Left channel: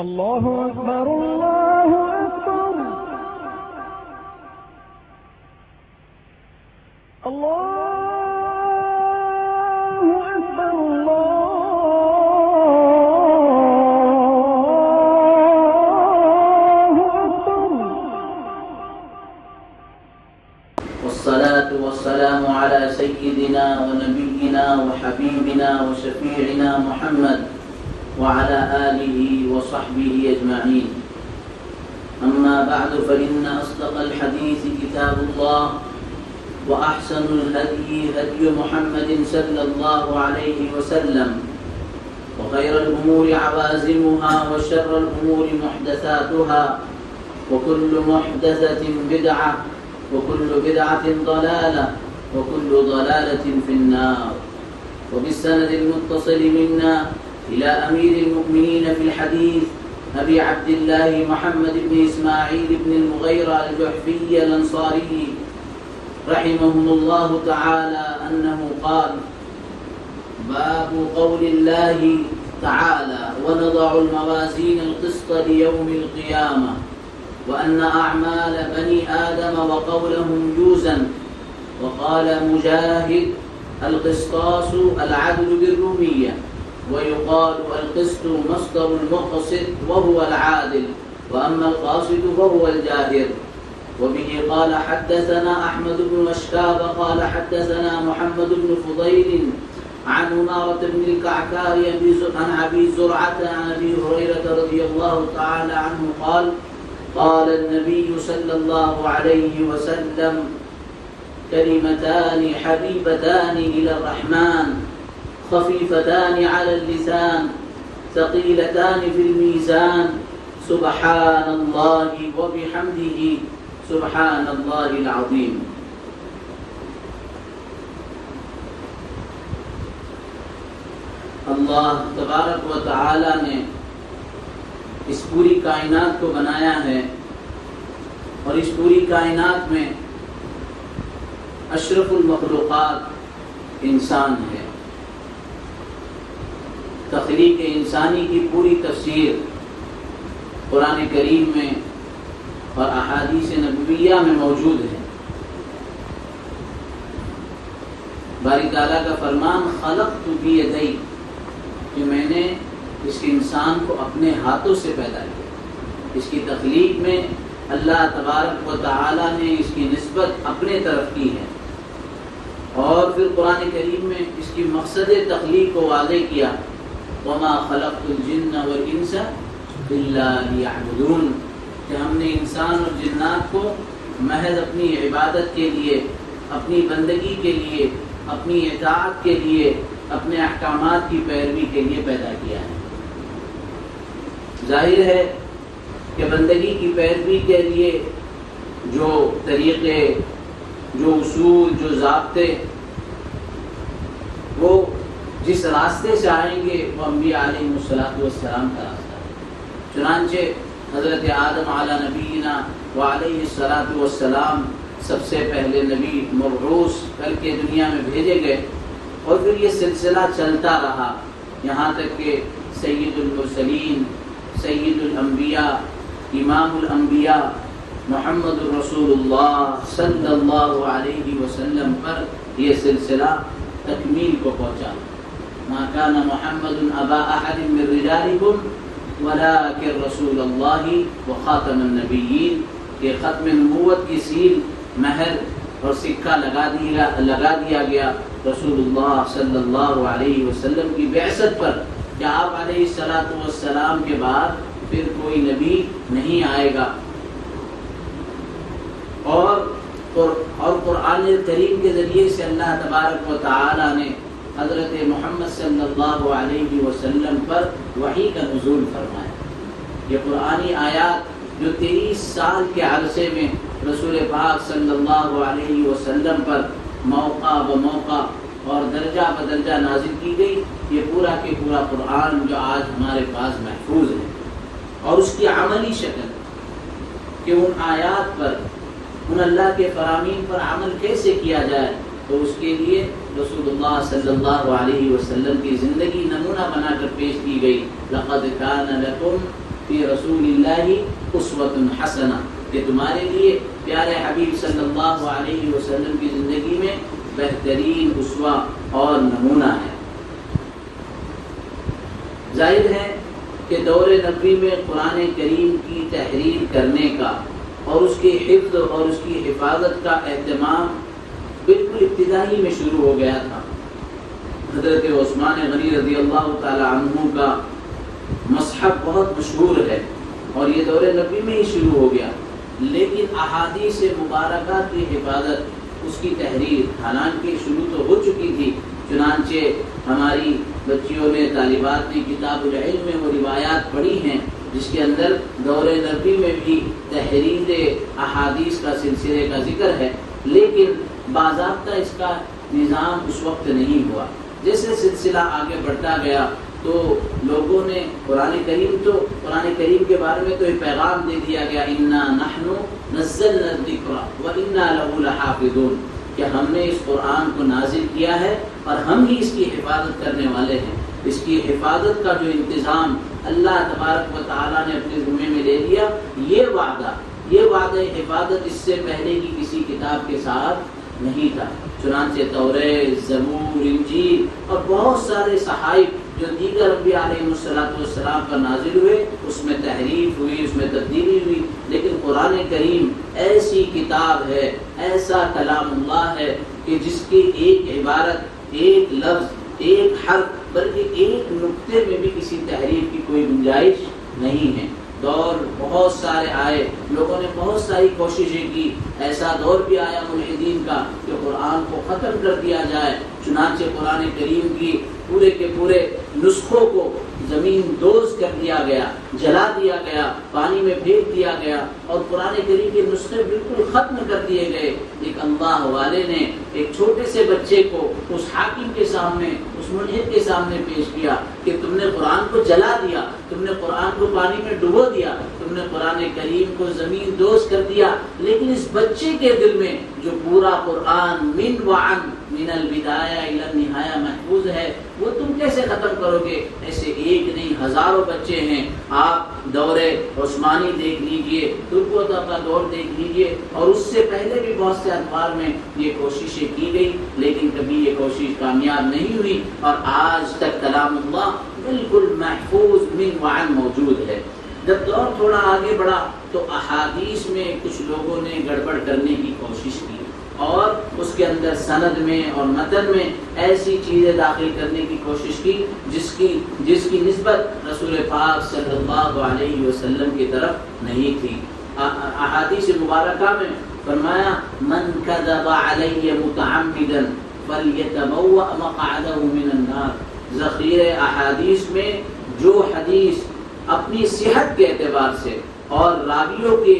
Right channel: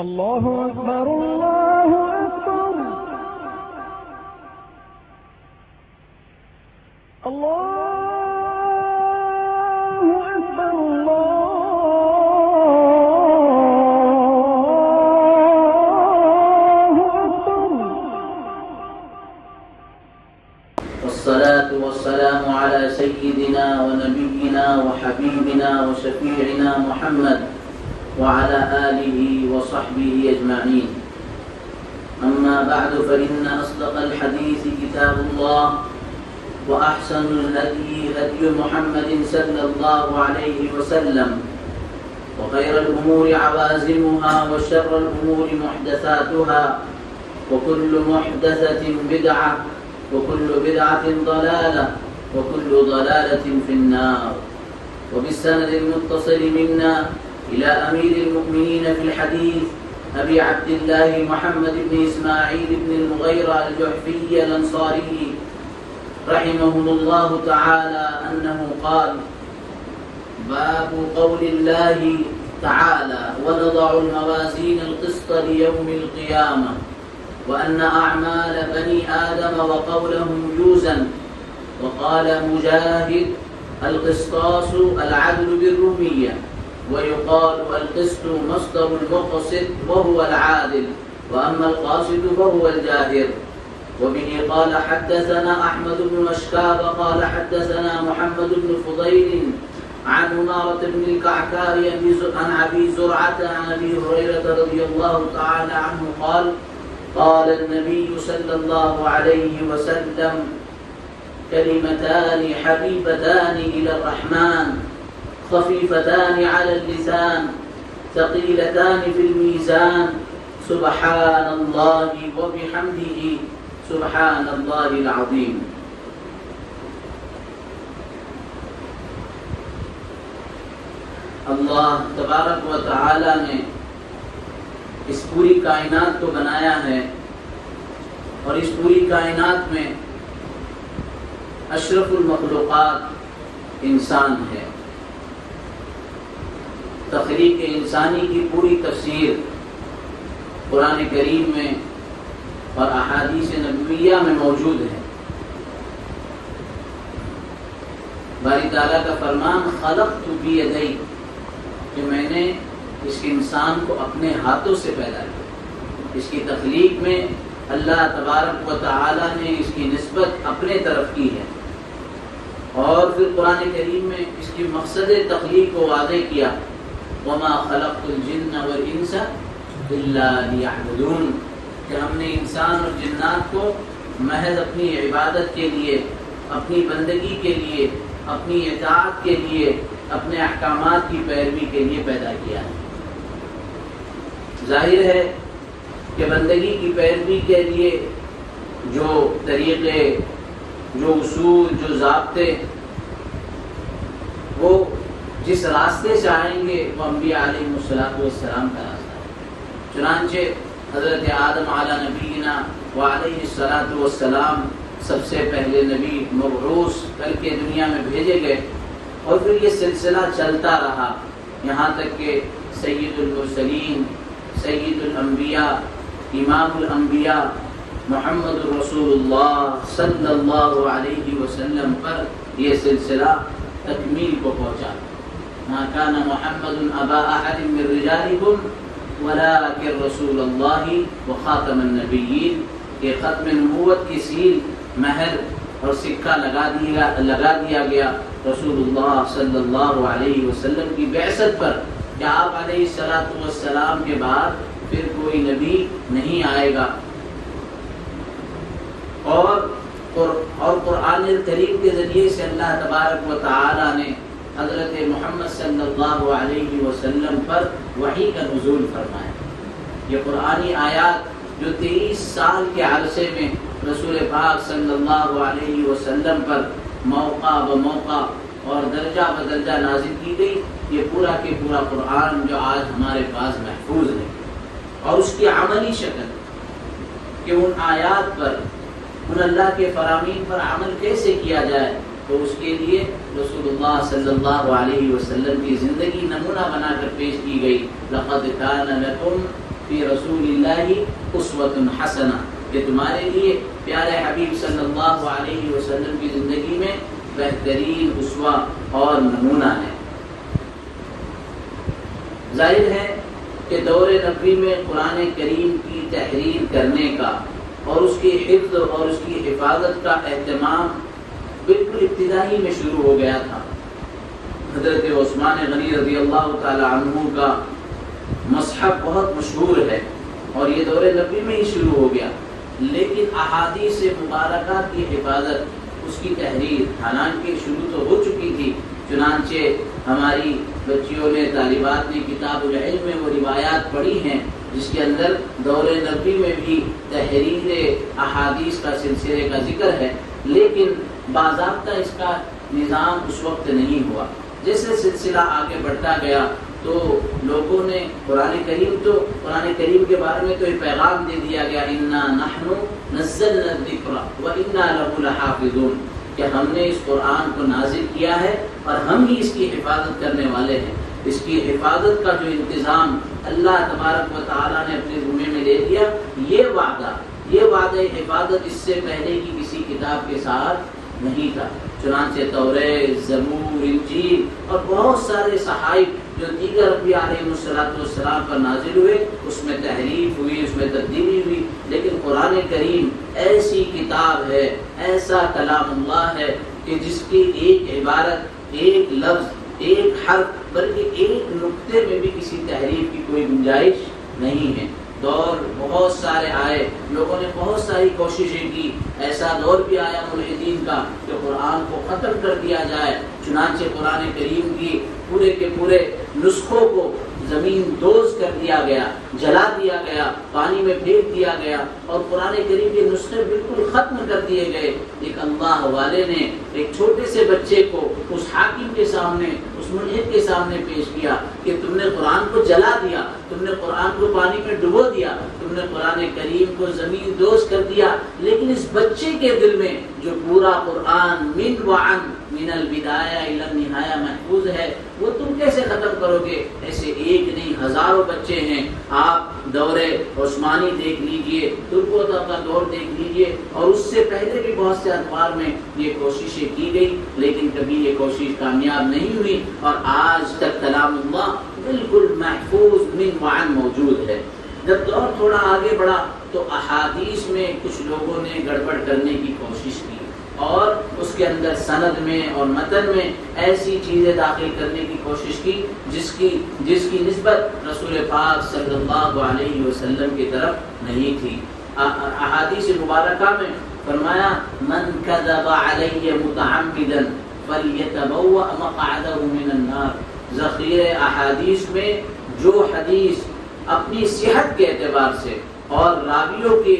الله أكبر الله أكبر الله أكبر الله أكبر. والصلاة والسلام على سيدنا ونبينا وحبيبنا وشفيعنا محمد وعلى آله وصحبه أجمعين. أما بعد فإن أصدق الحديث كتاب الله وأحسن الهدي هدي محمد صلى الله عليه وسلم وخير الأمور عوازمها وشر الأمور محدثاتها وكل محدثة بدعة وكل بدعة ضلالة وكل ضلالة في النار. وبالسند المتصل منا إلى أمير المؤمنين في الحديث أبي عبد الله محمد بن إسماعيل بن المغيرة الجعفي الأنصاري رحمهم الله تعالى أنه قال: باب قول الله تعالى: ونضع الموازين القسط ليوم القيامة وأن أعمال بني آدم وقولهم يوزن. وقال مجاهد: القسطاس العدل بالرومية، ويقال القسط مصدر المقسط وهو العادل، وأما القاسط فهو الجاهر. وبه قال حدثنا أحمد بن مشكاب قال حدثنا محمد بن فضيل عن عمارة بن الكعكار عن أبي زرعة عن أبي هريرة رضي الله تعالى عنه قال: قال النبي صلى الله عليه وسلم: كلمتان حبيبتان إلى الرحمن خفيفتان على اللسان ثقيلتان في الميزان سبحان الله وبحمده سبحان الله العظيم. اللہ تبارک و تعالی نے اس پوری کائنات کو بنایا ہے اور اس پوری کائنات میں اشرف المخلوقات انسان ہے. تخلیق انسانی کی پوری تفسیر قرآن کریم میں اور احادیث نبویہ میں موجود ہے. باری تعالیٰ کا فرمان: خلقت بیدی، کہ میں نے اس انسان کو اپنے ہاتھوں سے پیدا کیا. اس کی تخلیق میں اللہ تبارک و تعالیٰ نے اس کی نسبت اپنے طرف کی ہے، اور پھر قرآن کریم میں اس کی مقصد تخلیق کو واضح کیا: وما خلقت الجن والانس الا لیعبدون، کہ ہم نے انسان اور جنات کو محض اپنی عبادت کے لیے، اپنی بندگی کے لیے، اپنی اطاعت کے لیے، اپنے احکامات کی پیروی کے لیے پیدا کیا ہے. ظاہر ہے کہ بندگی کی پیروی کے لیے جو طریقے، جو اصول، جو ضابطے، وہ جس راستے سے آئیں گے وہ انبیاء علیہ السلام کا راستہ ہے. چنانچہ حضرت آدم علی نبینا وعلیہ السلام سب سے پہلے نبی مبعوث کر کے دنیا میں بھیجے گئے، اور پھر یہ سلسلہ چلتا رہا یہاں تک کہ سید المرسلین، سید الانبیاء، امام الانبیاء محمد رسول اللہ صلی اللہ علیہ وسلم پر یہ سلسلہ تکمیل کو پہنچا. ما كان محمد ابا احد من رجالكم ولكن رسول اللہ وخاتم النبیین. کہ ختم نبوت کی سیل، مہر اور سکہ لگا دیا گیا رسول اللہ صلی اللہ علیہ وسلم کی بعثت پر، کہ آپ علیہ السلام کے بعد پھر کوئی نبی نہیں آئے گا. اور قرآن کریم کے ذریعے سے اللہ تبارک و تعالی نے حضرت محمد صلی اللہ علیہ وسلم پر وحی کا نزول فرمایا. یہ قرآنی آیات جو 23 سال کے عرصے میں رسول پاک صلی اللہ علیہ وسلم پر موقع بموقع اور درجہ بدرجہ نازل کی گئی، یہ پورا کے پورا قرآن جو آج ہمارے پاس محفوظ ہے، اور اس کی عملی شکل کہ ان آیات پر، ان اللہ کے فرامین پر عمل کیسے کیا جائے، تو اس کے لیے رسول اللہ صلی اللہ علیہ وسلم کی زندگی نمونہ بنا کر پیش کی گئی. لقد کان لکم فی رسول اللہ اسوۃ حسنہ، کہ تمہارے لیے پیارے حبیب صلی اللہ علیہ وسلم کی زندگی میں بہترین اسوہ اور نمونہ ہے۔ ظاہر ہے کہ دور نبوی میں قرآن کریم کی تحریر کرنے کا اور اس کی حفظ اور اس کی حفاظت کا اہتمام بالکل ابتدائی میں شروع ہو گیا تھا۔ حضرت عثمان غنی رضی اللہ تعالی عنہ کا مصحف بہت مشہور ہے اور یہ دور نبوی میں ہی شروع ہو گیا، لیکن احادیث مبارکہ کی حفاظت، اس کی تحریر حالانکہ شروع تو ہو چکی تھی، چنانچہ ہماری بچیوں نے، طالبات نے کتاب العلم میں وہ روایات پڑھی ہیں جس کے اندر دور نبوی میں بھی تحریر احادیث کا سلسلے کا ذکر ہے، لیکن باضابطہ اس کا نظام اس وقت نہیں ہوا۔ جیسے سلسلہ آگے بڑھتا گیا تو لوگوں نے قرآن کریم کے بارے میں تو یہ پیغام دے دیا گیا، انا نحن نزلنا الذکر وانا لہ لحافظون، کہ ہم نے اس قرآن کو نازل کیا ہے اور ہم ہی اس کی حفاظت کرنے والے ہیں۔ اس کی حفاظت کا جو انتظام اللہ تبارک و تعالیٰ نے اپنے ذمے میں لے دیا، یہ وعدہ حفاظت اس سے پہلے کی کسی کتاب کے ساتھ نہیں تھا۔ چنانچہ توریت، زبور، انجیل اور بہت سارے صحائف جو دیگر انبیاء علیہ السلام پر نازل ہوئے، اس میں تحریف ہوئی، اس میں تبدیلی ہوئی، لیکن قرآن کریم ایسی کتاب ہے، ایسا کلام اللہ ہے کہ جس کی ایک عبارت، ایک لفظ، ایک حرف، بلکہ ایک نقطے میں بھی کسی تحریف کی کوئی گنجائش نہیں ہے۔ دور بہت سارے آئے، لوگوں نے بہت ساری کوششیں کی، ایسا دور بھی آیا ملحدین کا کہ قرآن کو ختم کر دیا جائے، چنانچہ قرآن کریم کی پورے کے پورے نسخوں کو زمین دوز کر دیا گیا، جلا دیا گیا، پانی میں پھینک دیا گیا اور قرآن کریم کے نسخے بالکل ختم کر دیے گئے۔ ایک اللہ والے نے ایک چھوٹے سے بچے کو اس حاکم کے سامنے، اس ملحد کے سامنے پیش کیا کہ تم نے قرآن کو جلا دیا، تم نے قرآن کو پانی میں ڈبو دیا، تم نے قرآن کریم کو زمین دوز کر دیا، لیکن اس بچے کے دل میں جو پورا قرآن من البدایہ الی النہایہ محفوظ ہے، وہ تم کیسے ختم کرو گے؟ ایسے ایک نہیں ہزاروں بچے ہیں۔ آپ دور عثمانی دیکھ لیجئے، ترکوتا کا دور دیکھ لیجئے، اور اس سے پہلے بھی بہت سے ادوار میں یہ کوششیں کی گئی، لیکن کبھی یہ کوشش کامیاب نہیں ہوئی، اور آج تک کلام اللہ بالکل محفوظ من موجود ہے۔ جب دور تھوڑا آگے بڑھا تو احادیث میں کچھ لوگوں نے گڑبڑ کرنے کی کوشش کی اور اس کے اندر سند میں اور متن میں ایسی چیزیں داخل کرنے کی کوشش کی جس کی نسبت رسول پاک صلی اللہ علیہ وسلم کی طرف نہیں تھی۔ احادیث مبارکہ میں فرمایا، من کذب علی متعمدا فلیتبوأ مقعدہ من النار۔ ذخیرہ احادیث میں جو حدیث اپنی صحت کے اعتبار سے اور راویوں کے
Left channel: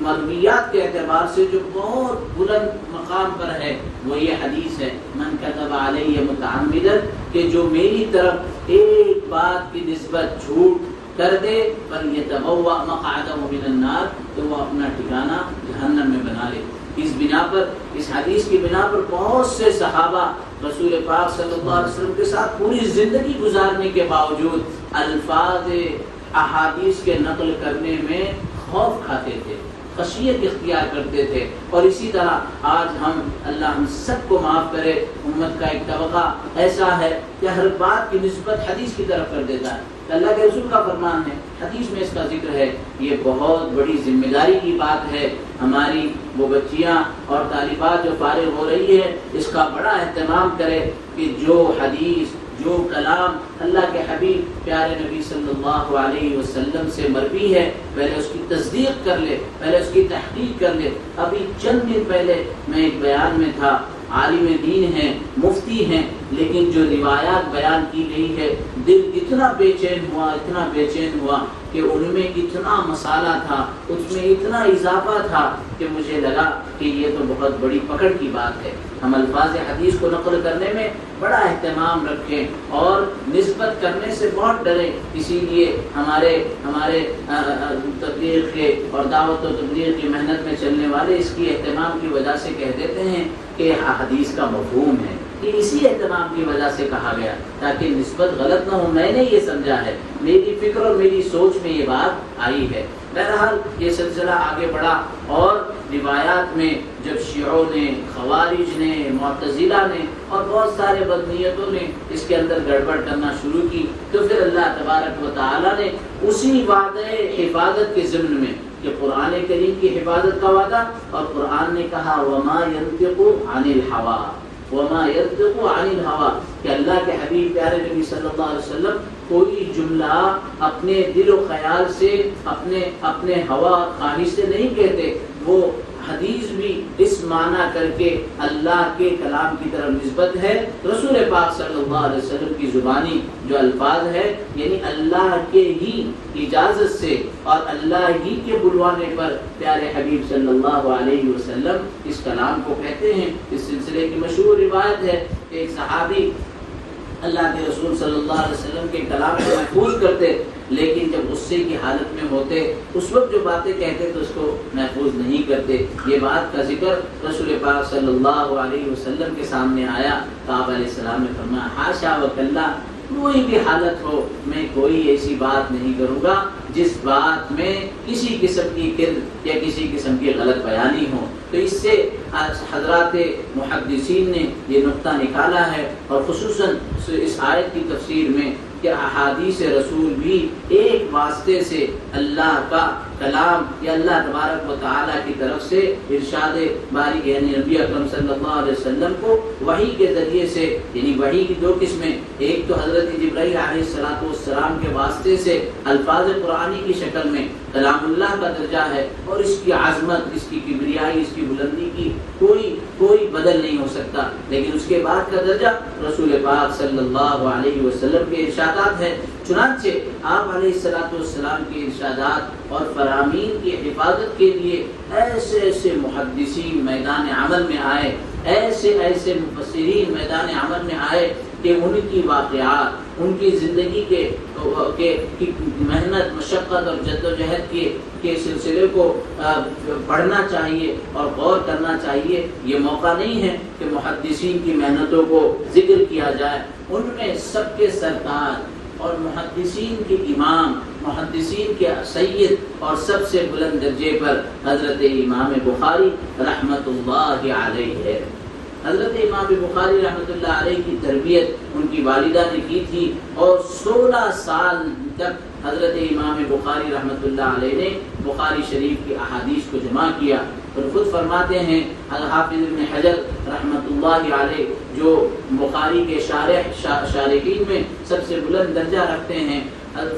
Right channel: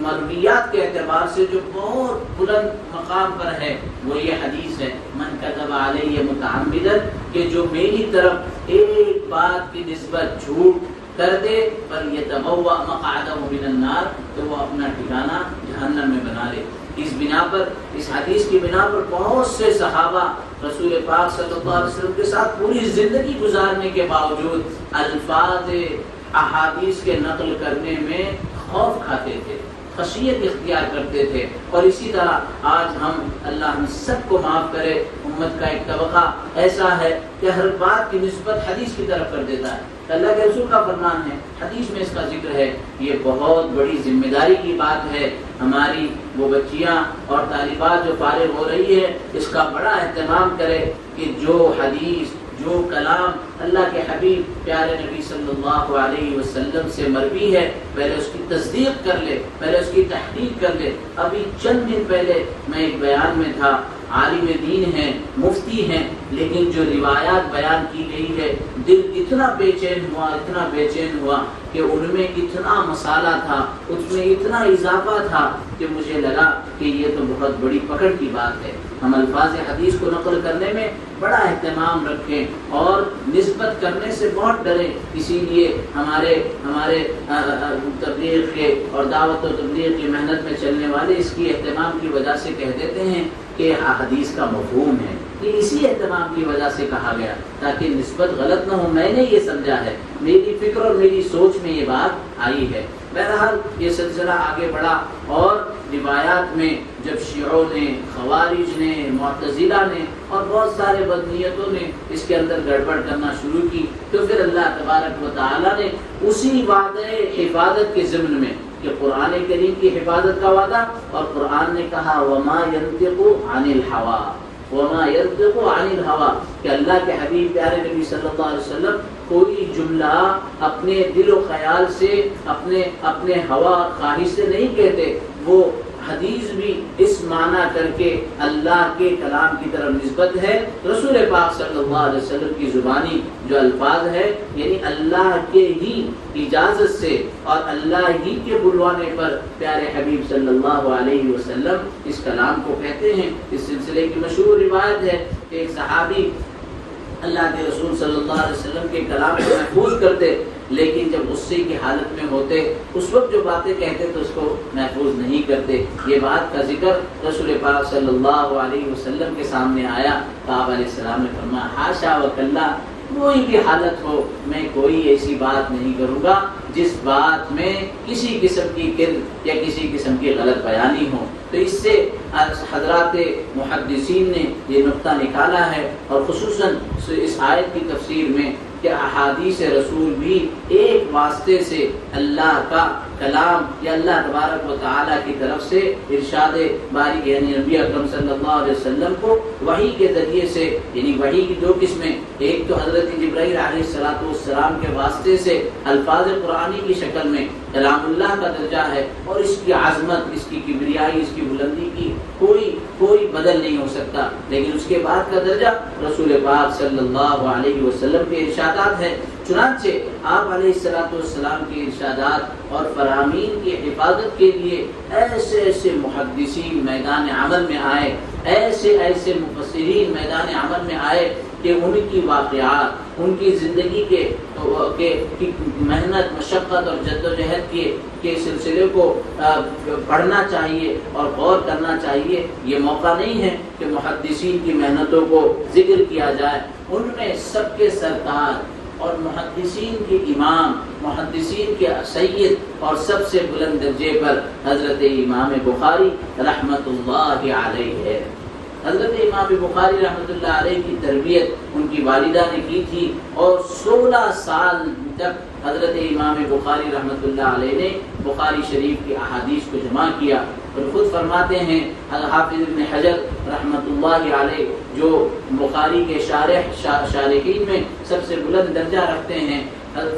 مرویات کے اعتبار سے جو بہت بلند مقام پر ہے، وہ یہ حدیث ہے، من کذب علیہ متعمدا، کہ جو میری طرف ایک بات کی نسبت جھوٹ کر دے، فلیتبوأ مقعدہ من النار، تو وہ اپنا ٹھکانہ جہنم میں بنا لے۔ اس بنا پر، اس حدیث کی بنا پر بہت سے صحابہ رسول پاک صلی اللہ علیہ وسلم کے ساتھ پوری زندگی گزارنے کے باوجود الفاظ احادیث کے نقل کرنے میں خوف کھاتے تھے، خشیت اختیار کرتے تھے۔ اور اسی طرح آج اللہ ہم سب کو معاف کرے، امت کا ایک طبقہ ایسا ہے کہ ہر بات کی نسبت حدیث کی طرف کر دیتا ہے۔ اللہ کے رسول کا فرمان ہے، حدیث میں اس کا ذکر ہے۔ یہ بہت بڑی ذمہ داری کی بات ہے، ہماری وہ بچیاں اور طالبات جو فارغ ہو رہی ہے، اس کا بڑا اہتمام کرے کہ جو حدیث، جو کلام اللہ کے حبیب پیارے نبی صلی اللہ علیہ وسلم سے مروی ہے، پہلے اس کی تصدیق کر لے، پہلے اس کی تحقیق کر لے۔ ابھی چند دن پہلے میں ایک بیان میں تھا، عالم دین ہیں، مفتی ہیں، لیکن جو روایات بیان کی گئی ہے، دل اتنا بے چین ہوا کہ ان میں اتنا مسالہ تھا، اس میں اتنا اضافہ تھا کہ مجھے لگا کہ یہ تو بہت بڑی پکڑ کی بات ہے۔ ہم الفاظ حدیث کو نقل کرنے میں بڑا اہتمام رکھیں اور نسبت کرنے سے بہت ڈرے۔ اسی لیے ہمارے تبلیغ کے اور دعوت و تبلیغ کی محنت میں چلنے والے اس کی اہتمام کی وجہ سے کہہ دیتے ہیں کہ حدیث کا مفہوم ہے، کہ اسی اہتمام کی وجہ سے کہا گیا تاکہ نسبت غلط نہ ہو. میں نے یہ سمجھا ہے، میری فکر اور میری سوچ میں یہ بات آئی ہے. بہرحال یہ سلسلہ آگے بڑھا اور روایات میں جب شیعوں نے، خوارج نے، معتزلہ نے اور بہت سارے بدنیتوں نے اس کے اندر گڑبڑ کرنا شروع کی تو پھر اللہ تبارک و تعالیٰ نے اسی وعدہ حفاظت کے ضمن میں کہ قرآن کریم کی حفاظت کا وعدہ، اور قرآن نے کہا وما ينطق عن الهوى وما ينطق عن الهوى کہ اللہ کے حبیب پیارے نبی صلی اللہ علیہ وسلم کوئی جملہ اپنے دل و خیال سے، اپنے ہوا خواہش سے نہیں کہتے. وہ حدیث بھی اس معنی کر کے اللہ کے کلام کی طرف نسبت ہے. رسول پاک صلی اللہ علیہ وسلم کی زبانی جو الفاظ ہے یعنی اللہ کے ہی اجازت سے اور اللہ ہی کے بلوانے پر پیارے حبیب صلی اللہ علیہ وسلم اس کلام کو کہتے ہیں. اس سلسلے کی مشہور روایت ہے کہ ایک صحابی اللہ کے رسول صلی اللہ علیہ وسلم کے کلام کو محفوظ کرتے، لیکن جب غصے کی حالت میں ہوتے اس وقت جو باتیں کہتے تو اس کو محفوظ نہیں کرتے. یہ بات کا ذکر رسول پاک صلی اللہ علیہ وسلم کے سامنے آیا تو آپ علیہ السلام نے فرمایا حاشا وکلا، کوئی بھی حالت ہو میں کوئی ایسی بات نہیں کروں گا جس بات میں کسی قسم کی کذب یا کسی قسم کی غلط بیانی ہو. تو اس سے حضرات محدثین نے یہ نقطہ نکالا ہے اور خصوصاً اس آیت کی تفسیر میں کہ احادیث رسول بھی ایک واسطے سے اللہ کا کلام یا اللہ تبارک و تعالیٰ کی طرف سے ارشاد باری یعنی نبی اکرم صلی اللہ علیہ وسلم کو وحی کے ذریعے سے، یعنی وحی کی دو قسمیں، ایک تو حضرت جبرائیل علیہ السلام کے واسطے سے الفاظ قرآنی کی شکل میں کلام اللہ کا درجہ ہے اور اس کی عظمت، اس کی کبریائی، اس کی بلندی کی کوئی بدل نہیں ہو سکتا. لیکن اس کے بعد کا درجہ رسول پاک صلی اللہ علیہ وسلم کے ارشادات ہے. چنانچہ آپ علیہ السلام کے ارشادات اور فرامین کی حفاظت کے لیے ایسے محدثین میدان عمل میں آئے، ایسے مفسرین میدان عمل میں آئے کہ ان کی واقعات، ان کی زندگی کے محنت، مشقت اور جدوجہد کے سلسلے کو پڑھنا چاہیے اور غور کرنا چاہیے. یہ موقع نہیں ہے کہ محدثین کی محنتوں کو ذکر کیا جائے. ان میں سب کے سرتاج اور محدثین کے امام، محدثین کے سید اور سب سے بلند درجے پر حضرت امام بخاری رحمۃ اللہ علیہ ہے. حضرت امام بخاری رحمۃ اللہ علیہ کی تربیت ان کی والدہ نے کی تھی اور 16 سال تک حضرت امام بخاری رحمۃ اللہ علیہ نے بخاری شریف کی احادیث کو جمع کیا. اور خود فرماتے ہیں حافظ ابن حجر رحمۃ اللہ علیہ جو بخاری کے شارحین میں سب سے بلند درجہ رکھتے ہیں،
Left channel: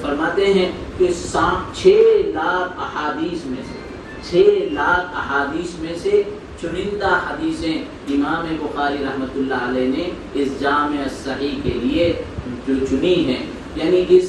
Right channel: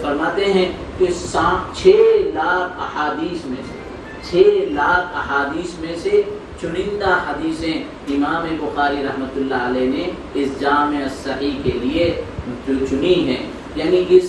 فرماتے ہیں کہ 6 لاکھ احادیث میں سے چنندہ حدیثیں امام بخاری رحمۃ اللہ علیہ نے اس جامع الصحیح کے لیے چنی ہیں. یعنی اس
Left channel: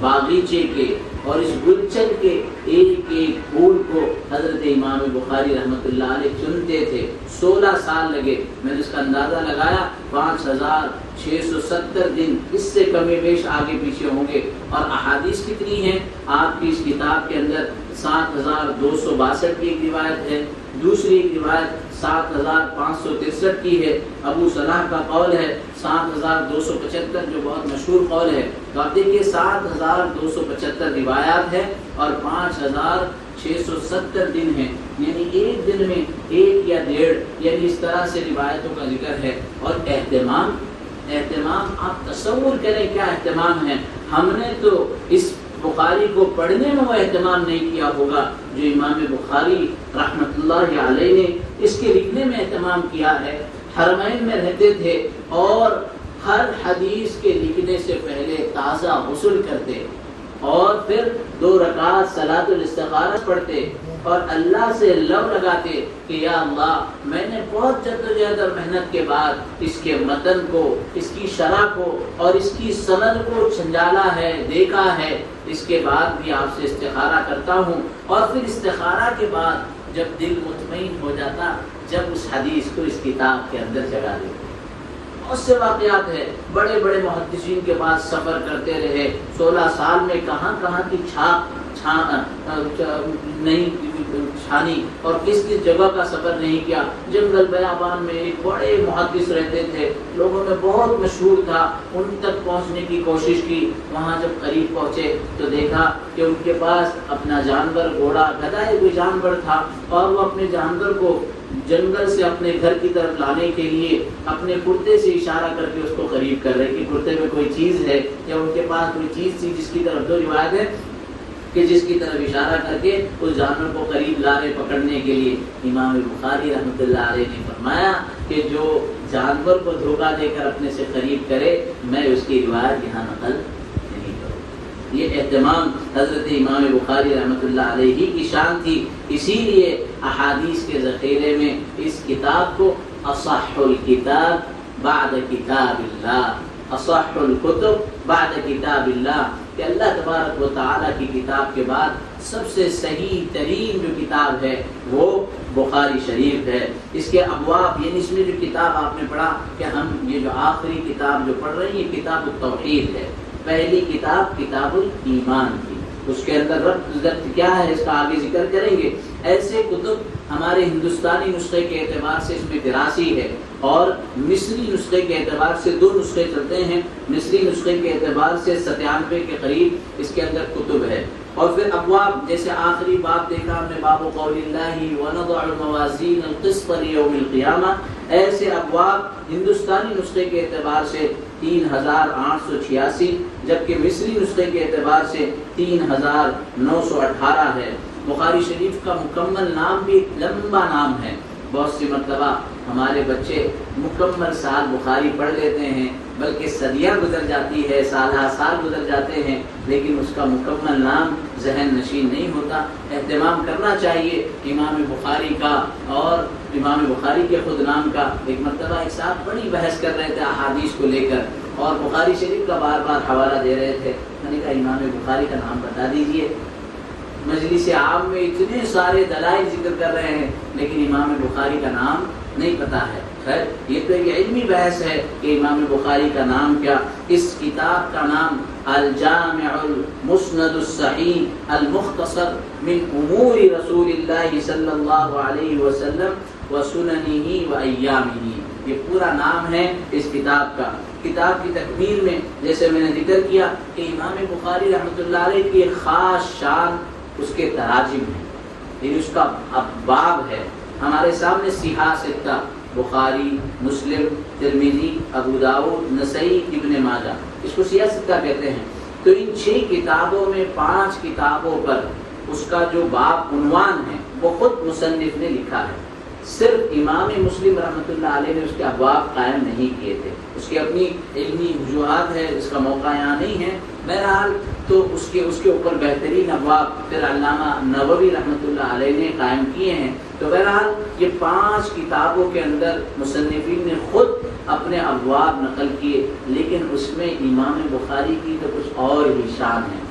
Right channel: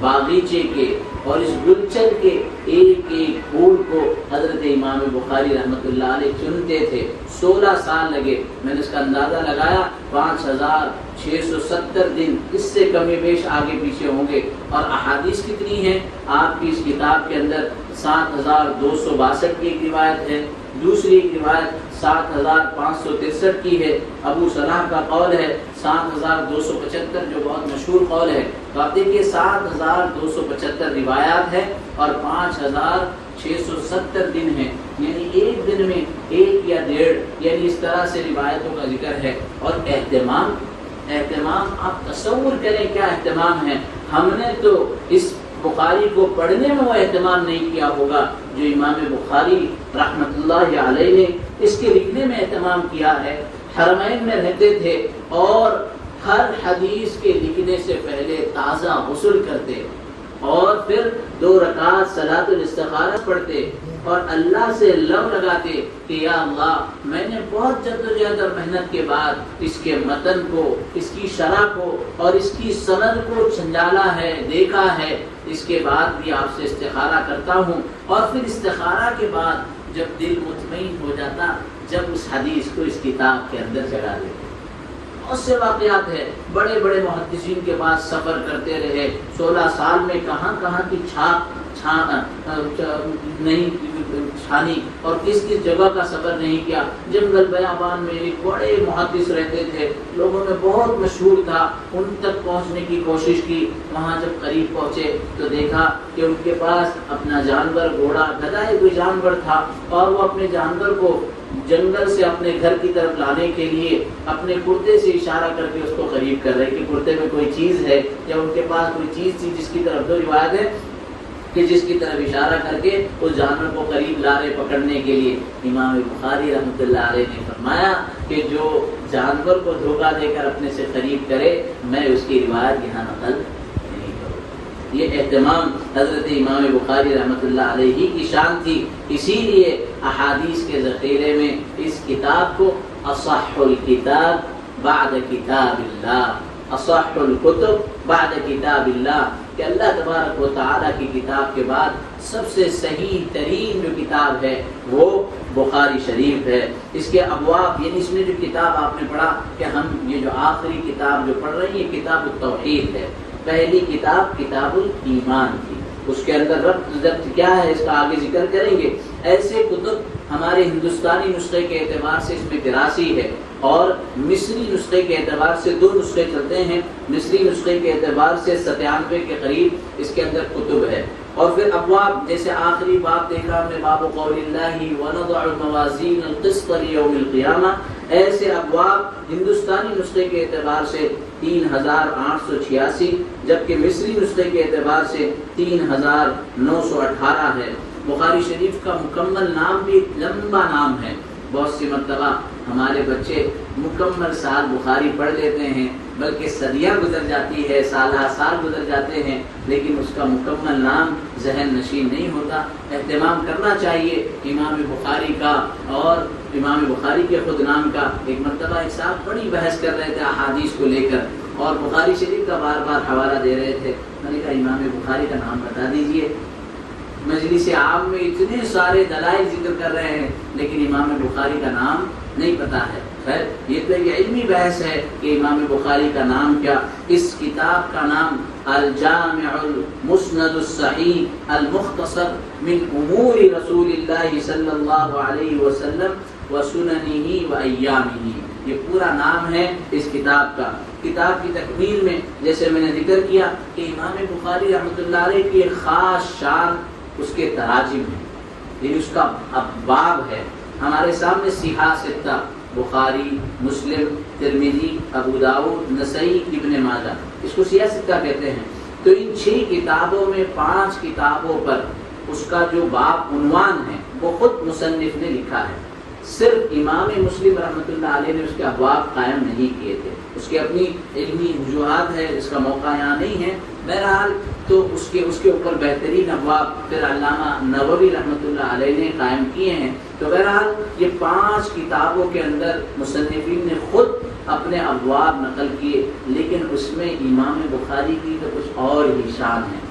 باغیچے کے اور اس گلچن کے ایک پھول کو حضرت امام بخاری رحمۃ اللہ علیہ چنتے تھے. 16 سال لگے. میں نے اس کا اندازہ لگایا 5670 دن، اس سے کمی بیش آگے پیچھے ہوں گے. اور احادیث کتنی ہیں آپ کی اس کتاب کے اندر؟ 7262 کی ایک روایت ہے، دوسری ایک روایت 7563 کی ہے. ابو صلاح کا قول ہے 7275 جو بہت مشہور قول ہے. تو آپ دیکھیے 7275 روایات ہیں اور 5670 دن ہیں، یعنی ایک دن میں 1 یا 1.5 یعنی اس طرح سے روایتوں کا ذکر ہے. اور اہتمام آپ تصور کریں کیا اہتمام ہے. ہم نے تو اس بخاری کو پڑھنے میں وہ اہتمام نہیں کیا ہوگا جو امام بخاری رحمۃ اللہ علیہ نے اس کے لکھنے میں اہتمام کیا ہے. حرمین میں رہتے تھے اور ہر حدیث کے لکھنے سے پہلے تازہ غسل کرتے اور پھر 2 رکعت صلاۃ الاستخارہ پڑھتے اور اللہ سے لب لگاتے کہ یا اللہ میں نے بہت جدوجہد اور محنت کے بعد اس کے متن کو، اس کی شرح کو اور اس کی سند کو چھنجالا ہے، دیکھا ہے. اس کے بعد یہ آپ سے استخارہ کرتا ہوں اور پھر استخارہ کے بعد جب دل مطمئن ہو جاتا جب اس حدیث کو اس کتاب کے اندر جگہ دیں. بہت سے واقعات ہیں. بڑے محدثین کے بعد سفر کرتے رہے. 16 سال میں کہاں کی چھاپ نہیں چھانی اور کس کس جگہ کا سفر نہیں کیا. جنگل بیابان میں ایک بڑے محدث رہتے تھے, لوگوں میں بہت مشہور تھا, ان تک پہنچنے کی کوشش کی. وہاں جب قریب پہنچے تو دیکھا کہ ان کے پاس اپنا جانور, گھوڑا, گدھا کوئی جانور تھا, اور وہ اپنے جانور کو جنگل سے اپنے گھر کی طرف لانے کے لیے اپنے کرتے سے اشارہ کر کے اس کو قریب کر رہے کہ کرتے میں کوئی چیز ہے, یا ان کے پاس کوئی چیز تھی جس کی طرف, دو روایت ہے کہ جس کی طرف اشارہ کر کے اس جانور کو قریب لا رہے پکڑنے کے لیے. امام بخاری رحمۃ اللہ علیہ نے فرمایا کہ جو جانور کو دھوکہ دے کر اپنے سے قریب کرے, میں اس کی روایت یہاں نقل نہیں کروں. یہ اہتمام حضرت امام بخاری رحمۃ اللہ علیہ کی شان تھی. اسی لیے احادیث کے ذخیرے میں اس کتاب کو اصح الکتاب بعد کتاب اللہ, اصح الکتب بعد کتاب اللہ, کہ اللہ تبارک و تعالیٰ کی کتاب کے بعد سب سے صحیح ترین جو کتاب ہے وہ بخاری شریف ہے. اس کے ابواب, یعنی اس میں جو کتاب آپ نے پڑھا کہ ہم یہ جو آخری کتاب جو پڑھ رہے ہیں یہ کتاب التوحید ہے. پہلی کتاب کتاب الایمان تھی, اس کے اندر ربط کیا ہے اس کا آگے ذکر کریں گے. ایسے کتب ہمارے ہندوستانی نسخے کے اعتبار سے اس میں 83 ہے, اور مصری نسخے کے اعتبار سے 2 نسخے چلتے ہیں. مصری نسخے کے اعتبار سے 97 کے قریب اس کے اندر کتب ہے. اور پھر ابواب, جیسے آخری باب دیکھا ہم نے, باب قول اللہ ونضع الموازین القسط لیوم القیامہ, ایسے ابواب ہندوستانی نسخے کے اعتبار سے 3886, جبکہ مصری نسخے کے اعتبار سے 3918 ہے. بخاری شریف کا مکمل نام بھی لمبا نام ہے. بہت سی مرتبہ ہمارے بچے مکمل سال بخاری پڑھ لیتے ہیں, بلکہ صدیاں گزر جاتی ہے, سال گزر جاتے ہیں, لیکن اس کا مکمل نام ذہن نشین نہیں ہوتا. اہتمام کرنا چاہیے امام بخاری کا اور امام بخاری کے خود نام کا. ایک مرتبہ ایک صاحب بڑی بحث کر رہے تھے احادیث کو لے کر, اور بخاری شریف کا بار بار حوالہ دے رہے تھے. میں نے کہا امام بخاری کا نام بتا دیجئے. مجلس عام میں اتنے سارے دلائل ذکر کر رہے ہیں, لیکن امام بخاری کا نام نہیں پتا ہے. یہ تو ایک علمی بحث ہے کہ امام بخاری کا نام کیا. اس کتاب کا نام الجامع المسند الصحیح المختصر من امور رسول اللہ صلی اللہ علیہ وسلم وسننہ وایامہ, یہ پورا نام ہے اس کتاب کا. کتاب کی تکمیل میں جیسے میں نے ذکر کیا کہ امام بخاری رحمۃ اللہ علیہ کی خاص شان اس کے تراجم ہے, یہ اس کا باب ہے. ہمارے سامنے صحاح ستہ بخاری, مسلم, ترمذی, ابو داؤد, نسائی, ابن ماجہ, اس کو صحاح ستہ کہتے ہیں. تو ان 6 کتابوں میں 5 کتابوں پر اس کا جو باب عنوان ہے وہ خود مصنف نے لکھا ہے. صرف امام مسلم رحمۃ اللہ علیہ نے اس کے ابواب قائم نہیں کیے تھے, اس کی اپنی علمی وجوہات ہے, اس کا موقع یہاں نہیں ہے. بہرحال تو اس کے اوپر بہترین ابواب پھر علامہ نووی رحمۃ اللہ علیہ نے قائم کیے ہیں. تو بہرحال یہ 5 کتابوں کے اندر مصنفین نے خود اپنے ابواب نقل کیے, لیکن اس میں امام بخاری کی تو کچھ اور ہی شان ہے.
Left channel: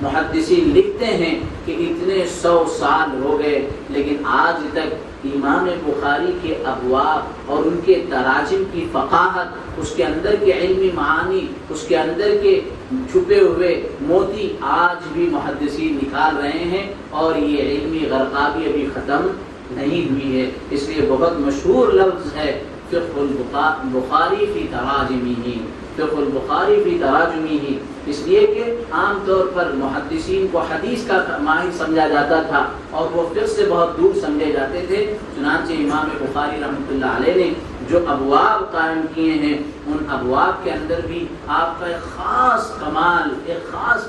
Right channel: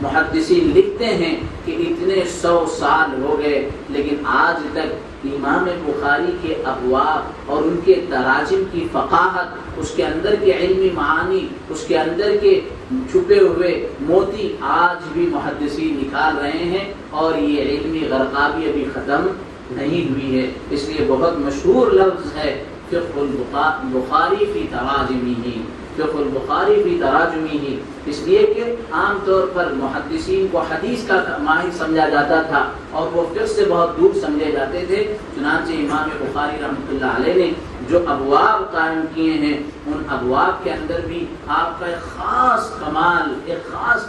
محدثین لکھتے ہیں کہ اتنے 100 سال ہو گئے, لیکن آج تک امام بخاری کے ابواب اور ان کے تراجم کی فقاہت, اس کے اندر کے علمی معانی, اس کے اندر کے چھپے ہوئے موتی آج بھی محدثین نکال رہے ہیں, اور یہ علمی غرقابی ابھی ختم نہیں ہوئی ہے. اس لیے بہت مشہور لفظ ہے فقہ البخاری فی تراجمہ, فقہ البخاری فی تراجمہ, اس لیے کہ عام طور پر محدثین کو حدیث کا ماہر سمجھا جاتا تھا اور وہ فقہ سے بہت دور سمجھے جاتے تھے. چنانچہ امام بخاری رحمۃ اللہ علیہ نے جو ابواب قائم کیے ہیں, ان ابواب کے اندر بھی آپ کا ایک خاص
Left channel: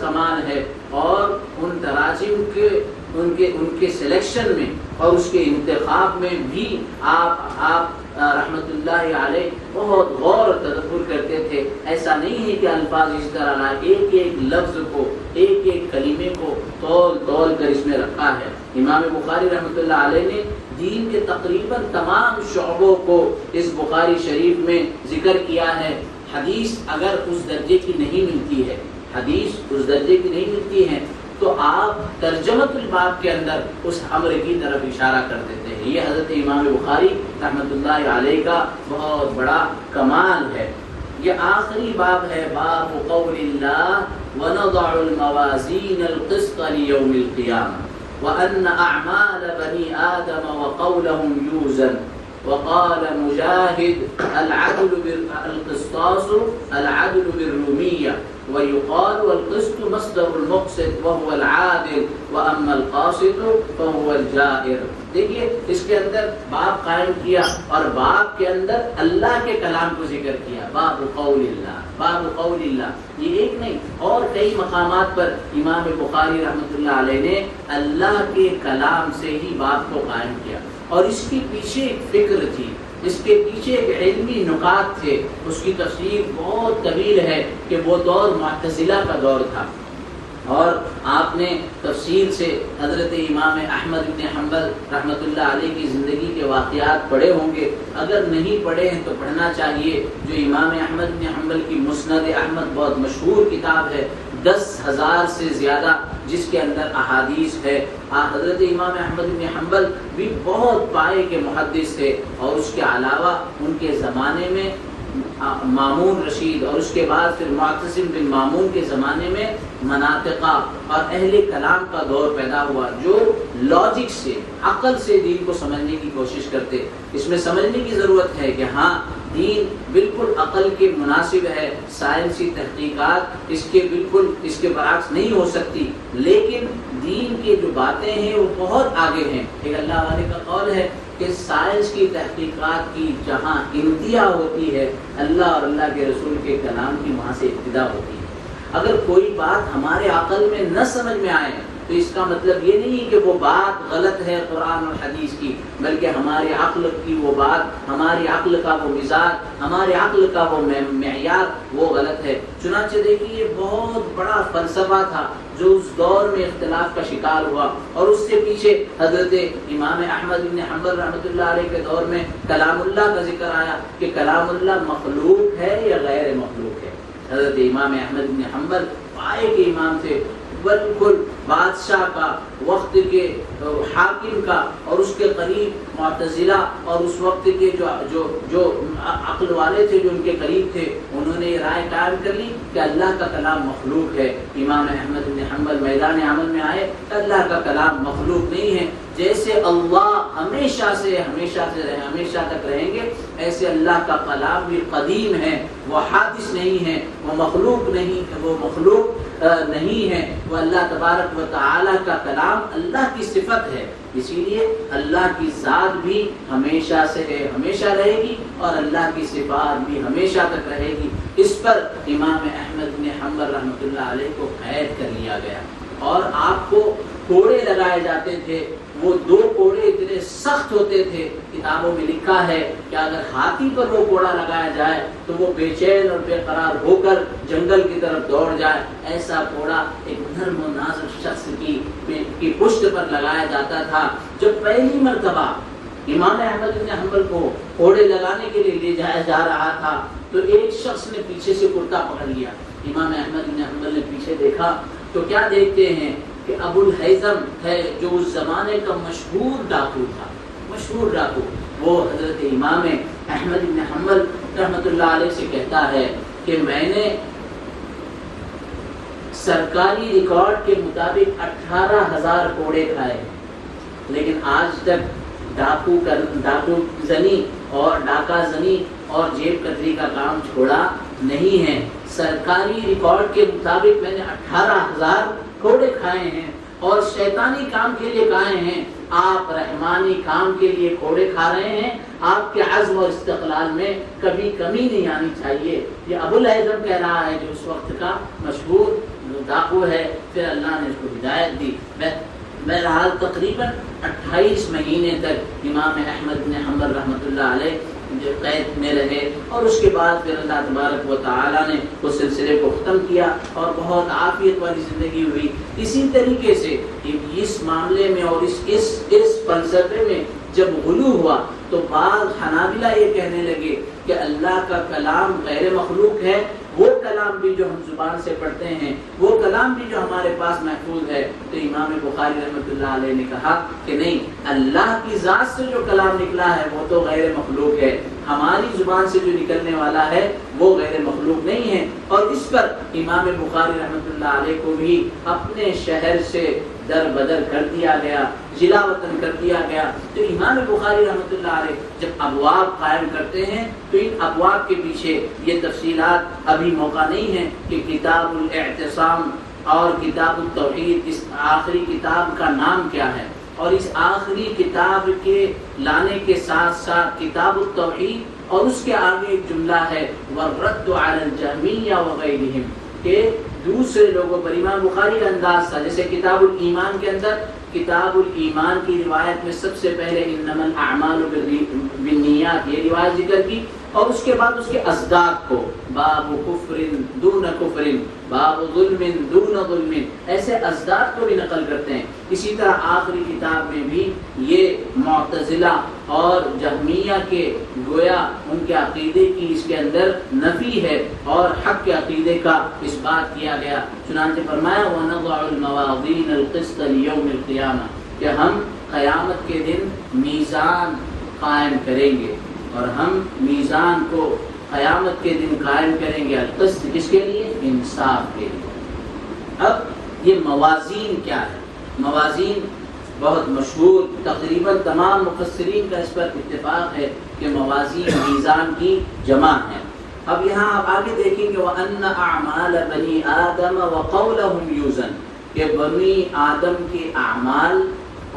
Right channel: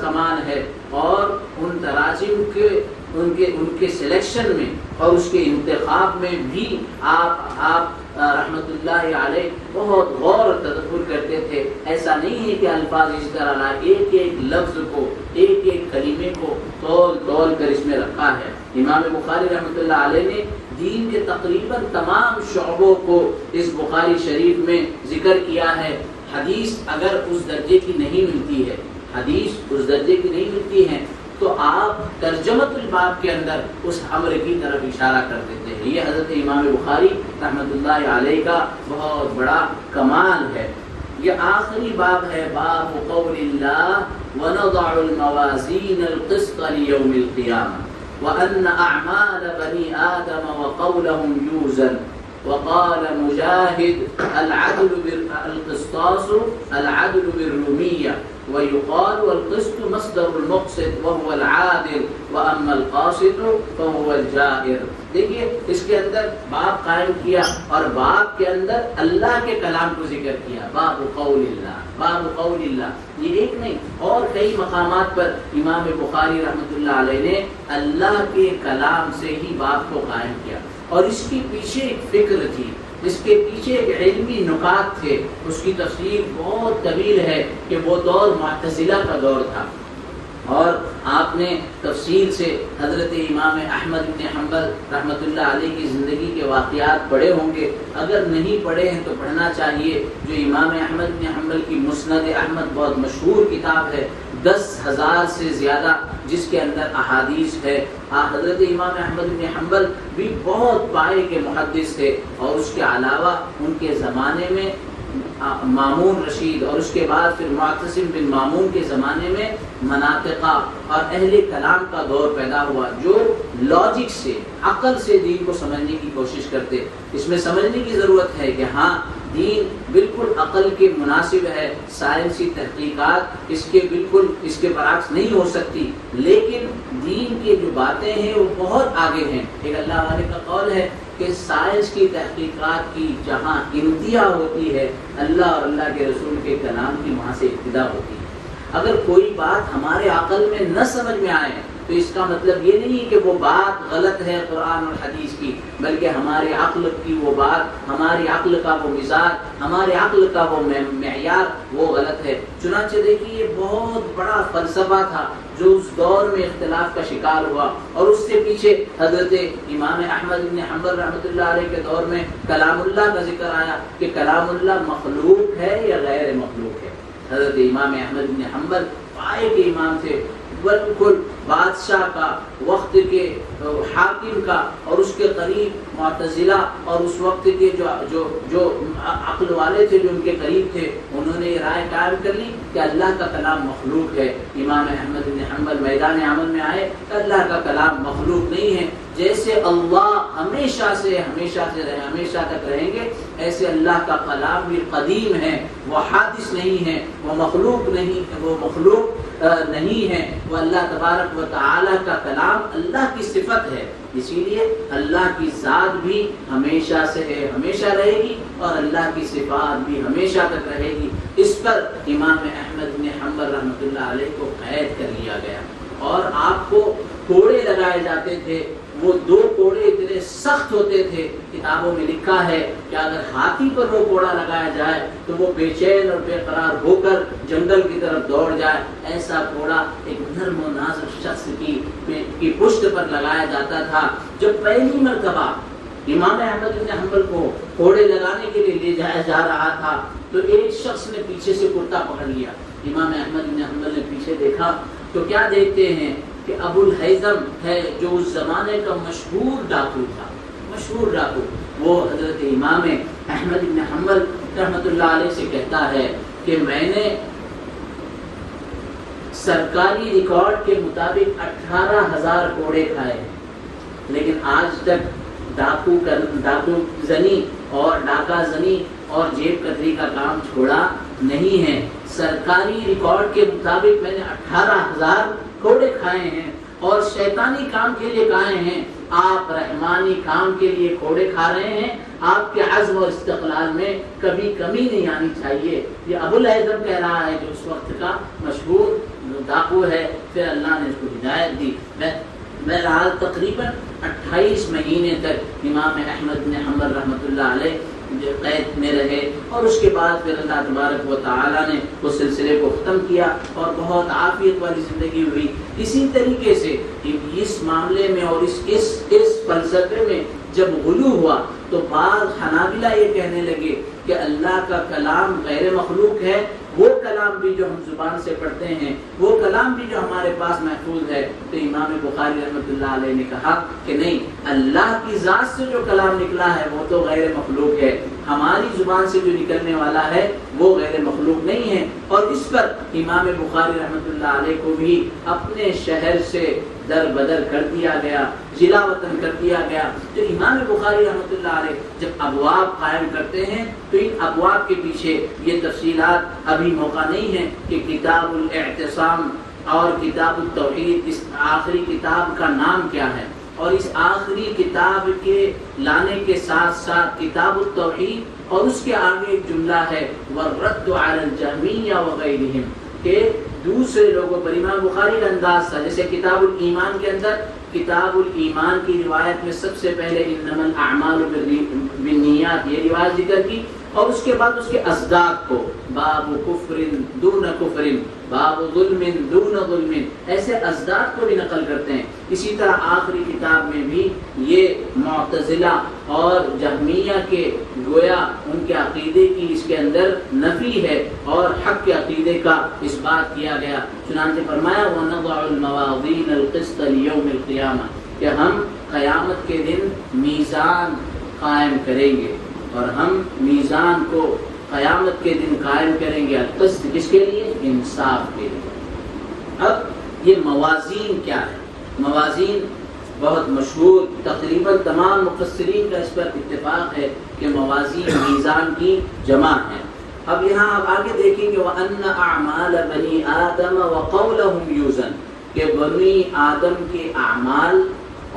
کمال ہے, اور ان تراجم کے ان کے سلیکشن میں اور اس کے انتخاب میں بھی آپ رحمت اللہ علیہ بہت غور و تدبر کرتے تھے. ایسا نہیں ہے کہ الفاظ اس طرح نہ, ایک لفظ کو, ایک کلمے کو تول کر اس میں رکھا ہے. امام بخاری رحمت اللہ علیہ نے دین کے تقریباً تمام شعبوں کو اس بخاری شریف میں ذکر کیا ہے. حدیث اگر اس درجے کی نہیں ملتی ہے تو آپ ترجمۃ الباب کے اندر اس امر کی طرف اشارہ کر دیتے ہیں. یہ حضرت امام بخاری رحمۃ اللہ علیہ کا بہت بڑا کمال ہے. یہ آخری بات ہے, باب قول اللہ وَنَضَعُ الْمَوَازِينَ الْقِسْطَ لِيَوْمِ الْقِيَامَةِ وَأَنَّ أَعْمَالَ بَنِي آدَمَ وَقَوْلَهُمْ يُوزَنُ وقال مجاهد العدل القسطاس العدل بالروية ويقال والقسط مصدر المقسط وهو العادل وأما القاسط فهو الجائر. دیکھیے اس کے اندر باب قائم کیا اور باب کے اندر اللہ کے کلام کو ذکر کیا. باب قول اللہ، باب قول اللہ، یہ ایک نہیں اور کئی مقامات پر امام بخاری رحمۃ اللہ علیہ نے اللہ کے کلام سے ہی باب کو قائم کیا. اور اس کے پیچھے ایک فکر تھی، اس کے پیچھے ایک علمی نکات تھے. اس کی تفسیر بہت طویل ہے کہ وہ دور معتزلہ کا دور تھا. اور آپ نے تفصیل سے حضرت امام احمد بن حنبل رحمۃ اللہ علیہ کی زندگی کے واقعات پڑھے ہوں گے. اگر نہیں پڑھے ہیں تو پڑھنا چاہیے. جو امام احمد بن حنبل کی مسند احمد بہت مشہور کتاب ہے، 10,000 سے زیادہ جس کے اندر احادیث ہے. حضرت امام احمد بن حنبل بھی بہت پائے کے محدث تھے. اور اس کے علاوہ ان کے زمانے میں مامون رشید اور اس کے بعد پھر معتصم بن مامون کے زمانے میں مناطقہ اور اہل کلام کا دور پیدا ہوا جو لاجک سے، عقل سے دین کو سمجھنے کی کوشش کرتے. اس میں سمجھنے کی ضرورت ہے کہ ہاں دین بالکل عقل کے مناسب ہے. سائنسی تحقیقات اس کے بالکل اس کے برعکس نہیں ہو سکتی، لیکن دین کی جو باتیں ہیں وہ بہت آگے ہیں. ایک اللہ والے کا قول ہے کہ سائنس کی تحقیقات کی جہاں انتہا ہوتی ہے، اللہ اور اللہ کے رسول کے کلام کی وہاں سے ابتدا ہوتی ہے. اگر کوئی بات ہمارے عقل میں نہ سمجھ میں آئے تو اس کا مطلب یہ نہیں کہ وہ بات غلط ہے قرآن اور حدیث کی، بلکہ ہماری عقل کی وہ بات، ہماری عقل کا وہ مزاج، ہماری عقل کا وہ معیار وہ غلط ہے. چنانچہ دیکھیے یہ بہت بڑا فلسفہ تھا جو اس دور میں اختلاف کا شکار ہوا. اور اس سے پیچھے حضرت امام احمد بن حنبل رحمۃ اللہ علیہ کے دور میں کلام اللہ کا ذکر آیا کہ کلام اللہ مخلوق ہے یا غیر مخلوق ہے. حضرت امام احمد بن حنبل پائے کے امام تھے، بالکل بادشاہ کا، وقت کے حاکم کا اور اس کے قریب معتزلہ اور اس وقت کے جو عقل والے تھے جو ان کے قریب تھے، انہوں نے یہ رائے قائم کر لی کہ اللہ کا کلام مخلوق ہے. امام احمد بن حنبل میدان عمل میں آئے کہ اللہ کا کلام مخلوق نہیں ہے. جیسے اللہ ہمیشہ تک رہیں گے، ایسے اللہ کا کلام بھی قدیم ہے، وہ حادث نہیں ہے، وہ مخلوق نہیں ہے. وہ اللہ تبارک و تعالی کا کلام اللہ کی صفت ہے، اسی لیے اللہ کی ذات بھی ہمیشہ سے ہے، ہمیشہ رہے گی، اور اللہ کی صفات بھی ہمیشہ تک رہے گی. اس پر امام احمد بن حنبل رحمۃ اللہ علیہ کو قید کر لیا گیا اور آپ کو کوڑے لگائے جاتے تھے. وہ 2 کوڑے اتنے سخت ہوتے تھے، کتابوں میں لکھا ہے کہ اگر ہاتھی پر وہ کوڑا لگایا جائے تو وہ بے چین اور بے قرار ہو کر جنگل کی طرف دوڑ جائے. ایسا کوڑا ایک نرم و نازک شخص کی پشت پر لگایا جاتا تھا. جب پہلی مرتبہ امام احمد بن حنبل کو کوڑے لگانے کے لیے لے جایا جا رہا تھا تو ایک شخص نے پیچھے سے کرتا پکڑ لیا. امام احمد بن حنبل نے پیچھے دیکھا تو کیا دیکھتے ہیں کہ ابو الہیثم ہے جو اس زمانے کا مشہور ڈاکو تھا، مشہور ڈاکو. وہ حضرت امام احمد بن حنبل رحمۃ اللہ علیہ سے کہتا ہے کہ میں نے سرکاری ریکارڈ کے مطابق 18,000 کوڑے کھائے، لیکن آج تک ڈاکو زنی اور ڈاکہ زنی اور جیب کتری کا کام چھوڑا نہیں ہے. سرکاری ریکارڈ کے مطابق میں نے 18,000 کوڑے کھائے ہیں اور شیطانی کام کے لیے کھائے ہیں. آپ رحمانی کام کے لیے کوڑے کھا رہے ہیں. آپ کے عزم اور استقلال میں کبھی کمی نہیں آنی چاہیے. یہ ابو الہیثم کہہ رہا ہے جو اس وقت کا مشہور ڈاکو ہے. پھر اللہ نے اس کو ہدایت دی. بہرحال تقریباً 28 مہینے تک امام احمد بن حنبل رحمۃ اللہ علیہ جو قید میں رہے اور اس کے بعد پھر اللہ تبارک و تعالیٰ نے اس سلسلے کو ختم کیا اور بہت عافیت والی زندگی ہوئی. اسی طریقے سے اس معاملے میں اور اس فلسفے میں جب غلو ہوا تو بعض حنابلہ یہ کہنے لگے کہ اللہ کا کلام غیر مخلوق ہے. وہ کلام کلام بھی جو ہم زبان سے پڑھتے ہیں، وہ کلام بھی جو ہمارے پاس محفوظ ہے، تو امام بخاری رحمۃ اللہ علیہ نے کہا کہ نہیں، اللہ کی ذات سے جو کلام نکلا ہے وہ تو غیر مخلوق ہے، ہماری زبان سے جو نکلنے والا ہے وہ غیر مخلوق نہیں ہے۔ اور اس پر امام بخاری رحمۃ اللہ علیہ کو بھی اپنے شہر سے در بدر کر دیا گیا، جلا وطن کر دیا گیا۔ تو امام بخاری رحمۃ اللہ علیہ جب ابواب قائم کرتے ہیں تو ان ابواب کے پیچھے یہ تفصیلات ابھی موقع نہیں ہے کہ کتاب الاعتصام اور کتاب التوحید اس آخری کتاب کا نام کیا ہے، اور اس آخری کتاب کے لانے کے ساتھ ساتھ کتاب التوحید اور اس کے آگے ایک جملہ ہے وَالرَّدُّ عَلَى الْجَهْمِيَّةِ وَغَيْرِهِمْ، کہ دوسرے لوگوں پر امام بخاری کا انداز تھا، جیسے کتاب الایمان کے اندر کتاب الایمان کی روایت میں سب سے پہلے انما الاعمال بالنیات یہ روایت ذکر کی، اور اس کے بعد اس کے اصداق کو باب کفر دون کفر، باب ظلم دون ظلم، ایسے اصداق کو بھی نقل کرتے ہیں۔ اسی طرح آخری کتاب میں بھی یہ معتزلہ اور جہمیہ کے گویا ان کے عقیدے کی اس کے اندر نفی ہے اور حق کے عقیدے کا اس بات کیا گیا۔ چنانچہ فرمایا وَنَضَعُ الْمَوَازِينَ الْقِسْطَ لِيَوْمِ الْقِيَامَةِ، کہ ہم قیامت کے دن میزان قائم کریں گے، اور ہم میزان کو قیامت کے دن قائم کریں گے القسط، کس کے لیے؟ انصاف کے لیے۔ اب یہ موازین کیا ہے؟ موازین بہت مشہور، تقریباً تمام مفسرین کا اس پر اتفاق ہے کہ موازین میزان کی جمع ہے۔ اب یہاں آپ آگے دیکھیں گے وَأَنَّ أَعْمَالَ بَنِي آدَمَ وَقَوْلَهُمْ يُوزَنُ، کہ بنی آدم کے اعمال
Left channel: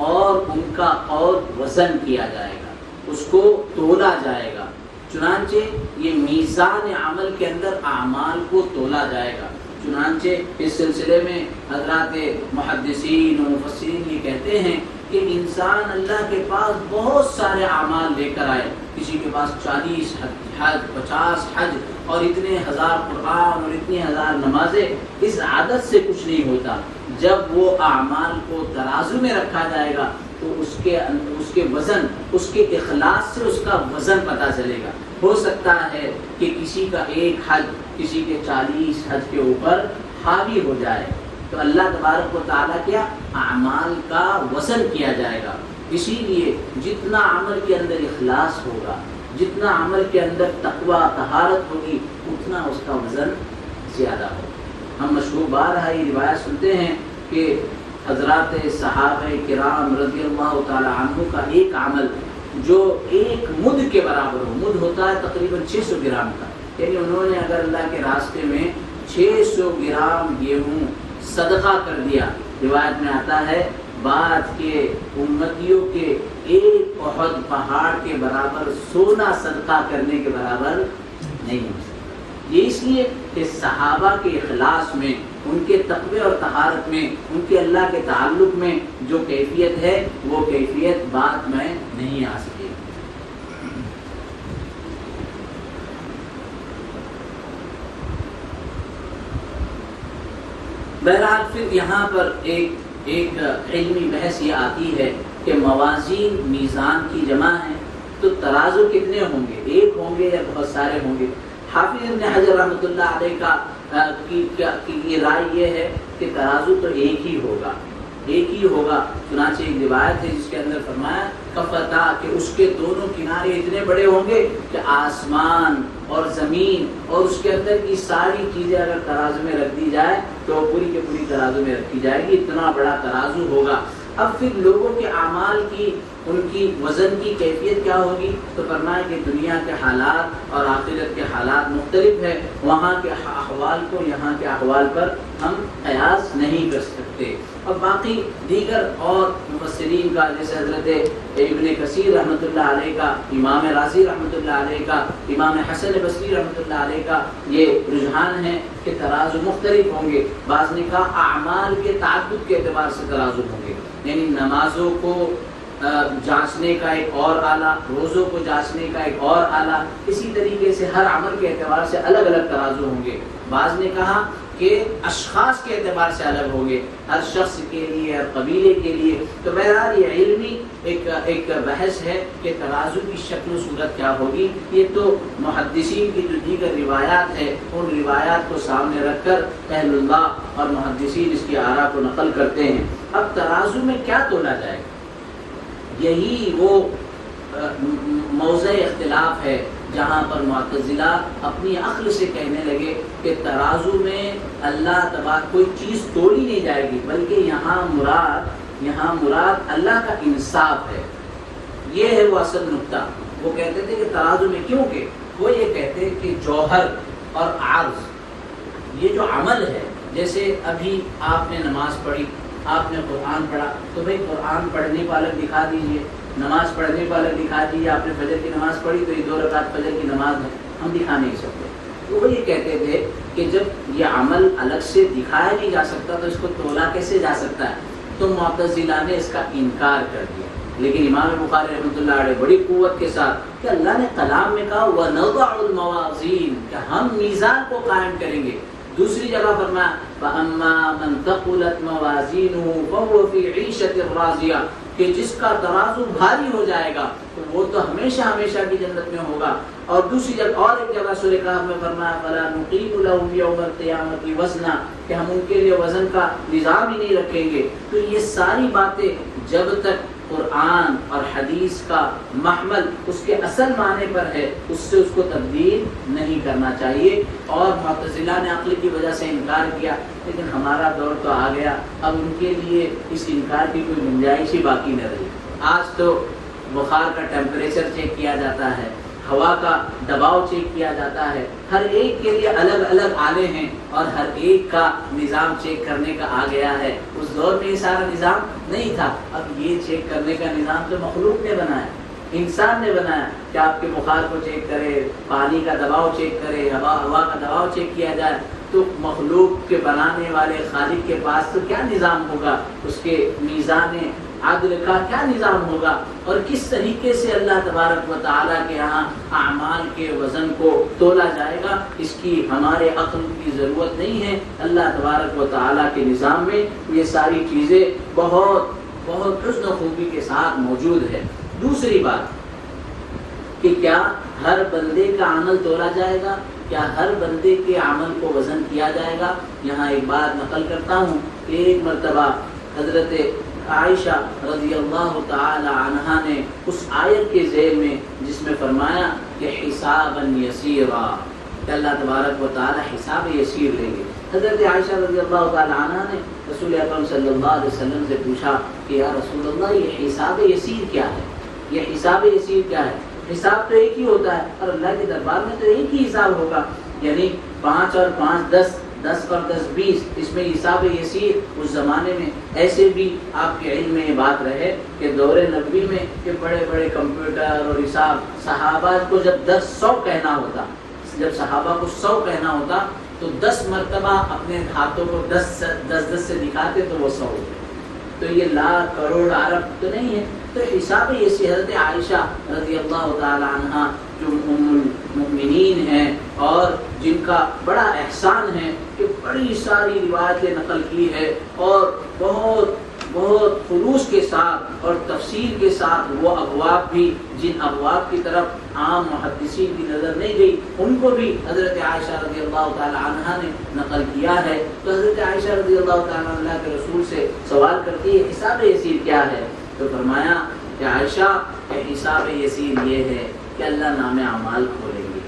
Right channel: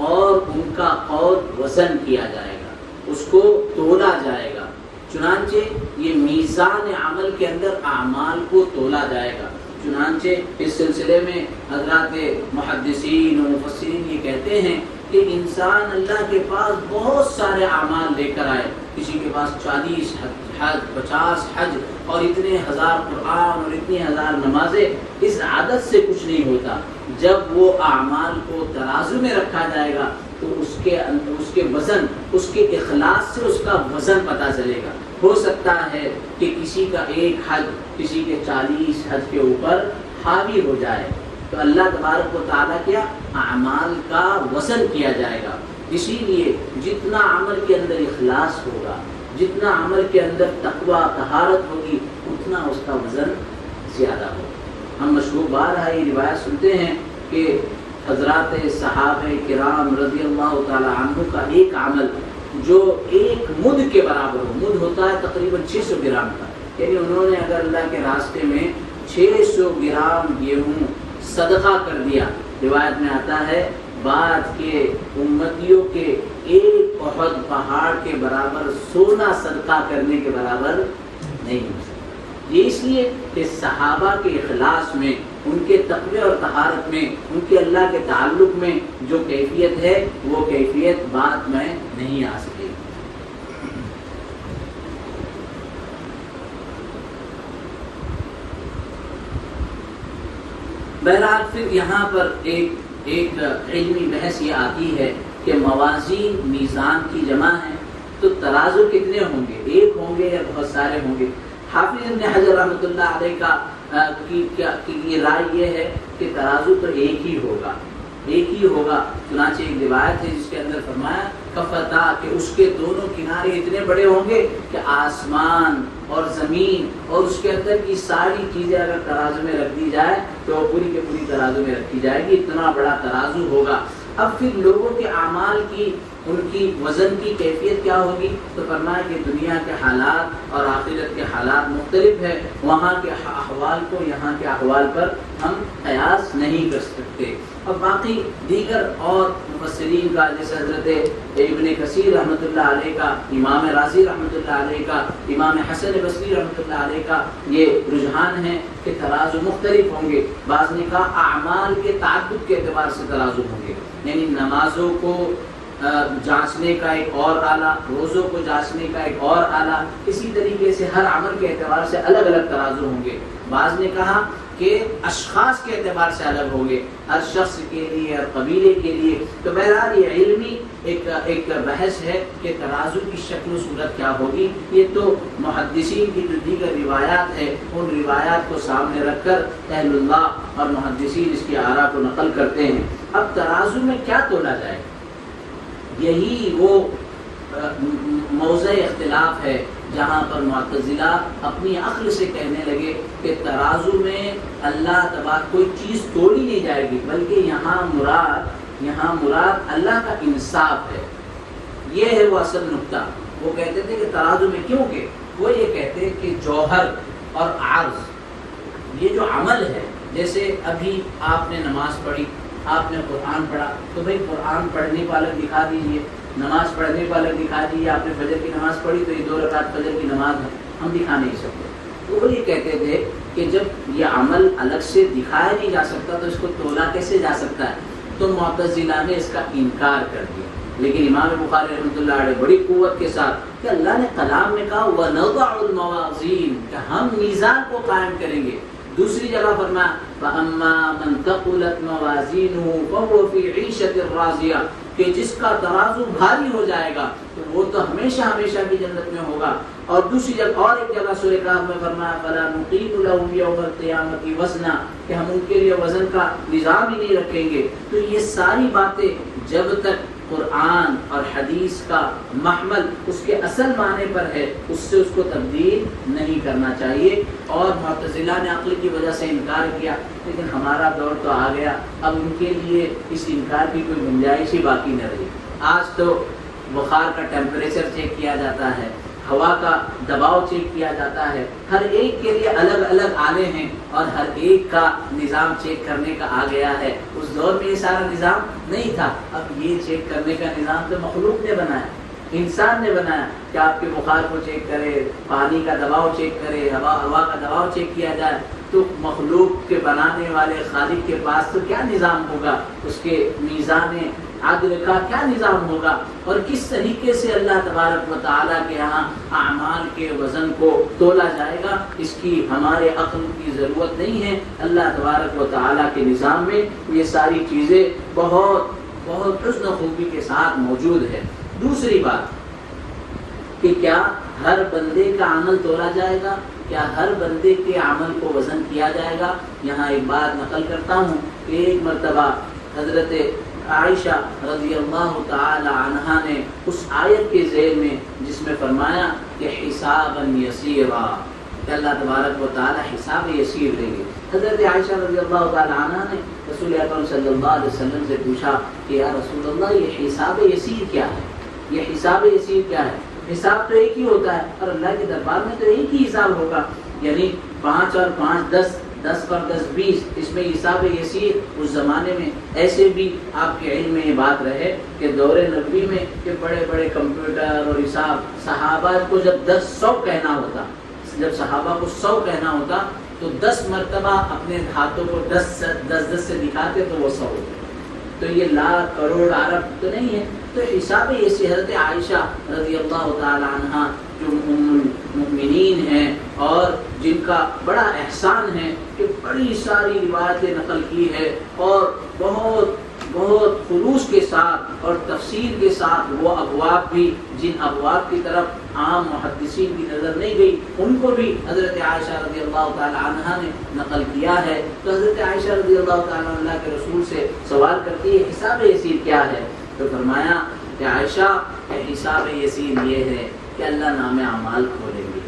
اور ان کا قول وزن کیا جائے گا، اس کو تولا جائے گا۔ چنانچہ یہ میزان عمل کے اندر اعمال کو تولا جائے گا۔ چنانچہ اس سلسلے میں حضرات محدثین اور مفسرین یہ کہتے ہیں کہ انسان اللہ کے پاس بہت سارے اعمال لے کر آئے، کسی کے پاس 40 حج، 50 حج اور اتنے ہزار قرآن اور اتنی ہزار نمازیں، اس عادت سے کچھ نہیں ہوتا۔ جب وہ اعمال کو ترازو میں رکھا جائے گا تو اس کے وزن، اس کے اخلاص سے اس کا وزن پتہ چلے گا۔ ہو سکتا ہے کہ کسی کا ایک حج کسی کے 40 حج کے اوپر حاوی ہو جائے، تو اللہ تبارک و تعالیٰ کیا اعمال کا وزن کیا جائے گا۔ اسی لیے جتنا عمل کے اندر اخلاص ہوگا، جتنا عمل کے اندر تقوی طہارت ہوگی، اتنا اس کا وزن زیادہ ہوگا۔ ہم مشہور بار یہ روایت سنتے ہیں کہ حضرات صحابہ کرام رضی اللہ تعالی عنہ کا ایک عمل جو ایک مد کے برابر ہو، مد ہوتا ہے تقریباً 600 گرام کا، یعنی انہوں نے اگر اللہ کے راستے میں 600 گرام گیہوں صدقہ کر دیا، روایت میں آتا ہے بعد کے امتیوں کے ایک احد پہاڑ کے برابر سونا صدقہ کرنے کے برابر نہیں ہو سکتا۔ یہ اس لیے کہ صحابہ کے اخلاص میں، ان کے تقوی اور طہارت میں، ان کے اللہ کے تعلق میں جو کیفیت ہے وہ کیفیت بعد میں نہیں آ سکے۔ بہرحال پھر یہاں پر ایک علمی بحث یہ آتی ہے کہ موازین میزان کی جمع ہے، تو ترازو کتنے ہوں گے؟ ایک ہوں گے یا بہت سارے ہوں گے؟ حافظ ابن حجر رحمۃ اللہ علیہ کی رائے یہ ہے کہ ترازو تو ایک ہی ہوگا۔ چنانچہ ایک روایت ہے جس کے اندر فرمایا کفتا، کہ اس کے دونوں کنارے اتنے بڑے ہوں گے کہ آسمان اور زمین اور اس کے اندر کی ساری چیزیں اگر ترازو میں رکھ دی جائے تو پوری کے پوری ترازو میں رکھی جائے گی، اتنا بڑا ترازو ہوگا۔ اب پھر لوگوں کے اعمال کی، ان کی وزن کی کیفیت کیا ہوگی؟ تو فرمایا کہ دنیا کے حالات اور آخرت کے حالات مختلف ہیں، وہاں کے احوال کو یہاں کے احوال پر ہم قیاس نہیں کر سکتے۔ اب باقی دیگر اور مفسرین کا، جیسے حضرت ابن کثیر رحمۃ اللہ علیہ کا، امام راضی رحمۃ اللہ علیہ کا، امام حسن بصری رحمۃ اللہ علیہ کا یہ رجحان ہے کہ ترازو مختلف ہوں گے۔ بعض نے کہا اعمال کے تعدد کے اعتبار سے ترازو ہوں گے، یعنی نمازوں کو جانچنے کا ایک اور آلہ، روزوں کو جانچنے کا ایک اور آلہ، اسی طریقے سے ہر عمل کے اعتبار سے الگ الگ ترازو ہوں گے۔ بعض نے کہا کہ اشخاص کے اعتبار سے الگ ہوں گے، ہر شخص کے لیے، ہر قبیلے کے لیے۔ تو بہرحال یہ علمی ایک بحث ہے کہ ترازو کی شکل و صورت کیا ہوگی۔ یہ تو محدثین کی جو دیگر روایات ہے ان روایات کو سامنے رکھ کر اہل اللہ اور محدثین اس کی آراء کو نقل کرتے ہیں۔ اب ترازو میں کیا تولا جائے، یہی وہ موضع اختلاف ہے جہاں پر معتزلہ اپنی عقل سے کہنے لگے کہ ترازو میں اللہ تبارک کوئی چیز توڑی نہیں جائے گی، بلکہ یہاں مراد اللہ کا انصاف ہے۔ یہ ہے وہ اصل نقطہ۔ وہ کہتے تھے کہ ترازو میں کیوں کہ وہ یہ کہتے ہیں کہ جوہر اور عرض یہ جو عمل ہے، جیسے ابھی آپ نے نماز پڑھی، آپ نے قرآن پڑھا، تو بھائی قرآن پڑھنے والا دکھا دیجئے، نماز پڑھنے والا دکھا دیجئے۔ آپ نے فجر کی نماز پڑھی تو یہ 2 رکعت فجر کی نماز ہے، ہم دکھا نہیں سکتے۔ تو وہ یہ کہتے تھے کہ جب یہ عمل الگ سے دکھایا نہیں جا سکتا تو اس کو تولا کیسے جا سکتا ہے؟ تو معتزلہ نے اس کا انکار کر دیا۔ لیکن امام بخاری رحمۃ اللہ علیہ بڑی قوت کے ساتھ کہ اللہ نے کلام میں کہا وَنَضَعُ الْمَوَازِينَ کہ ہم میزان کو قائم کریں گے۔ دوسری جگہ فرمایا فَأَمَّا مَنْ ثَقُلَتْ مَوَازِينُهُ فَهُوَ فِي عِيشَةٍ رَاضِيَةٍ کہ جس کا ترازو بھاری ہو جائے گا تو وہ تو ہمیشہ کی جنت میں ہوگا۔ اور دوسری جگہ اور ایک جگہ سورہ کہف میں فرمایا فَلَا نُقِيمُ لَهُمْ يَوْمَ الْقِيَامَةِ وَزْنًا کہ ہم ان کے لیے وزن کا نظام ہی نہیں رکھیں گے۔ تو یہ ساری باتیں جب تک قرآن اور حدیث کا محمل اس کے اصل معنی پر ہے اس سے اس کو تبدیل نہیں کرنا چاہیے۔ اور معتزلہ نے عقل کی وجہ سے انکار کیا، لیکن ہمارا دور تو آ گیا، اب ان کے لیے اس انکار کی کوئی گنجائش ہی باقی نہ رہی۔ آج تو بخار کا ٹیمپریچر چیک کیا جاتا ہے، ہوا کا دباؤ چیک کیا جاتا ہے، ہر ایک کے لیے الگ الگ آلے ہیں اور ہر ایک کا نظام چیک کرنے کا آ گیا ہے۔ اس دور میں یہ سارا نظام نہیں تھا، اب یہ چیک کرنے کا نظام تو مخلوق نے بنایا، انسان نے بنایا کہ آپ کے بخار کو چیک کرے، پانی کا دباؤ چیک کرے، ہوا کا دباؤ چیک کیا جائے۔ تو مخلوق کے بنانے والے خالق کے پاس تو کیا نظام ہوگا، اس کے میزان عدل کا کیا نظام ہوگا، اور کس طریقے سے اللہ تبارک و تعالیٰ کے یہاں اعمال کے وزن کو تولا جائے گا، اس کی ہمارے عقل کی ضرورت نہیں ہے۔ اللہ تبارک و تعالیٰ کے نظام میں یہ ساری چیزیں بہت بہت حسن خوبی کے ساتھ موجود ہے۔ دوسری بات کہ کیا ہر بندے کا عمل تولا جائے گا، کیا ہر بندے کے عمل کو وزن کیا جائے گا؟ یہاں ایک بات نقل کرتا ہوں کہ ایک مرتبہ حضرت عائشہ رضی اللہ تعالی عنہا نے اس آیت کے ذیل میں جس میں فرمایا کہ حسابا یسیرا کہ اللہ تبارک و تعالی حساب یسیر دیں گے، حضرت عائشہ رضی اللہ تعالی عنہا نے رسول اکرم صلی اللہ علیہ وسلم سے پوچھا کہ یا رسول اللہ یہ حساب یسیر کیا ہے؟ یہ حساب یسیر کیا ہے؟ حساب تو ایک ہی ہوتا ہے اور اللہ کے دربار میں تو ایک ہی حساب ہوگا، یعنی 5 اور 5 10، 10 پر 10 20، اس میں حساب یسیر۔ اس زمانے میں ایسے بھی آپ کے علم میں یہ بات رہے کہ دور نبوی میں کہ بڑے بڑے کمپیوٹر اور حساب، صحابہ کو جب 10 100 کہنا ہوتا، جب صحابہ کو 100 کہنا ہوتا تو 10 مرتبہ اپنے ہاتھوں کو 10 سے دکھاتے تو وہ 100 ہوتا۔ تو یہ لاکھ کروڑ ارب تو نہیں ہے۔ تو حساب یہ حضرت عائشہ رضی اللہ تعالی عنہا جو ام المؤمنین ہیں اور جن کا بڑا احسان ہے کہ بڑی ساری روایتیں نقل کی ہے اور بہت خلوص کے ساتھ اور تفصیل کے ساتھ وہ ابواب بھی جن ابواب کی طرف عام محدثین کی نظر نہیں گئی ان کو بھی حضرت عائشہ رضی اللہ تعالی عنہا نے نقل کیا ہے۔ تو حضرت عائشہ رضی اللہ تعالی عنہ کے رسول سے سوال کرتی ہے حساب یسیر کیا ہے؟ تو فرمایا کہ عائشہ حساب یسیر یہ ہے کہ اللہ نام اعمال کھولیں گے،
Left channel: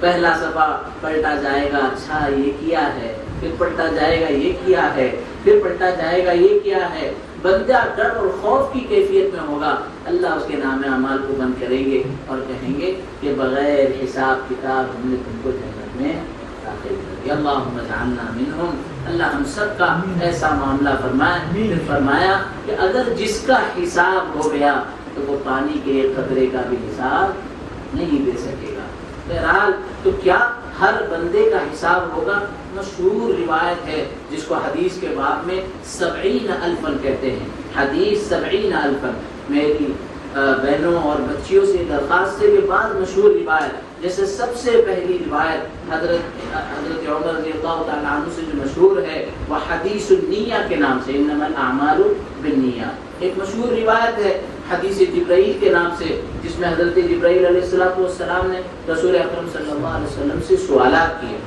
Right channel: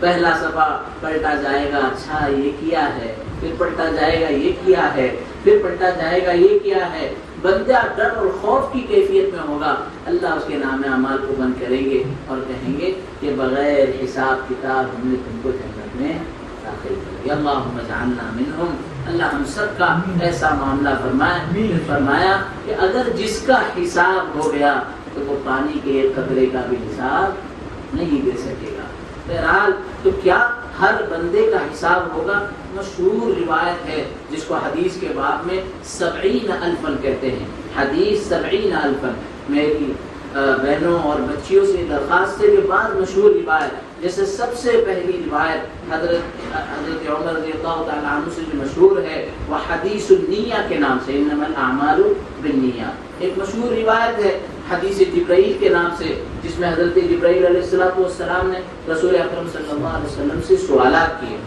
پہلا صفحہ پلٹا جائے گا، اچھا یہ کیا ہے، پھر پلٹا جائے گا یہ کیا ہے، پھر پلٹا جائے گا یہ کیا ہے۔ بندہ ڈر اور خوف کی کیفیت میں ہوگا، اللہ اس کے نام اعمال کو بند کریں گے اور کہیں گے کہ بغیر حساب کتاب ہم نے تم کو جنت میں داخل کر دیا۔ اللہم اجعلنا منہم، اللہ ہم سب کا ایسا معاملہ فرمائے۔ پھر فرمایا کہ اگر جس کا حساب ہو گیا تو وہ پانی کے ایک قطرے کا بھی حساب نہیں دے سکے گا۔ بہرحال تو کیا ہر بندے کا حساب ہوگا؟ مشہور روایت ہے جس کو حدیث کے باب میں 70,000 کہتے ہیں. حدیث 70,000. میری بہنوں اور بچیوں سے درخواست ہے کہ بعض مشہور روایت، جیسے سب سے پہلی روایت حضرت عمر رضی اللہ تعالیٰ عنہ سے جو مشہور ہے وہ حدیث النیہ کے نام سے، انما الاعمال بالنیہ. ایک مشہور روایت ہے حدیث جبرائیل کے نام سے، جس میں حضرت جبرائیل علیہ السلام نے رسول اکرم صلی اللہ علیہ وسلم سے سوالات کیے.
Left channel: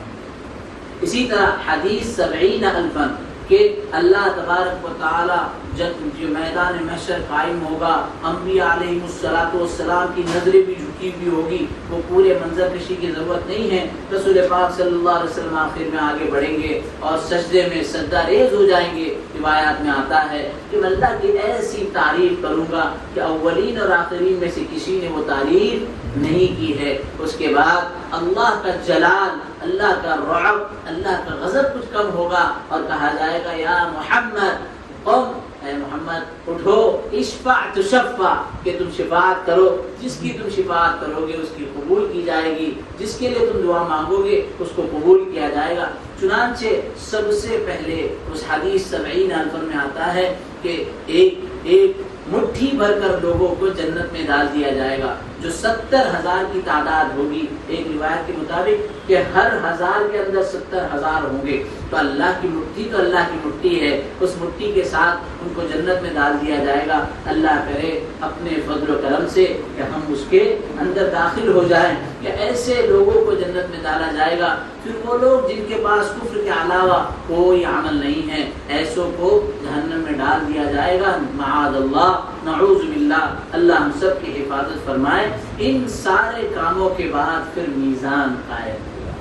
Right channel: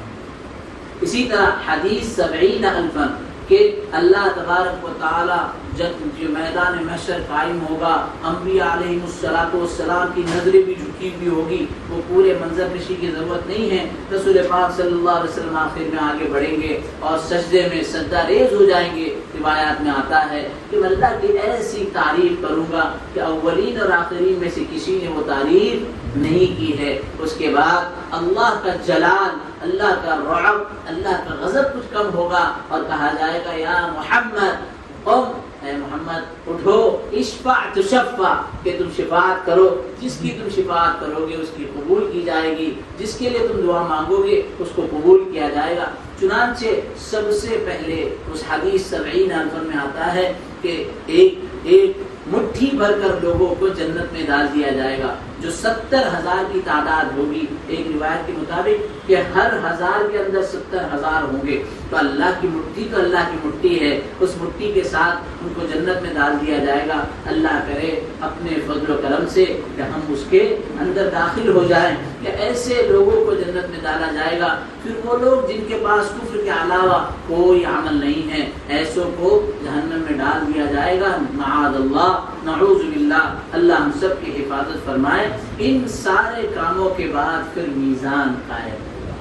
اسی طرح حدیث 70,000 کہ اللہ تبارک و تعالی جب جو میدان محشر قائم ہوگا، انبیاء علیہ السلام کی نظریں بھی جھکی ہوئی ہوگی، وہ پورے منظر کشی کی ضرورت نہیں ہے. رسول پاک صلی اللہ علیہ وسلم آخر میں آگے بڑھیں گے اور سجدے میں سجدہ ریز ہو جائیں گے. روایات میں آتا ہے کہ میں اللہ کی ایسی تعریف کروں گا کہ اولین اور آخرین میں سے کسی نے وہ تعریف نہیں کی ہے. اس کے بعد اللہ کا جلال، اللہ کا رعب، اللہ کا غضب کچھ کم ہوگا اور کہا جائے گا یا محمد قم، اے محمد اٹھو، اشفع تشفع، کہ تم شفاعت کرو، جس کی تم شفاعت کرو گے اس کی قبول کی جائے گی، جس کے لیے تم دعا مانگو گے اس کو قبول کیا جائے گا. چنانچہ سب سے پہلے اس حدیث 70,000 میں آتا ہے کہ ایک مٹھی بھر کر لوگوں کو جنت میں ڈال دیا جائے گا، جو 70,000 کی تعداد ہوگی. ایک روایت کے مطابق کہ ہر 1000 کے اندر 70,000 ہوں گے. تو اللہ کی مٹھی ہے، اس مٹھی کے ساتھ ان کو جنت میں ڈال دیا جائے گا. اللہ کرے اپنے فضل و کرم سے کہ ہم اس کے اندر داخل ہو جائیں، کہ ایسے لوگوں کو جنت میں ڈالا جائے گا. پھر وہ لوگ جن کے پاس کفر کے علاوہ کوئی عمل نہیں ہے، ایسوں کو جہنم میں ڈال دیا جائے گا. معاذ اللہ، نعوذ باللہ، اللہ ہم سب کی حفاظت فرمائے. ان سارے کاموں کے بعد پھر میزان قائم ہوگا،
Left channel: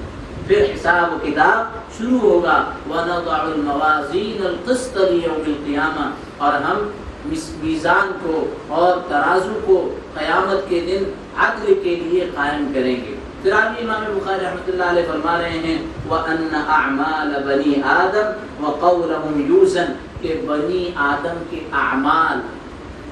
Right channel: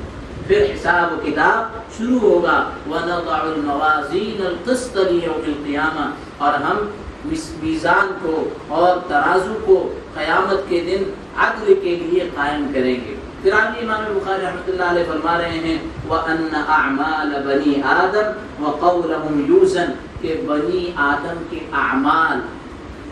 پھر حساب و کتاب شروع ہوگا. وَنَضَعُ الْمَوَازِينَ الْقِسْطَ لِيَوْمِ الْقِيَامَةِ، اور ہم میزان کو اور ترازو کو قیامت کے دن عدل کے لیے قائم کریں گے. پھر امام بخاری رحمۃ اللہ علیہ فرما رہے ہیں وَأَنَّ أَعْمَالَ بَنِي آدَمَ وَقَوْلَهُمْ يُوزَنُ، کہ بنی آدم کے اعمال،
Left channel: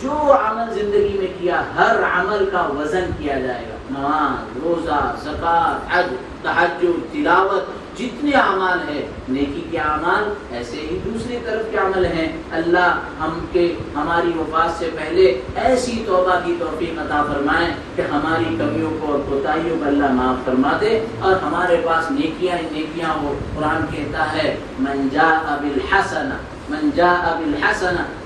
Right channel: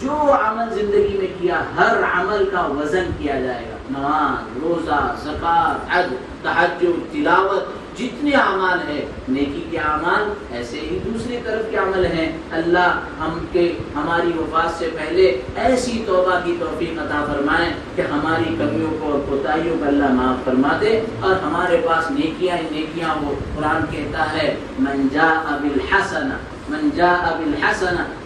جو عمل زندگی میں کیا ہر عمل کا وزن کیا جائے گا. نماز، روزہ، زکوٰۃ، حج، تہجد، تلاوت، جتنے اعمال ہیں نیکی کے اعمال، ایسے ہی دوسری طرف کے عمل ہیں. اللہ ہماری وفات سے پہلے ایسی توبہ کی توفیق عطا فرمائے کہ ہماری کمیوں کو اور کوتاہیوں کو اللہ معاف فرما دے اور ہمارے پاس نیکیاں ہی نیکیاں ہو. قرآن کہتا ہے من جاء بالحسنہ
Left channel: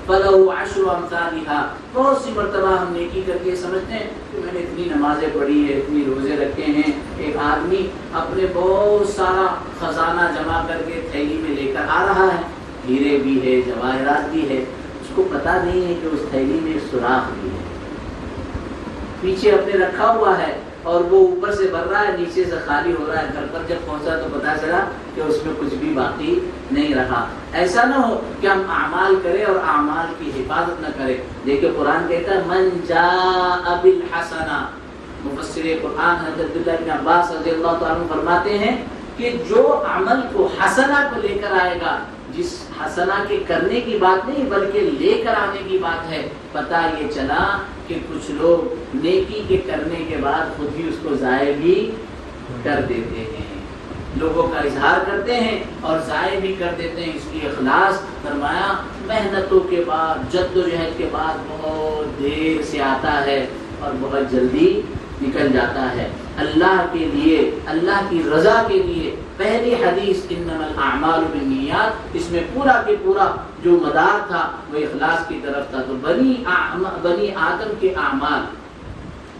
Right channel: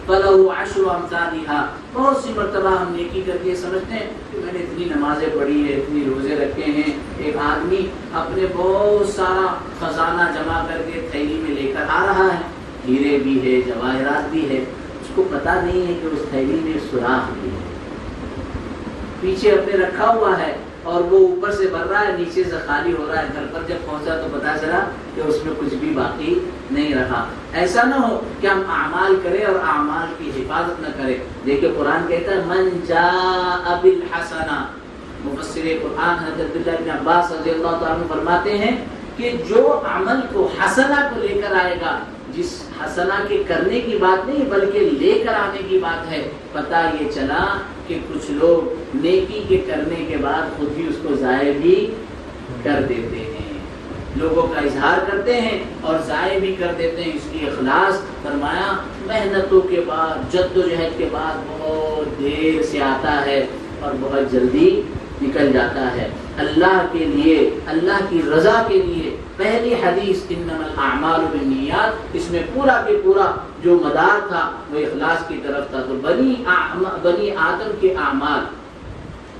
فَلَهُ عَشْرُ أَمْثَالِهَا. بہت سی مرتبہ ہم نیکی کر کے سمجھتے ہیں کہ میں نے اتنی نمازیں پڑھی ہے، اتنی روزے رکھے ہیں. ایک آدمی اپنے بہت سارا خزانہ جمع کر کے تھیلی میں لے کر آ رہا ہے، ہیرے بھی ہے، جواہرات بھی ہے، اس کو پتا نہیں ہے کہ اس تھیلی میں سوراخ بھی ہے. پیچھے اپنے رکھا ہوا ہے اور وہ اوپر سے بھر رہا ہے، نیچے سے خالی ہو رہا ہے. گھر پر جب پہنچا تو پتا چلا کہ اس میں کچھ بھی باقی نہیں رہا. ایسا نہ ہو کہ ہم اعمال کریں اور اعمال کی حفاظت نہ کریں. دیکھیں قرآن کہتا ہے من جاء بالحسنہ. مفسر قرآن حضرت ابن عباس رضی اللہ تعالیٰ عنہ فرماتے ہیں کہ جو عمل کو حسنہ کو لے کر آئے گا، جس حسنہ کے کرنے کی بات نہیں بلکہ لے کر آنے کی بات ہے. پتہ یہ چلا کہ کچھ لوگ نیکی کے کرنے کے بعد خود ہی اس کو ضائع بھی کر دیتے ہیں، لوگوں کا اظہار کرتے ہیں اور ضائع بھی کر دیتے ہیں. اس لیے اخلاص فرمایا محنتوں کے بعد، جد و جہد کے بعد بہت دیر سے آتا ہے اور بہت جلدی نکل جاتا ہے. اللہ کے لیے، اللہ کی رضا کے لیے پہلی حدیث انما الاعمال بالنیات، اس میں پورا کے پورا جو مدار تھا وہ اخلاص کی طرف تھا. تو بنی آدم کے اعمال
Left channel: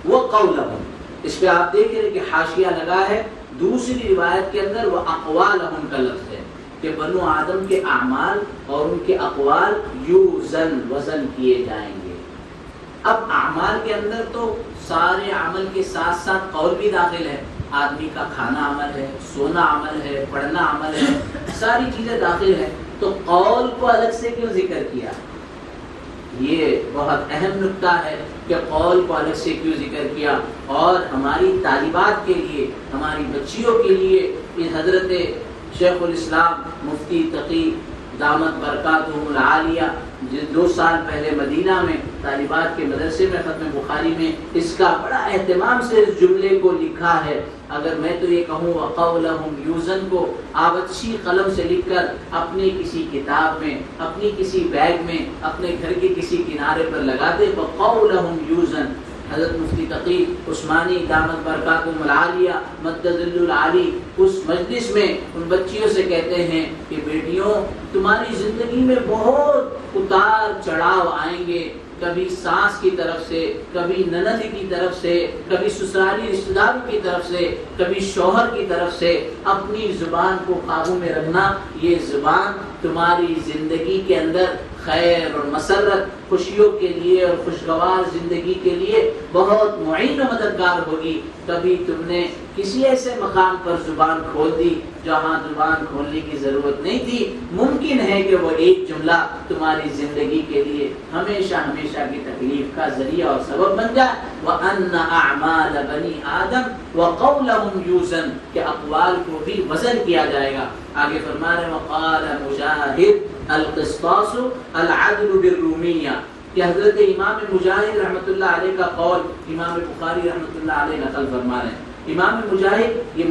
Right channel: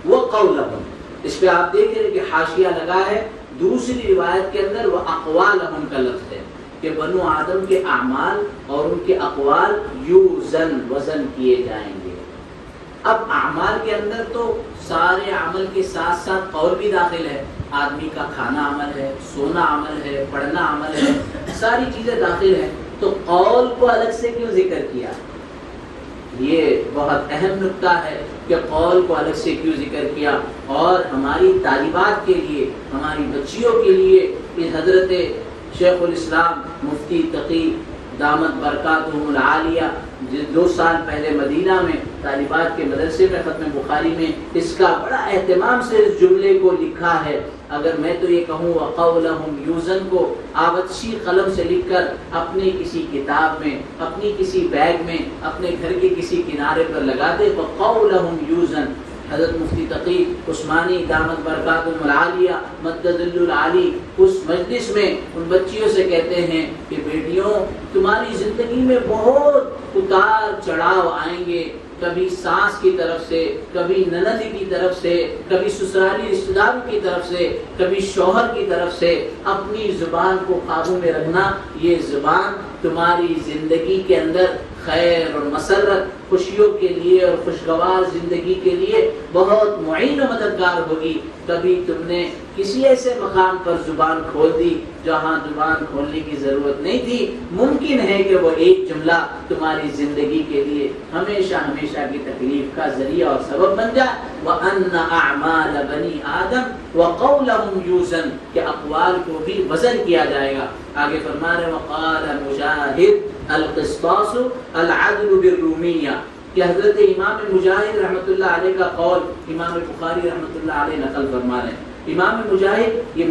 وہ قولہم، اس پہ آپ دیکھ رہے کہ حاشیہ لگا ہے. دوسری روایت کے اندر وہ اقوالہم کا لفظ ہے کہ بنو آدم کے اعمال اور ان کے اقوال یوزن، وزن کیے جائیں گے. اب اعمال کے اندر تو سارے عمل کے ساتھ ساتھ قول بھی داخل ہے. آدمی کا کھانا عمل ہے، سونا عمل ہے، پڑھنا عمل ہے، ساری چیزیں داخل ہیں. تو قول کو الگ سے کیوں ذکر کیا؟ یہ بہت اہم نکتہ ہے کہ قول کو الگ سے کیوں ذکر کیا. اور ہماری طالبات کے لیے، ہماری بچیوں کے لیے یہ حضرت شیخ الاسلام مفتی تقی دامت برکاتہ العالیہ 2 سال پہلے مدینہ میں طالبات کے مدرسے میں ختم بخاری میں اس کا بڑا اہتمام سے اس جملے کو لکھا ہے. اگر میں تو یہ کہوں وَقَوْلَهُمْ یوزن کو آپ اچھی قلم سے لکھ کر اپنی کسی کتاب میں، اپنی کسی بیگ میں، اپنے گھر کے کسی کنارے پر لگا دے. وَقَوْلَهُمْ یوزن. حضرت مفتی تقی عثمانی دامت برکاتہم العالیہ مدد العالی اس مجلس میں ان بچیوں سے کہتے ہیں کہ بیٹیوں، تمہاری زندگی میں بہت اتار چڑھاؤ آئیں گے، کبھی ساس کی طرف سے، کبھی نند کی طرف سے، کبھی سسرالی رشتہ داروں کی طرف سے، کبھی شوہر کی طرف سے. اپنی زبان کو قابو میں رکھنا. یہ زبان تمہاری زندگی کے اندر خیر اور مسرت، خوشیوں کے لیے اور خوشگوار زندگی کے لیے بہت معین و مددگار ہوگی. کبھی تم نے کسی ایسے مقام پر زبان کھول دی جہاں زبان کھولنے کی ضرورت نہیں تھی، ممکن ہے کہ وہ ایک جملہ تمہاری زندگی کے لیے ہمیشہ ہمیشہ کی تکلیف کا ذریعہ اور سبب بن جائے. وَأَنَّ أَعْمَالَ بَنِي آدم وَقَوْلَهُمْ يُوزَنُ کہ اقوال کو بھی وزن کیا جائے گا. آگے فرما رہے وَقَالَ مُجَاهِدْ الْقِسْطَاسُ الْعَدْلُ بِالرُّومِيَّةِ کہ حضرت امام مجاہد رحمۃ اللہ علیہ کا قول امام بخاری رحمۃ اللہ علیہ نقل فرما رہے ہیں. امام مجاہد یہ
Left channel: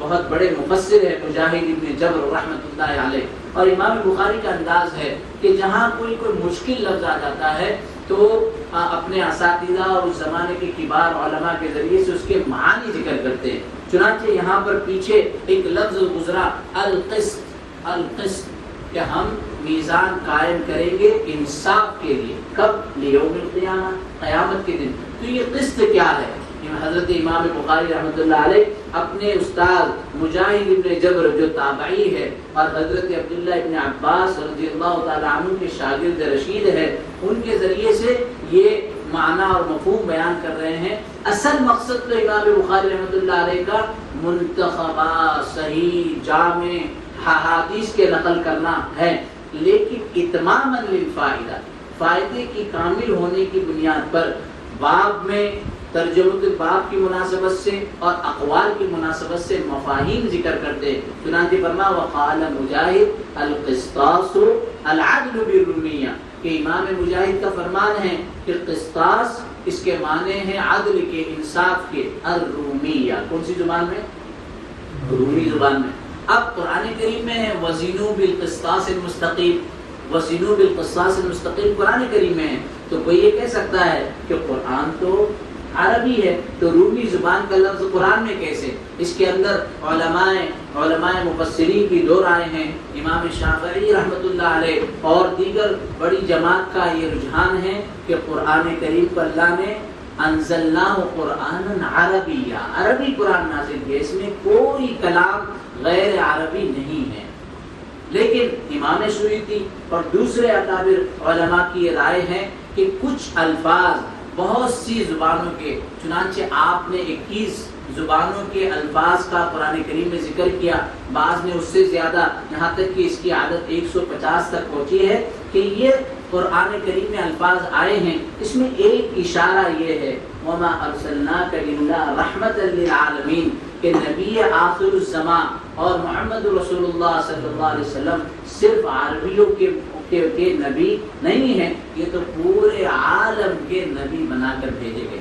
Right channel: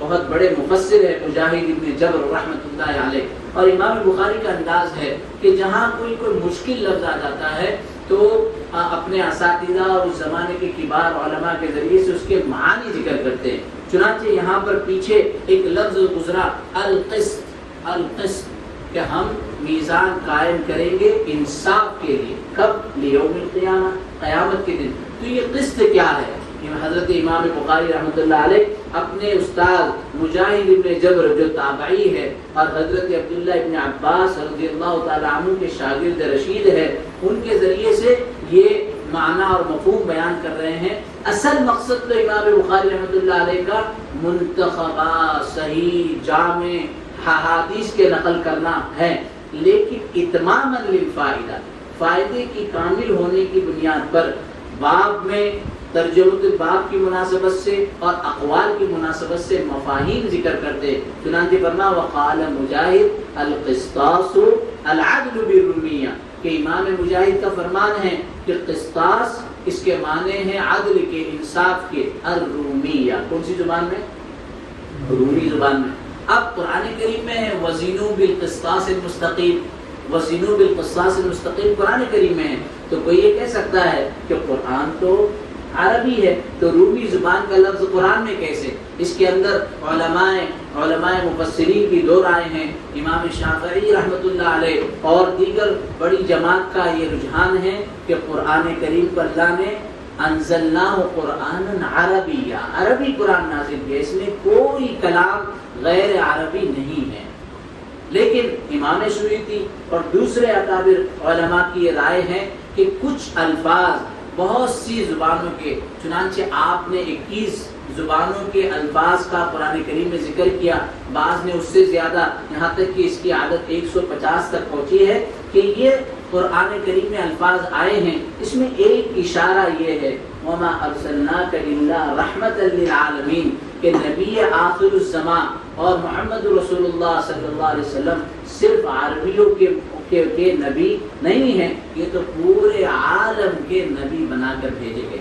بہت بڑے مفسر ہے، مجاہد ابن جبر رحمۃ اللہ علیہ. اور امام بخاری کا انداز ہے کہ جہاں کوئی مشکل لفظ آ جاتا ہے تو وہ اپنے اساتذہ اور اس زمانے کے کبار علماء کے ذریعے سے اس کے معنی ذکر کرتے ہیں. چنانچہ یہاں پر پیچھے ایک لفظ گزرا القسط، القسط کہ ہم میزان قائم کریں گے انصاف کے لیے. کب؟ یوم القیامہ، قیامت کے دن. تو یہ قسط کیا ہے؟ حضرت امام بخاری رحمۃ اللہ علیہ اپنے استاد مجاہد ابن جبر جو تابعی ہے اور حضرت عبداللہ ابن عباس رضی اللہ تعالیٰ عنہ کے شاگرد رشید ہے، ان کے ذریعے سے یہ معنی اور مفہوم بیان کر رہے ہیں. اصل مقصد تو امام بخاری رحمۃ اللہ علیہ کا منتخبہ صحیح جامع حدیث کے نقل کرنا ہے، لیکن اتماما للفائدہ، فائدے کی کامل ہونے کی بنیاد پر باب میں ترجمۃ الباب کی مناسبت سے اور اقوال کی مناسبت سے مفاہیم ذکر کرتے. چنانچہ فرما وقال مجاہد القسطاس العدل بالرومیہ کہ امام مجاہد کا فرمان ہے کہ قسطاس اس کے معنی ہیں عدل کے، انصاف کے. الرومیہ کون سی زبان میں؟ رومی زبان میں. اب قرآن کریم میں ہے وزنوا بالقسطاس المستقیم، وزنوا بالقسطاس المستقیم قرآن کریم میں ہے. تو کوئی یہ کہہ سکتا ہے کہ قرآن تو عربی ہے تو رومی زبان کا لفظ قرآن میں کیسے؟ اس کے اندر علماء مفسرین کی 2 رائے ہیں. امام شافعی رحمۃ اللہ علیہ اور دیگر بڑی جماعت کا یہ رجحان ہے کہ قرآن کریم پر اللہ نے انزلناہ قرآنا عربیہ، عربی قرآن نازل کیا، اس میں کوئی کلام غیر عربی نہیں ہے. لیکن امام سیوطی اور دوسرے اکابر علماء کی یہ رائے ہے کہ کچھ الفاظ بہت سی زبانوں کے، چنانچہ آپ نے 21 زبانوں کے الفاظ کا قرآن کریم میں ذکر کیا، بعض نے اس سے زیادہ، یہاں تک کہ اس کی عادت 150 تک پہنچی ہے کہ یہ قرآن کریم میں الفاظ آئے ہیں. اس میں ایک اشارہ یہ ہے وَمَا أَرْسَلْنَاكَ إِلَّا رَحْمَةً لِلْعَالَمِينَ کہ نبی آخر الزمان اور محمد رسول اللہ صلی اللہ علیہ وسلم صرف عربیوں کے نبی نہیں ہیں، یہ تو پورے عالم کے نبی بنا کر بھیجے گئے.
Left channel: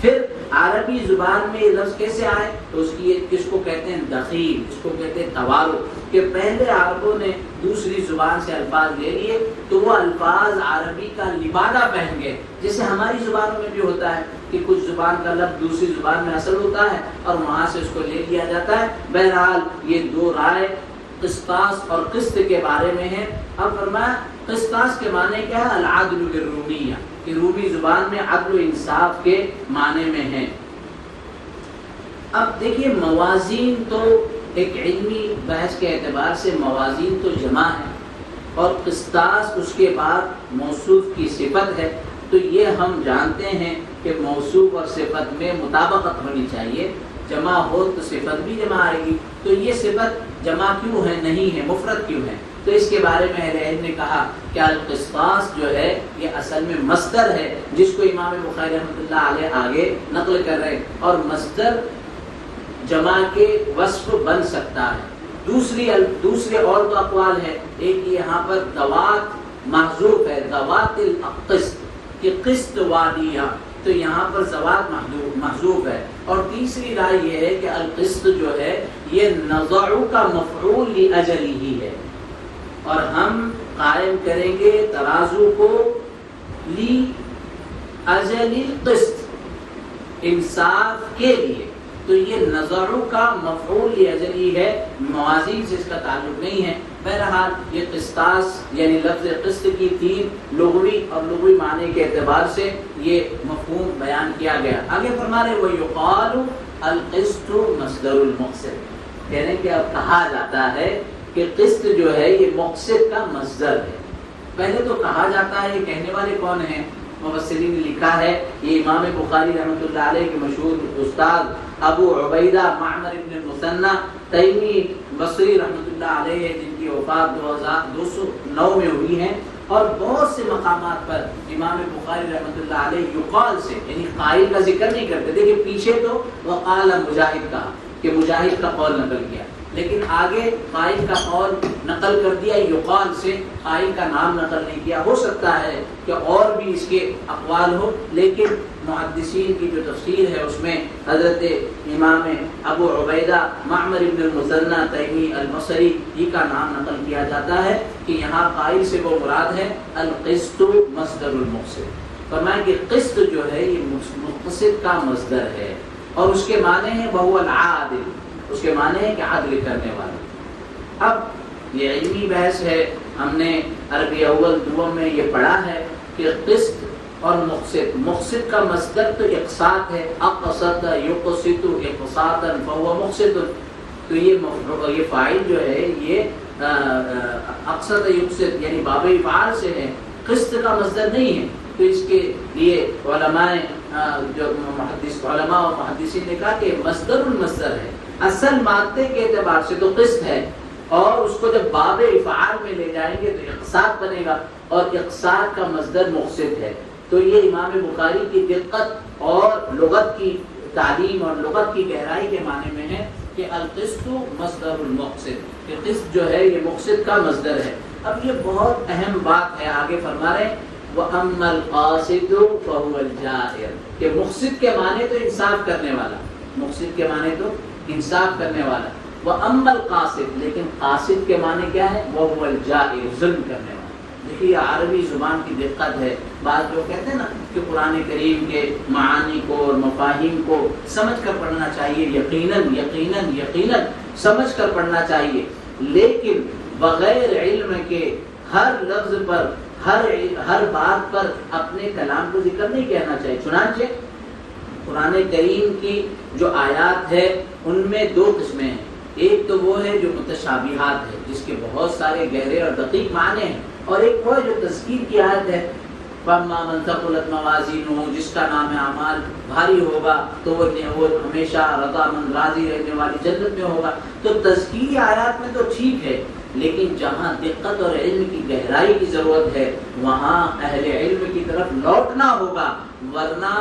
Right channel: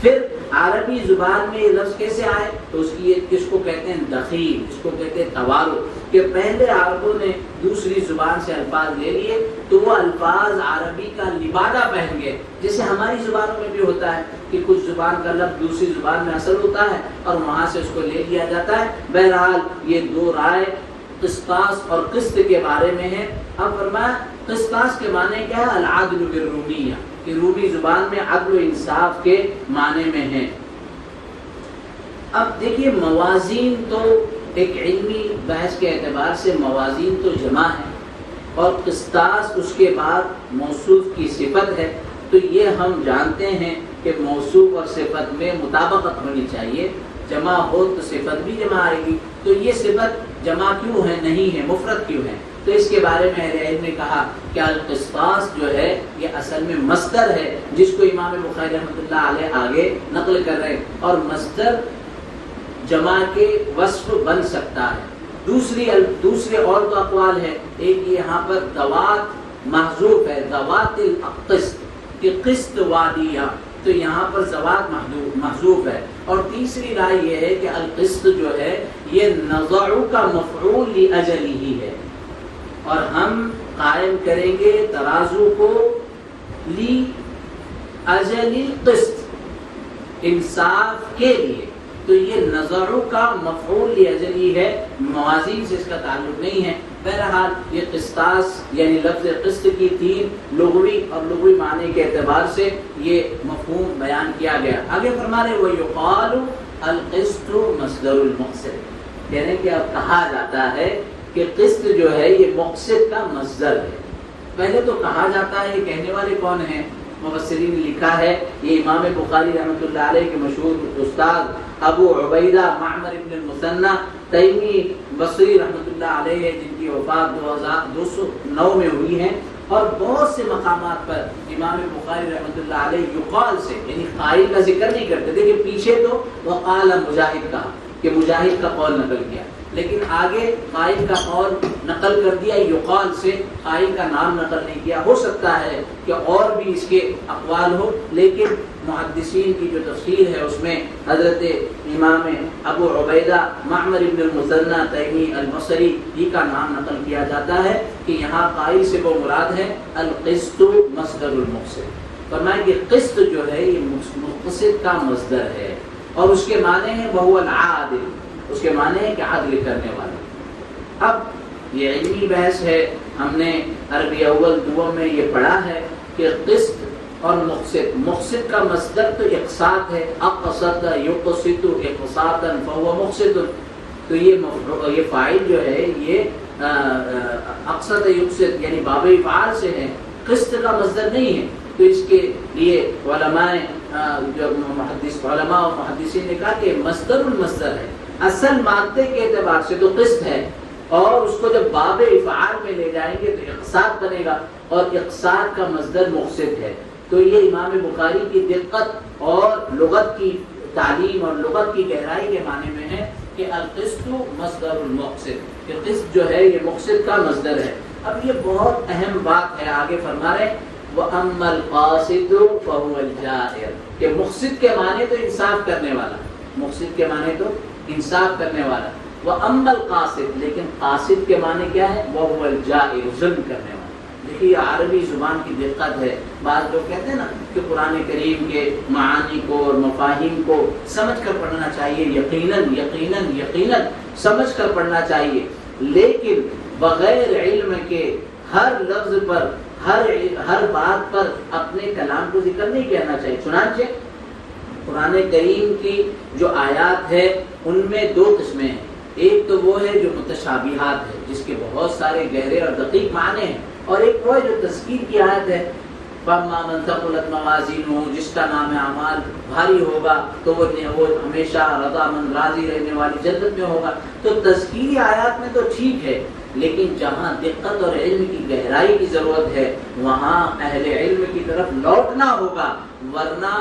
پھر عربی زبان میں یہ لفظ کیسے آئے؟ تو اس کو کہتے ہیں دخیل، اس کو کہتے ہیں توارث کہ پہلے عربوں نے دوسری زبان سے الفاظ لے لیے تو وہ الفاظ عربی کا لبادہ پہن گئے. جیسے ہماری زبانوں میں بھی ہوتا ہے کہ کچھ زبان کا لفظ دوسری زبان میں اثر ہوتا ہے اور وہاں سے اس کو لے لیا جاتا ہے. بہرحال یہ 2 رائے قسطاس اور قسط کے بارے میں ہے. اب فرمایا قسطاس کے معنی کیا ہے؟ العدل بالرومیہ کہ رومی زبان میں عدل و انصاف کے معنی میں ہے. اب دیکھیے موازین تو ایک علمی بحث کے اعتبار سے موازین تو جمع ہے اور قسطاس اس کے بعد موصوف کی صفت ہے. تو یہ ہم جانتے ہیں کہ موصوف اور صفت میں مطابقت ہونی چاہیے، جمع ہو تو صفت بھی جمع آئے گی. تو یہ صفت جمع کیوں ہے نہیں ہے، مفرد کیوں ہے؟ تو اس کے بارے میں اہل علم نے کہا کہ القسطاس جو ہے یہ اصل میں مصدر ہے جس کو امام بخاری رحمۃ اللہ علیہ آگے نقل کر رہے، اور مصدر جمع کے وصف بن سکتا ہے. دوسرے اور تو اقوال ہے. ایک یہاں پر دوات محذوف ہے ذوات القسط کہ قسط والیہ، تو یہاں پر زوات محذوف ہے. اور تیسری رائے یہ ہے کہ القسط جو ہے یہ نضع کا مفعول لاجلہ ہی ہے، اور ہم قائم کریں گے ترازو کو لاجل القسط، انصاف کے لیے. تو یہ نضع کا مفعول لاجلہ ہے، موازین سے اس کا تعلق نہیں ہے. بہرحال یہ قسطاس یعنی لفظ قسط کی تین لغوی اور لغوی معنی کے اعتبار سے یہ مفہوم بیان کیا گیا. آگے فرما رہے وَيُقَالُ الْقِسْطُ مصدر المقسط، یعنی کہ اب کہا جاتا ہے کہ قسط جو ہے یہ مقسط کا مصدر ہے. پہلے تو کہا جاتا ہے، یہ کہنے والے کون ہیں؟ مفسرین نے لکھا ہے یہ امام بخاری رحمۃ اللہ علیہ کے مشہور استاد ابو عبیدہ معمر ابن المثنى تیمی بصری رحمۃ اللہ علیہ، جن کی وفات 2209 میں ہوئی ہے. اور بہت سے مقامات پر امام بخاری رحمۃ اللہ علیہ یقال سے یعنی قائل کا ذکر نہیں کرتے، لیکن پیچھے تو وقال مجاہد کا کہ مجاہد کا قول نقل کیا، لیکن آگے قائل کا قول نقل کر دیا یقال سے، قائل کا نام نقل نہیں کیا. ہو سکتا ہے کہ اور بھی اس کے اقوال ہوں، لیکن محدثین کی جو تفسیر ہے اس میں حضرت امام ابو عبیدہ معمر ابن المثنى تیمی البصری ہی کا نام نقل کیا جاتا ہے کہ یہاں قائل سے وہ مراد ہے القسط مصدر المقسط. فرمائیں کہ قسط جو ہے یہ مقسط کا مصدر ہے، اور اس کے معنی ہے وهو العادل، اس کے معنی ہے کہ عدل کرنے والا. اب یہ علمی بحث ہے، ہم نے عربی اول دوم میں یہ پڑھا ہے کہ قسط اور مقسط کا مصدر تو اقساط ہے، اقسط یقسط اقساطا فهو مقسط. تو یہ فاعل جو ہے یہ اقسط یقسط یعنی باب افعال سے ہے، قسط کا مصدر نہیں ہے. تو اس کے لیے علماء جو علماء اور محدثین نے کہا کہ مصدر المصدر ہے، اصل مادے کے اعتبار سے تو قسط ہے، اور اس کو جب باب افعال میں لے جائیں گے تو اقساط بنے گا، اور اقساط کا مصدر مقسط ہے. تو یہ امام بخاری کی دقت اور لغت کی تعلیم اور لغت کی گہرائی کے معنی میں ہے کہ القسط مصدر المقسط، کہ قسط جو ہے یہ مقسط کا مصدر ہے. اب یہ بہت اہم بات ہے، آگے فرما رہے وَأَمَّا الْقَاسِطُ فَهُوَ الْجَائِرُ، کہ مقسط کے معنی تو انصاف کرنے والا، مقسط کے معنی تو انصاف کرنے والا. وَأَمَّا الْقَاسِطُ، لیکن قاسط کے معنی کیا ہے؟ وَهُوَ الْجَائِرُ، ظلم کرنے والا. دیکھیے عربی زبان کی دقت ہے. بعض لوگ کہتے ہیں نا کہ قرآن کریم کے معانی کو اور مفاہیم کو سمجھ کر پڑھنا چاہیے، یقیناً یقیناً یقیناً سمجھ کر پڑھنا چاہیے، لیکن بغیر علم کے ہر لفظ پر ہر بات پر اپنے کلام کو ذکر نہیں کہنا چاہیے. چنانچہ قرآن کریم کی جو آیات ہے ان میں دو قسمیں ہیں. ایک تو وہ ہے جو متشابہات ہے، جس کے بہت سارے گہرے اور دقیق معنی ہیں، اور ایک وہ ہے جو تذکیر کی آیت ہے فَأَمَّا مَنْ ثَقُلَتْ مَوَازِينُهُ، جس کا نام اعمال بھاری ہوگا تو وہ ہمیشہ رضا مند راضی رہنے والی جنت میں ہوگا. تو تذکیری آیات میں تو ٹھیک ہے، لیکن جہاں دقت اور علم کی گہرائی کی ضرورت ہے وہاں اہل علم کی طرف لوٹنا ہوگا، ورنہ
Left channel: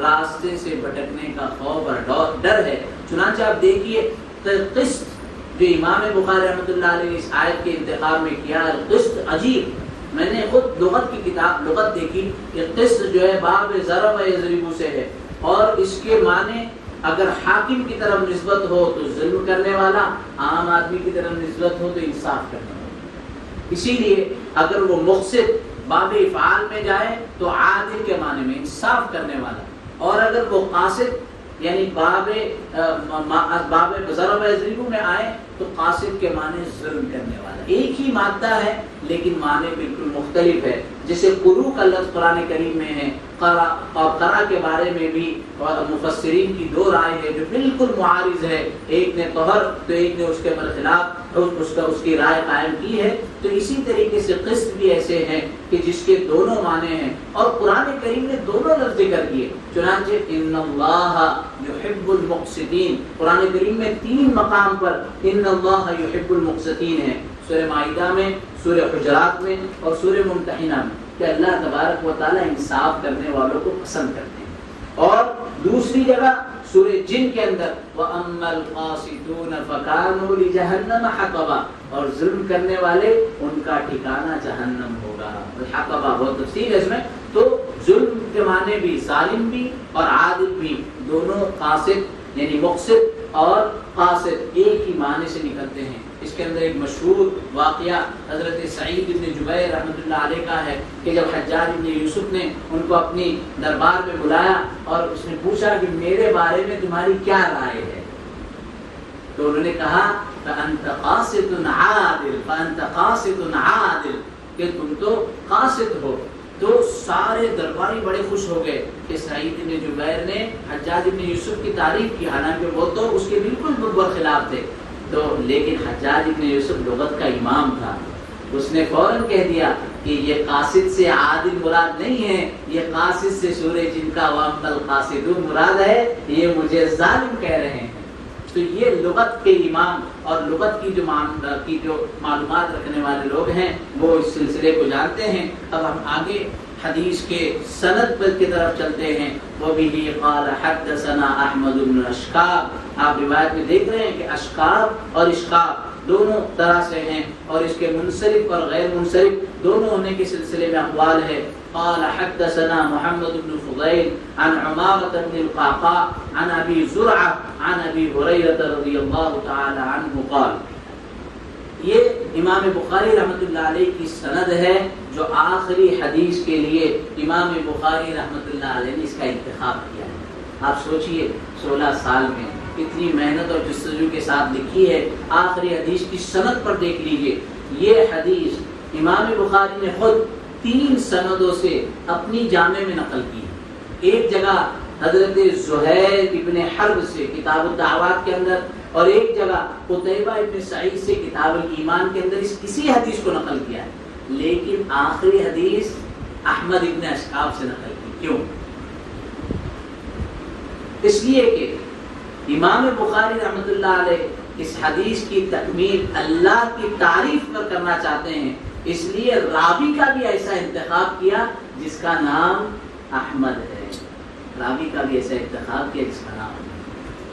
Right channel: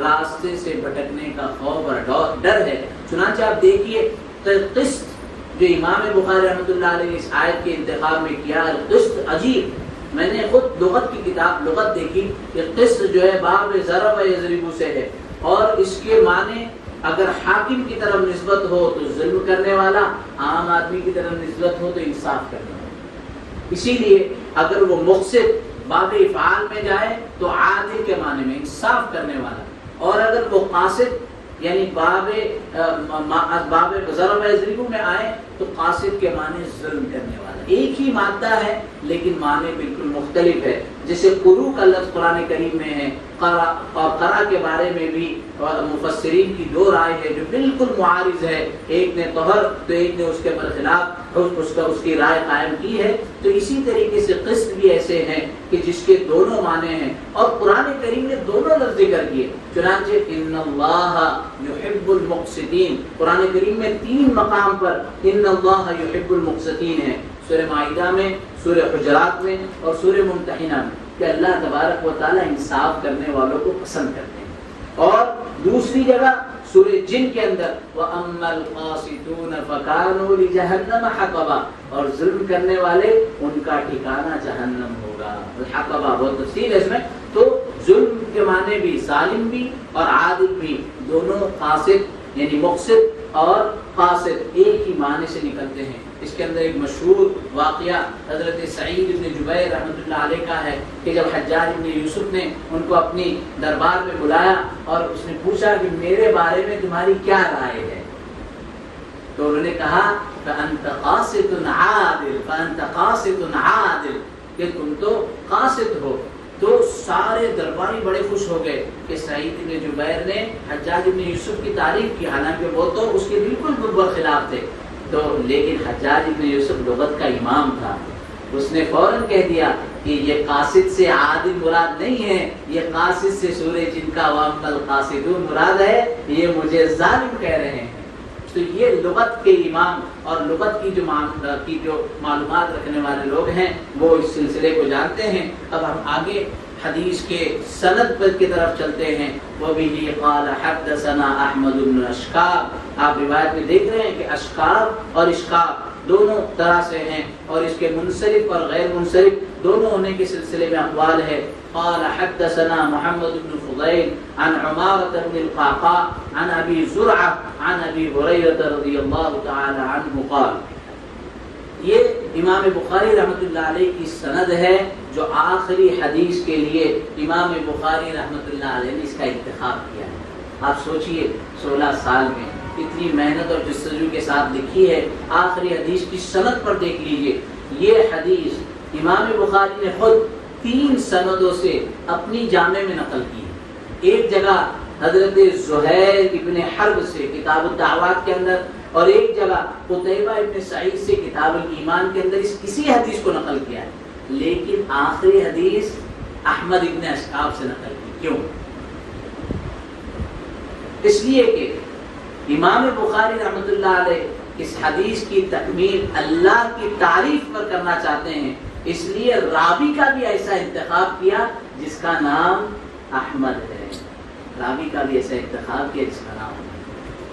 راستے سے بھٹکنے کا خوف اور ڈر ہے. چنانچہ آپ دیکھیے قسط جو امام بخاری رحمۃ اللہ علیہ اس آیت کے انتخاب میں کیا، قسط عجیب. میں نے خود لغت کی کتاب لغت دیکھی کہ قسط جو ہے باب ضرب یضرب سے ہے، اور اس کے معنی اگر حاکم کی طرف نسبت ہو تو ظلم کرنے والا، عام آدمی کی طرف نسبت ہو تو انصاف کرنے والا. اسی لیے اگر وہ مقسط باب افعال میں جائے تو عادل کے معنی میں انصاف کرنے والا، اور اگر وہ قاصد یعنی باب ضرب یضرب میں آئے تو قاصد کے معنی ظلم کرنے والا. ایک ہی مادہ ہے لیکن معنی بالکل مختلف ہے. جیسے قروء کا لفظ قرآن کریم میں ہے، قرأ اور قرأ کے بارے میں بھی مفسرین کی دو رائے ہے جو بالکل معارض ہے. ایک نے طہر تو ایک نے اس کے برخلاف اس کی رائے قائم کی ہے. تو اسی طریقے سے قسط بھی ایسے ہیں کہ جس کے دونوں معنی ہیں، اور قرآن کریم نے دونوں لفظ ذکر کیے. چنانچہ ان اللہ یحب المقسطین، قرآن کریم میں 3 مقام پر ان اللہ یحب المقسطین ہے، سورہ مائدہ میں، سورہ حجرات میں اور سورہ ممتحنہ میں، کہ اللہ تبارک و تعالی انصاف کرنے والوں کو پسند کرتے ہیں. اور دوسری جگہ سورہ جن کے اندر وَأَمَّا الْقَاسِطُونَ فَكَانُوا لِجَهَنَّمَ حَطَبًا، اور ظلم کرنے والے ان کا ٹھکانہ جہنم ہوگا. حطبہ بہت تفصیل ہے اس میں. تو ظلم کے معنی بھی ظالم بھی اور عادل بھی، دونوں قاصد یعنی مقصد اور قاصد ایک ہی معنی سے نکلتے ہیں. اس کے اندر ایک مشہور واقعہ حضرت سعید بن جبیر رحمۃ اللہ علیہ کا ہے کہ جب حجاج بن یوسف نے ان کو اپنی دربار میں بلایا اور اس نے پوچھا کہ میرے بارے میں تمہاری کیا رائے ہے، تو انہوں نے کہا فَأَنْتَ قَاسِطٌ عَادِلٌ فَأَنْتَ قَاسِطٌ عَادِلٌ، کہ تم تو قاصد ہو. تو سارے درباری بڑے خوش ہو گئے کہ سعید بن جبیر نے حجاج بن یوسف کی تعریف کی، حالانکہ وہ تو اس کے بالکل خلاف تھے. تو لیکن حجاج بن یوسف لغت کا امام تھا، اس نے فوراً کہہ دیا کہ یہ قاصد سے عادل مراد نہیں ہے، یہ قاصد سے سورہ جن کا وَأَمَّا الْقَاسِطُونَ مراد ہے، یہ مجھے ظالم کہہ رہے ہیں. تو یہ لغت کے امام اور لغت کی جو معلومات رکھنے والے لوگ ہیں وہ اس سلسلے کو جانتے ہیں. اب ہم آگے حدیث کے سند پر کی طرف چلتے ہیں. وَبِهِ قَالَ حَدَّثَنَا أَحْمَدُ بْنُ أَشْقَابٍ، آپ روایت میں دیکھ رہے ہیں کہ اشقاب اور اشقاب دونوں طرح سے ہیں اور اس کے منصرف اور غیر منصرف دونوں ہونے کے سلسلے میں اقوال ہے. قال حدثنا محمد بن فضيل عن عمارة بن القعقاع عن أبي زرعة عن أبي هريرة رضي الله تعالى عنه قال. یہ امام بخاری رحمۃ اللہ علیہ کی سند ہے جو آخری حدیث کے لیے امام بخاری رحمۃ اللہ علیہ نے اس کا انتخاب کیا ہے. آپ سوچئے 16 سال میں کتنی محنت اور جستجو کے ساتھ لکھی ہے. آخری حدیث کی سند پر دیکھ لیجئے. یہ حدیث امام بخاری نے خود 3 سندوں سے اپنی جامع میں نقل کی. ایک جگہ حضرت زہیر ابن حرب سے کتاب الدعوات کے اندر، اور ایک جگہ قتیبہ ابن سعید سے کتاب الایمان کے اندر اسی حدیث کو نقل کیا ہے. لیکن آخری حدیث احمد ابن اشقاب سے نقل کی. کیوں؟ اس لیے کہ امام بخاری رحمۃ اللہ علیہ اس حدیث کی تکمیل اللہ کی تعریف پر کرنا چاہتے ہیں، اس لیے راوی کا بھی ایسا انتخاب کیا جس کا نام احمد ہے. راوی کا بھی ایسا انتخاب کیا جس کا نام ہے.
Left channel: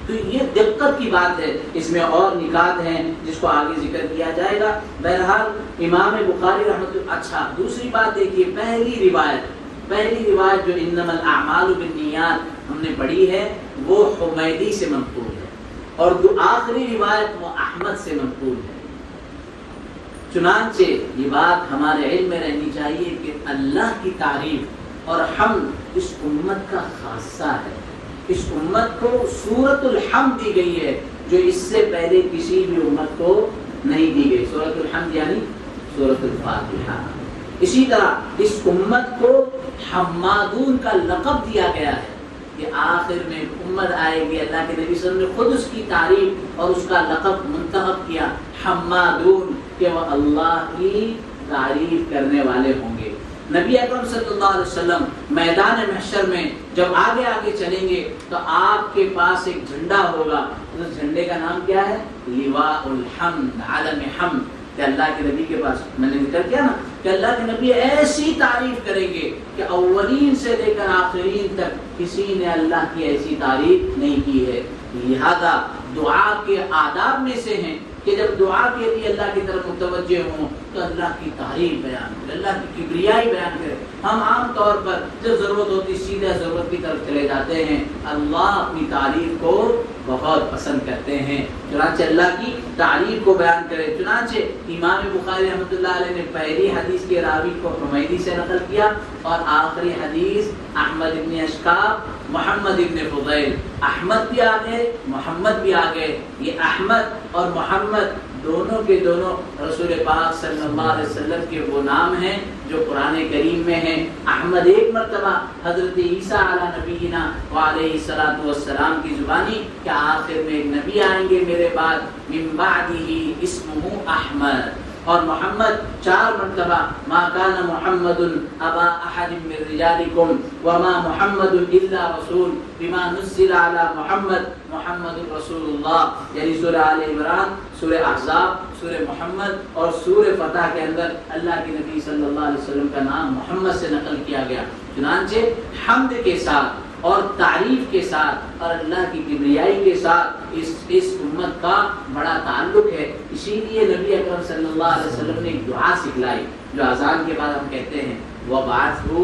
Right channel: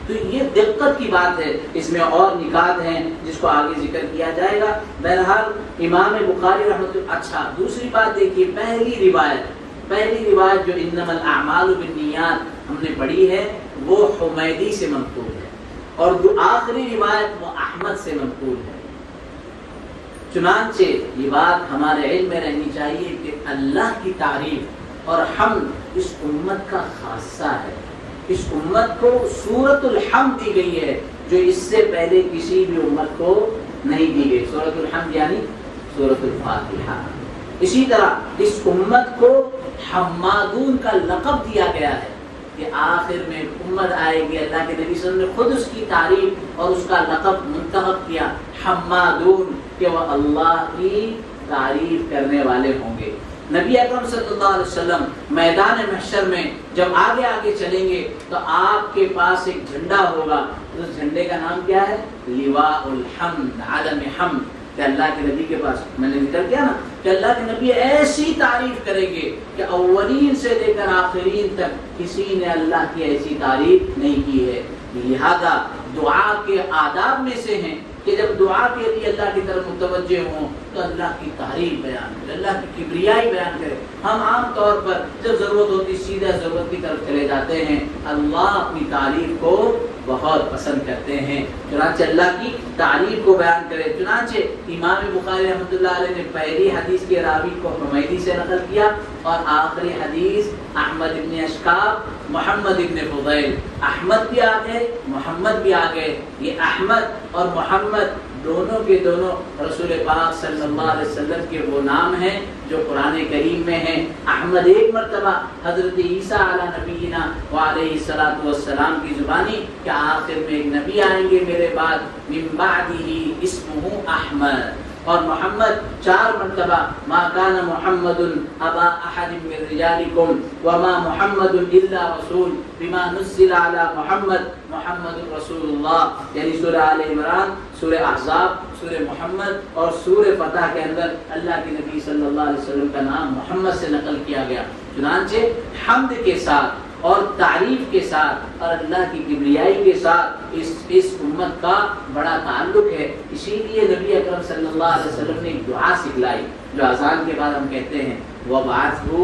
تو یہ دقت کی بات ہے. اس میں اور نکات ہیں جس کو آگے ذکر کیا جائے گا. بہرحال امام بخاری رحمۃ اللہ. اچھا دوسری بات دیکھیے، پہلی روایت جو انما الاعمال بالنیات ہم نے پڑھی ہے وہ حمیدی سے منقول ہے، اور آخری روایت وہ احمد سے منقول ہے. چنانچہ یہ بات ہمارے علم میں رہنی چاہیے کہ اللہ کی تعریف اور حمد اس امت کا خاصہ ہے. اس امت کو سورۃ الحمد دی گئی ہے جو اس سے پہلے کسی بھی امت کو نہیں دی گئی. سورۃ الحمد یعنی سورۃ الفاتحہ. اسی طرح اس امت کو حمادون کا لقب دیا گیا ہے کہ آخر میں امت آئے گی. اللہ کے نبی صلی اللہ علیہ وسلم نے خود اس کی تعریف اور اس کا لقب منتخب کیا حمادون، کہ وہ اللہ کی تعریف کرنے والے ہوں گے. نبی اکرم صلی اللہ علیہ وسلم میدان محشر میں جب آگے چلیں گے تو آپ کے پاس ایک جھنڈا ہوگا. اس جھنڈے کا نام کیا ہے؟ لواء الحمد، عالم حمد. کہ اللہ کے نبی کے پاس میں نے ذکر کیا نا کہ اللہ کے نبی ایسی تعریف کریں گے کہ اولین سے لے کر آخرین تک کسی نے اللہ کی ایسی تعریف نہیں کی ہے. لہذا دعا کے آداب میں سے ہیں کہ جب دعا کے لیے اللہ کی طرف متوجہ ہوں تو اللہ کی تعریف بیان کرے، اللہ کی کبریائی بیان کرے. ہم عام طور پر جب ضرورت ہوتی سیدھا ضرورت کی طرف چلے جاتے ہیں. اللہ کی تعریف کو بہت پسند کرتے ہیں، چنانچہ اللہ کی تعریف کو بیان کرے. چنانچہ امام بخاری رحمۃ اللہ علیہ نے پہلی حدیث کے راوی کو حمیدی سے نقل کیا اور آخری حدیث احمد ابن اشقاب محمد ابن فضیل. احمد بھی آگے محمد بھی آگے. یہ احمد اور محمد دونوں کے دونوں رسول پاک صلی اللہ علیہ وسلم کے وہ نام ہیں جو قرآن کریم میں ہیں. احمد ایک مرتبہ حضرت عیسیٰ علیہ نبینا وعلیہ الصلوۃ والسلام کی زبانی کہ آخر میں نبی آئیں گے میرے بعد من بعدہ اسمہ احمد. اور محمد 4 مرتبہ ما کان محمد ابا احد من رجالکم وما محمد الا رسول بما نزل علی محمد محمد رسول اللہ. یعنی سورہ آل عمران، سورہ احزاب، سورہ محمد اور سورہ فتح کے اندر اللہ کے نبی صلی اللہ علیہ وسلم کا نام محمد سے نقل کیا گیا. چنانچہ حمد کے ساتھ اور تعریف کے ساتھ اور اللہ کی کبریائی کے ساتھ اس امت کا بڑا تعلق ہے. اسی لیے نبی اکرم صلی اللہ علیہ وسلم نے ایک دعا سکھلائی جو اذان کے بعد ہم کہتے ہیں وَبَعَثْهُ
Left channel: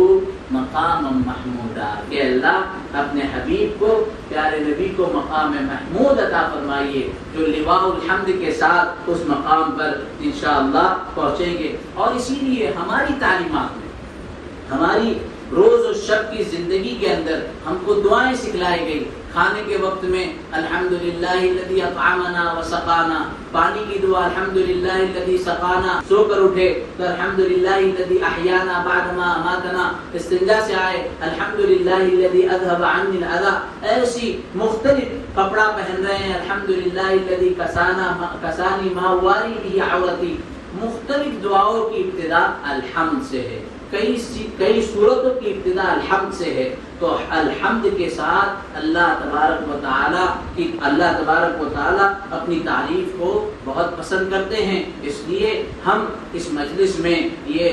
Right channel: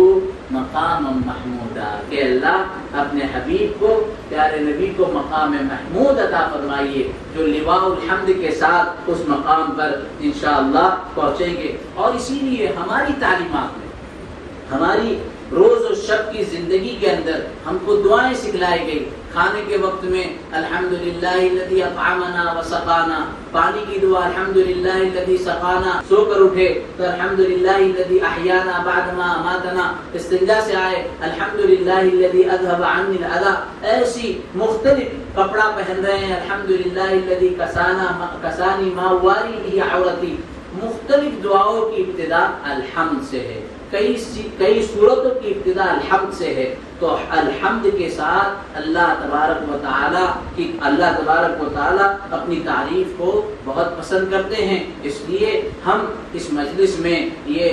مَقَامًا مَحْمُودًا، کہ اللہ اپنے حبیب کو، پیارے نبی کو مقام محمود عطا فرمائیے جو لواء الحمد کے ساتھ اس مقام پر انشاءاللہ پہنچیں گے. اور اسی لیے ہماری تعلیمات میں، ہماری روز و شب کی زندگی کے اندر ہم کو دعائیں سکھلائی گئی. کھانے کے وقت میں الحمدللہ الذی اطعمنا وسقانا، پانی کی دعا الحمدللہ الذی سقانا، سو کر اٹھے تو الحمدللہ الذی احیانا بعد ما اماتنا، استنجا سے آئے الحمدللہ الذی اذهب عنی الاذی، ایسی مختلف کپڑا پہن رہے ہیں الحمدللہ الذی کسانی ما واری به عورتی. مختلف دعاؤں کی ابتدا الحمد سے ہے، کئی صورتوں کی ابتدا الحمد سے ہے. تو الحمد کے ساتھ اللہ تبارک و تعالی اپنی تعریف کو بہت پسند کرتے ہیں. اس لیے ہم اس مجلس میں یہ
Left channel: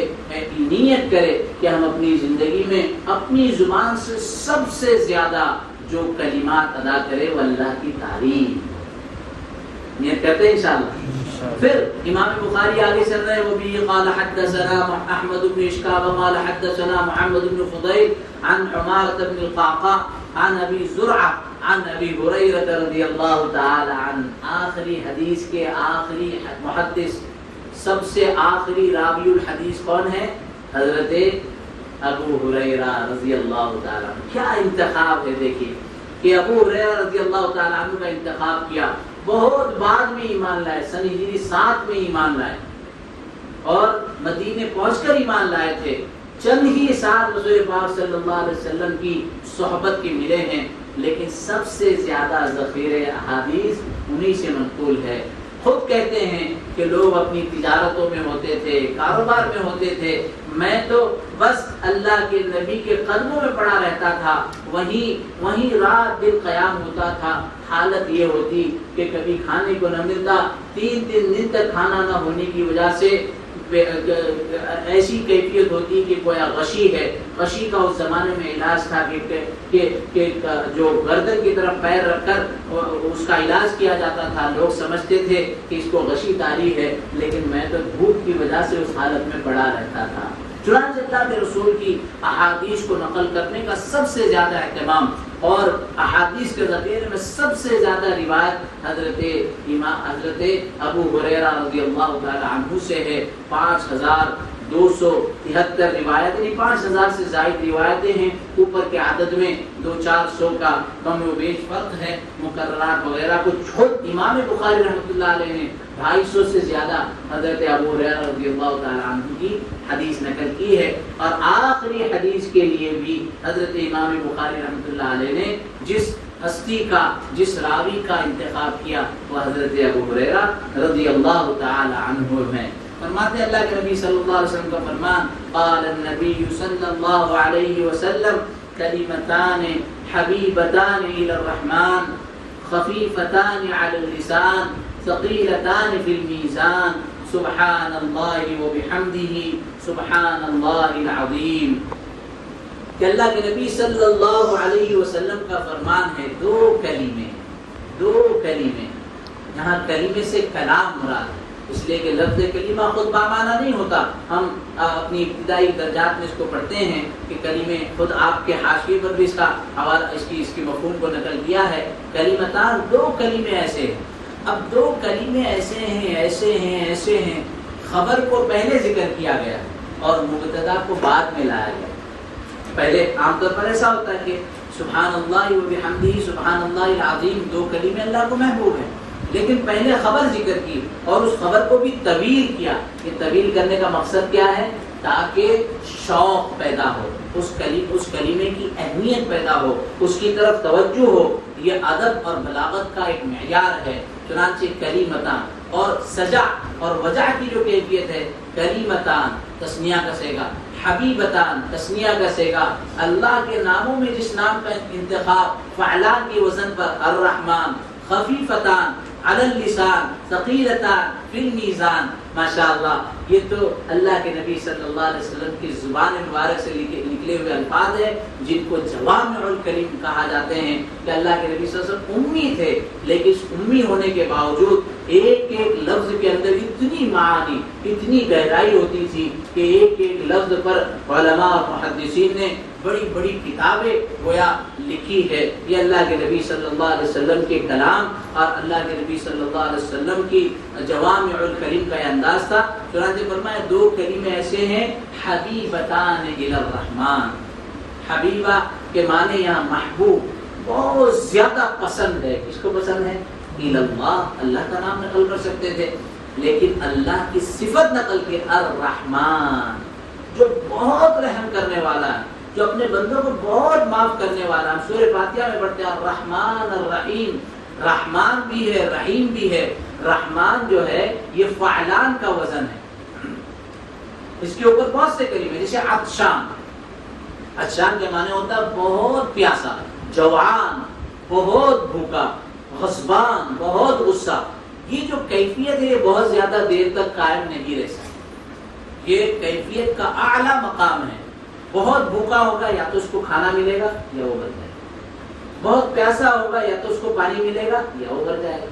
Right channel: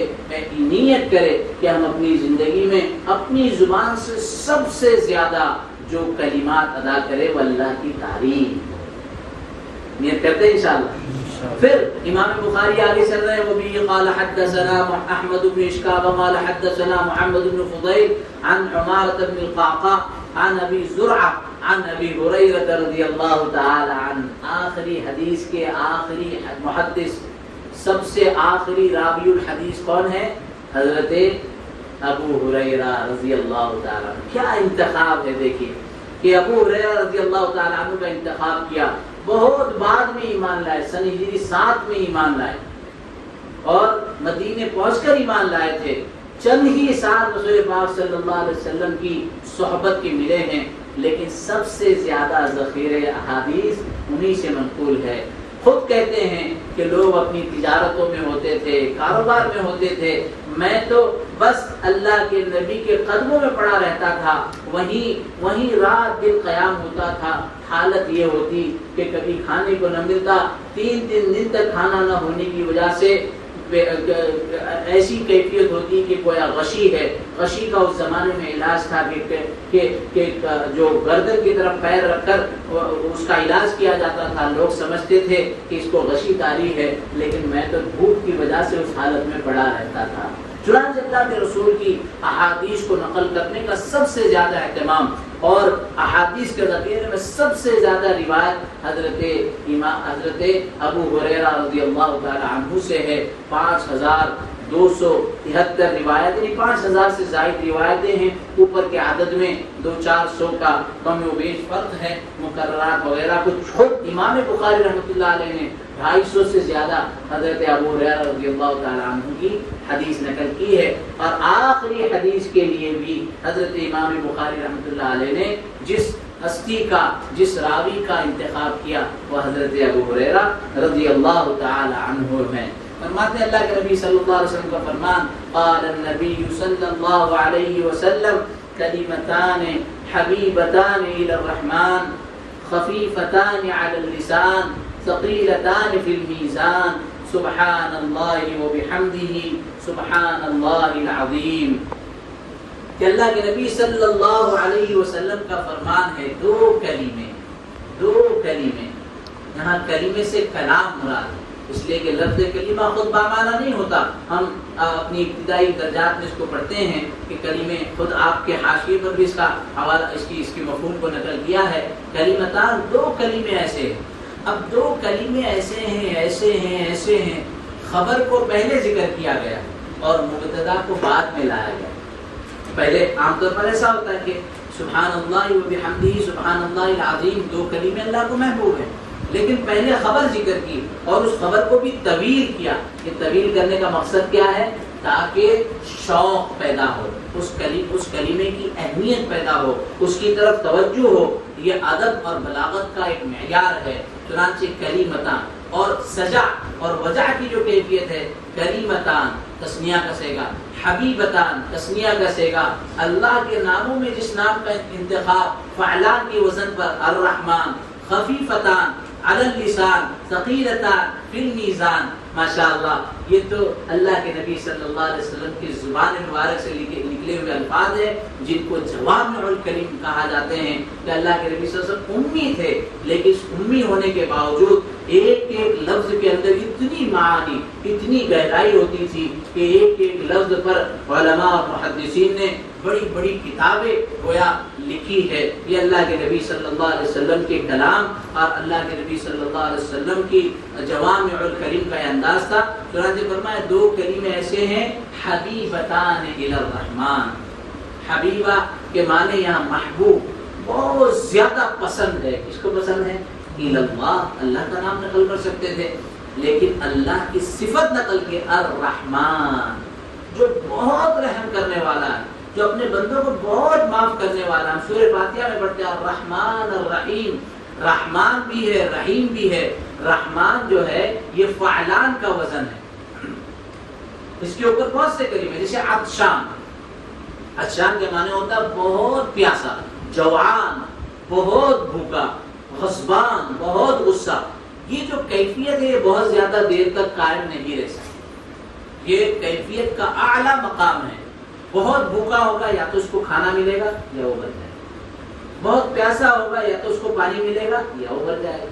نیت کریں کہ ہم اپنی زندگی میں اپنی زبان سے سب سے زیادہ جو کلمات ادا کرے وہ اللہ کی تعریف. نیت کرتے ہیں انشاءاللہ. پھر امام بخاری آگے چل رہے ہیں وبه قال حدثنا احمد بن اشکاب قال حدثنا محمد بن فضيل عن عمارة بن القعقاع عن ابي زرعة عن ابي هريرة رضی اللہ تعالی عنہ. آخری حدیث کے آخری محدث، سب سے آخری راوی الحدیث کون ہے؟ حضرت ابو ہریرہ رضی اللہ تعالی عنہ. کیا انتخاب ہے، دیکھیے کہ ابو ہریرہ رضی اللہ تعالی عنہ کا انتخاب کیا. بہت بعد میں ایمان لائے، سن 7 میں ایمان لائے اور مدینے پہنچ کر ایمان لائے تھے. چند ہی سال رسول پاک صلی اللہ علیہ وسلم کی صحبت کے ملے ہیں، لیکن سب سے زیادہ ذخیرہ احادیث انہی سے منقول ہے. خود کہتے ہیں کہ لوگ اپنی تجارتوں میں ہوتے تھے، کاروبار میں ہوتے تھے، میں تو بس اللہ کے نبی کے قدموں میں پڑا رہتا تھا، وہیں رات دن قیام ہوتا تھا. حالت یہ ہوتی کہ کبھی کھانے کو نہ ملتا، 3 دن تک کھانا نہ ہونے کی وجہ سے ایسی کیفیت ہوتی کہ گویا غشی ہے. غشی کا اس زمانے میں علاج تھا کہ جو گردن کی طرف پیر رکھ کر اس کا علاج کیا جاتا تھا. لوگ سمجھتے تھے کہ اس کو غشی طاری ہے، لیکن میں تو بھوک کی وجہ سے اس حالت میں پڑا رہتا تھا. چنانچہ اللہ کے رسول کی احادیث کو نقل کرنے کا سب سے زیادہ اہتمام اور احادیث کے ذخیرے میں سب سے زیادہ روایت حضرت ابو ہریرہ رضی اللہ تعالی عنہ سے ہے. 5273 روایت، یعنی 5000 سے زائد روایتیں ہیں. اوپر کے عدد میں 200-400 کا کم و بیش فرق ہے. مقررات وغیرہ کو چھوڑ امام بخاری رحمۃ اللہ علیہ نے 250 سے زیادہ حضرت ابو ہریرہ رضی اللہ تعالی عنہ کی حدیث نقل کی ہے. اور آخری حدیث کے لیے بھی حضرت امام بخاری رحمۃ اللہ علیہ نے جس ہستی کا، جس راوی کا انتخاب کیا وہ حضرت ابو ہریرہ رضی اللہ تعالی عنہ ہے. فرماتے اللہ کے نبی صلی اللہ علیہ وسلم کا فرمان قال النبی صلی اللہ علیہ وسلم کلمتان حبیبتان الی الرحمن خفیفتان علی اللسان ثقیلتان فی المیزان سبحان اللہ وبحمدہ سبحان اللہ العظیم. کہ اللہ کے نبی صلی اللہ علیہ وسلم کا فرمان ہے دو کلمے. یہاں کلمے سے کلام مراد ہے، اس لیے کہ لفظ کلمہ خود بامعنی نہیں ہوتا. ہم اپنی ابتدائی درجات میں اس کو پڑھتے ہیں کہ کلمے، خود آپ کے حاشیے پر بھی اس کا حوالہ، اس کے مفہوم کو نقل کیا ہے. کلمتان، 2 کلمے ایسے ہیں. اب 2 کلمے ایسے ہیں خبر کو پہلے ذکر کیا گیا اور مبتدا کو بعد میں لایا گیا. پہلے عام طور پر ایسا ہوتا ہے کہ سبحان اللہ وبحمدہ سبحان اللہ العظیم 2 کلمے اللہ کو محبوب ہیں، لیکن پہلے خبر ذکر کی اور اس خبر کو بھی طویل کیا. کہ طویل کرنے کا مقصد کیا ہے؟ تاکہ شوق پیدا ہو، اس کلمے کی اہمیت پیدا ہو، اس کی طرف توجہ ہو. یہ ادب اور بلاغت کا ایک معیار ہے. چنانچہ کلمتان اور سجع اور وجع کی جو کیفیت ہے، کلمتان تسنیہ کا صیغہ، حبیبتان تسنیہ کا صیغہ. اللہ کے ناموں میں جس نام کا انتخاب فعلان کے وزن پر الرحمن، خفیفتان علی اللسان ثقیلتان فی المیزان. ماشاءاللہ، یہ تو اللہ کے نبی صلی اللہ علیہ وسلم کی زبان مبارک سے نکلے ہوئے الفاظ ہیں جن کو جوامع الکلم کہا جاتے ہیں کہ اللہ کے نبی صلی اللہ علیہ وسلم امی تھے، لیکن اس امی ہونے کے باوجود ایک ایک لفظ کے اندر اتنی معانی، اتنی گہرائی ہوتی تھی کہ ایک ایک لفظ پر علماء اور محدثین نے بڑی بڑی کتابیں گویا لکھی ہے۔ یہ اللہ کے نبی صلی اللہ علیہ وسلم کے کلام اور اللہ کے نبی صلی اللہ علیہ وسلم کی جوامع الکلم کا انداز تھا۔ چنانچہ فرمایا دو کلمے ایسے ہیں، حبیبتان الی الرحمن۔ حبیبہ کے معنی یہاں محبوب، بہت زیادہ پسند ہے۔ کس کو پسند ہے؟ الی اللہ، اللہ کا نام نقل کر سکتے تھے، لیکن اللہ کی صفت نقل کی، الرحمن، جو بہت رحم کرنے والا ہے، جو اپنے بندوں کو بہت معاف کرنے والا ہے۔ سورہ فاتحہ میں پڑھتے ہیں الرحمن الرحیم، رحمان بھی ہے، رحیم بھی ہے۔ رحمان جو ہے یہ فعلان کا وزن ہے، اس کے اوپر بہت سے کلمے، جیسے عطشان، عطشان کے معنی ہوتا ہے بہت پیاسا، جوعان بہت بھوکا، غضبان بہت غصہ۔ یہ جو کیفیت ہے یہ بہت زیادہ دیر تک قائم نہیں رہ سکتی، یہ کیفیت کا اعلیٰ مقام ہے۔ بہت بھوکا ہوگا یا تو اس کو کھانا ملے گا یا ابھر جائے گا، بہت پیاسا ہوگا یا تو اس کو پانی ملے گا یا ابھر جائے گا،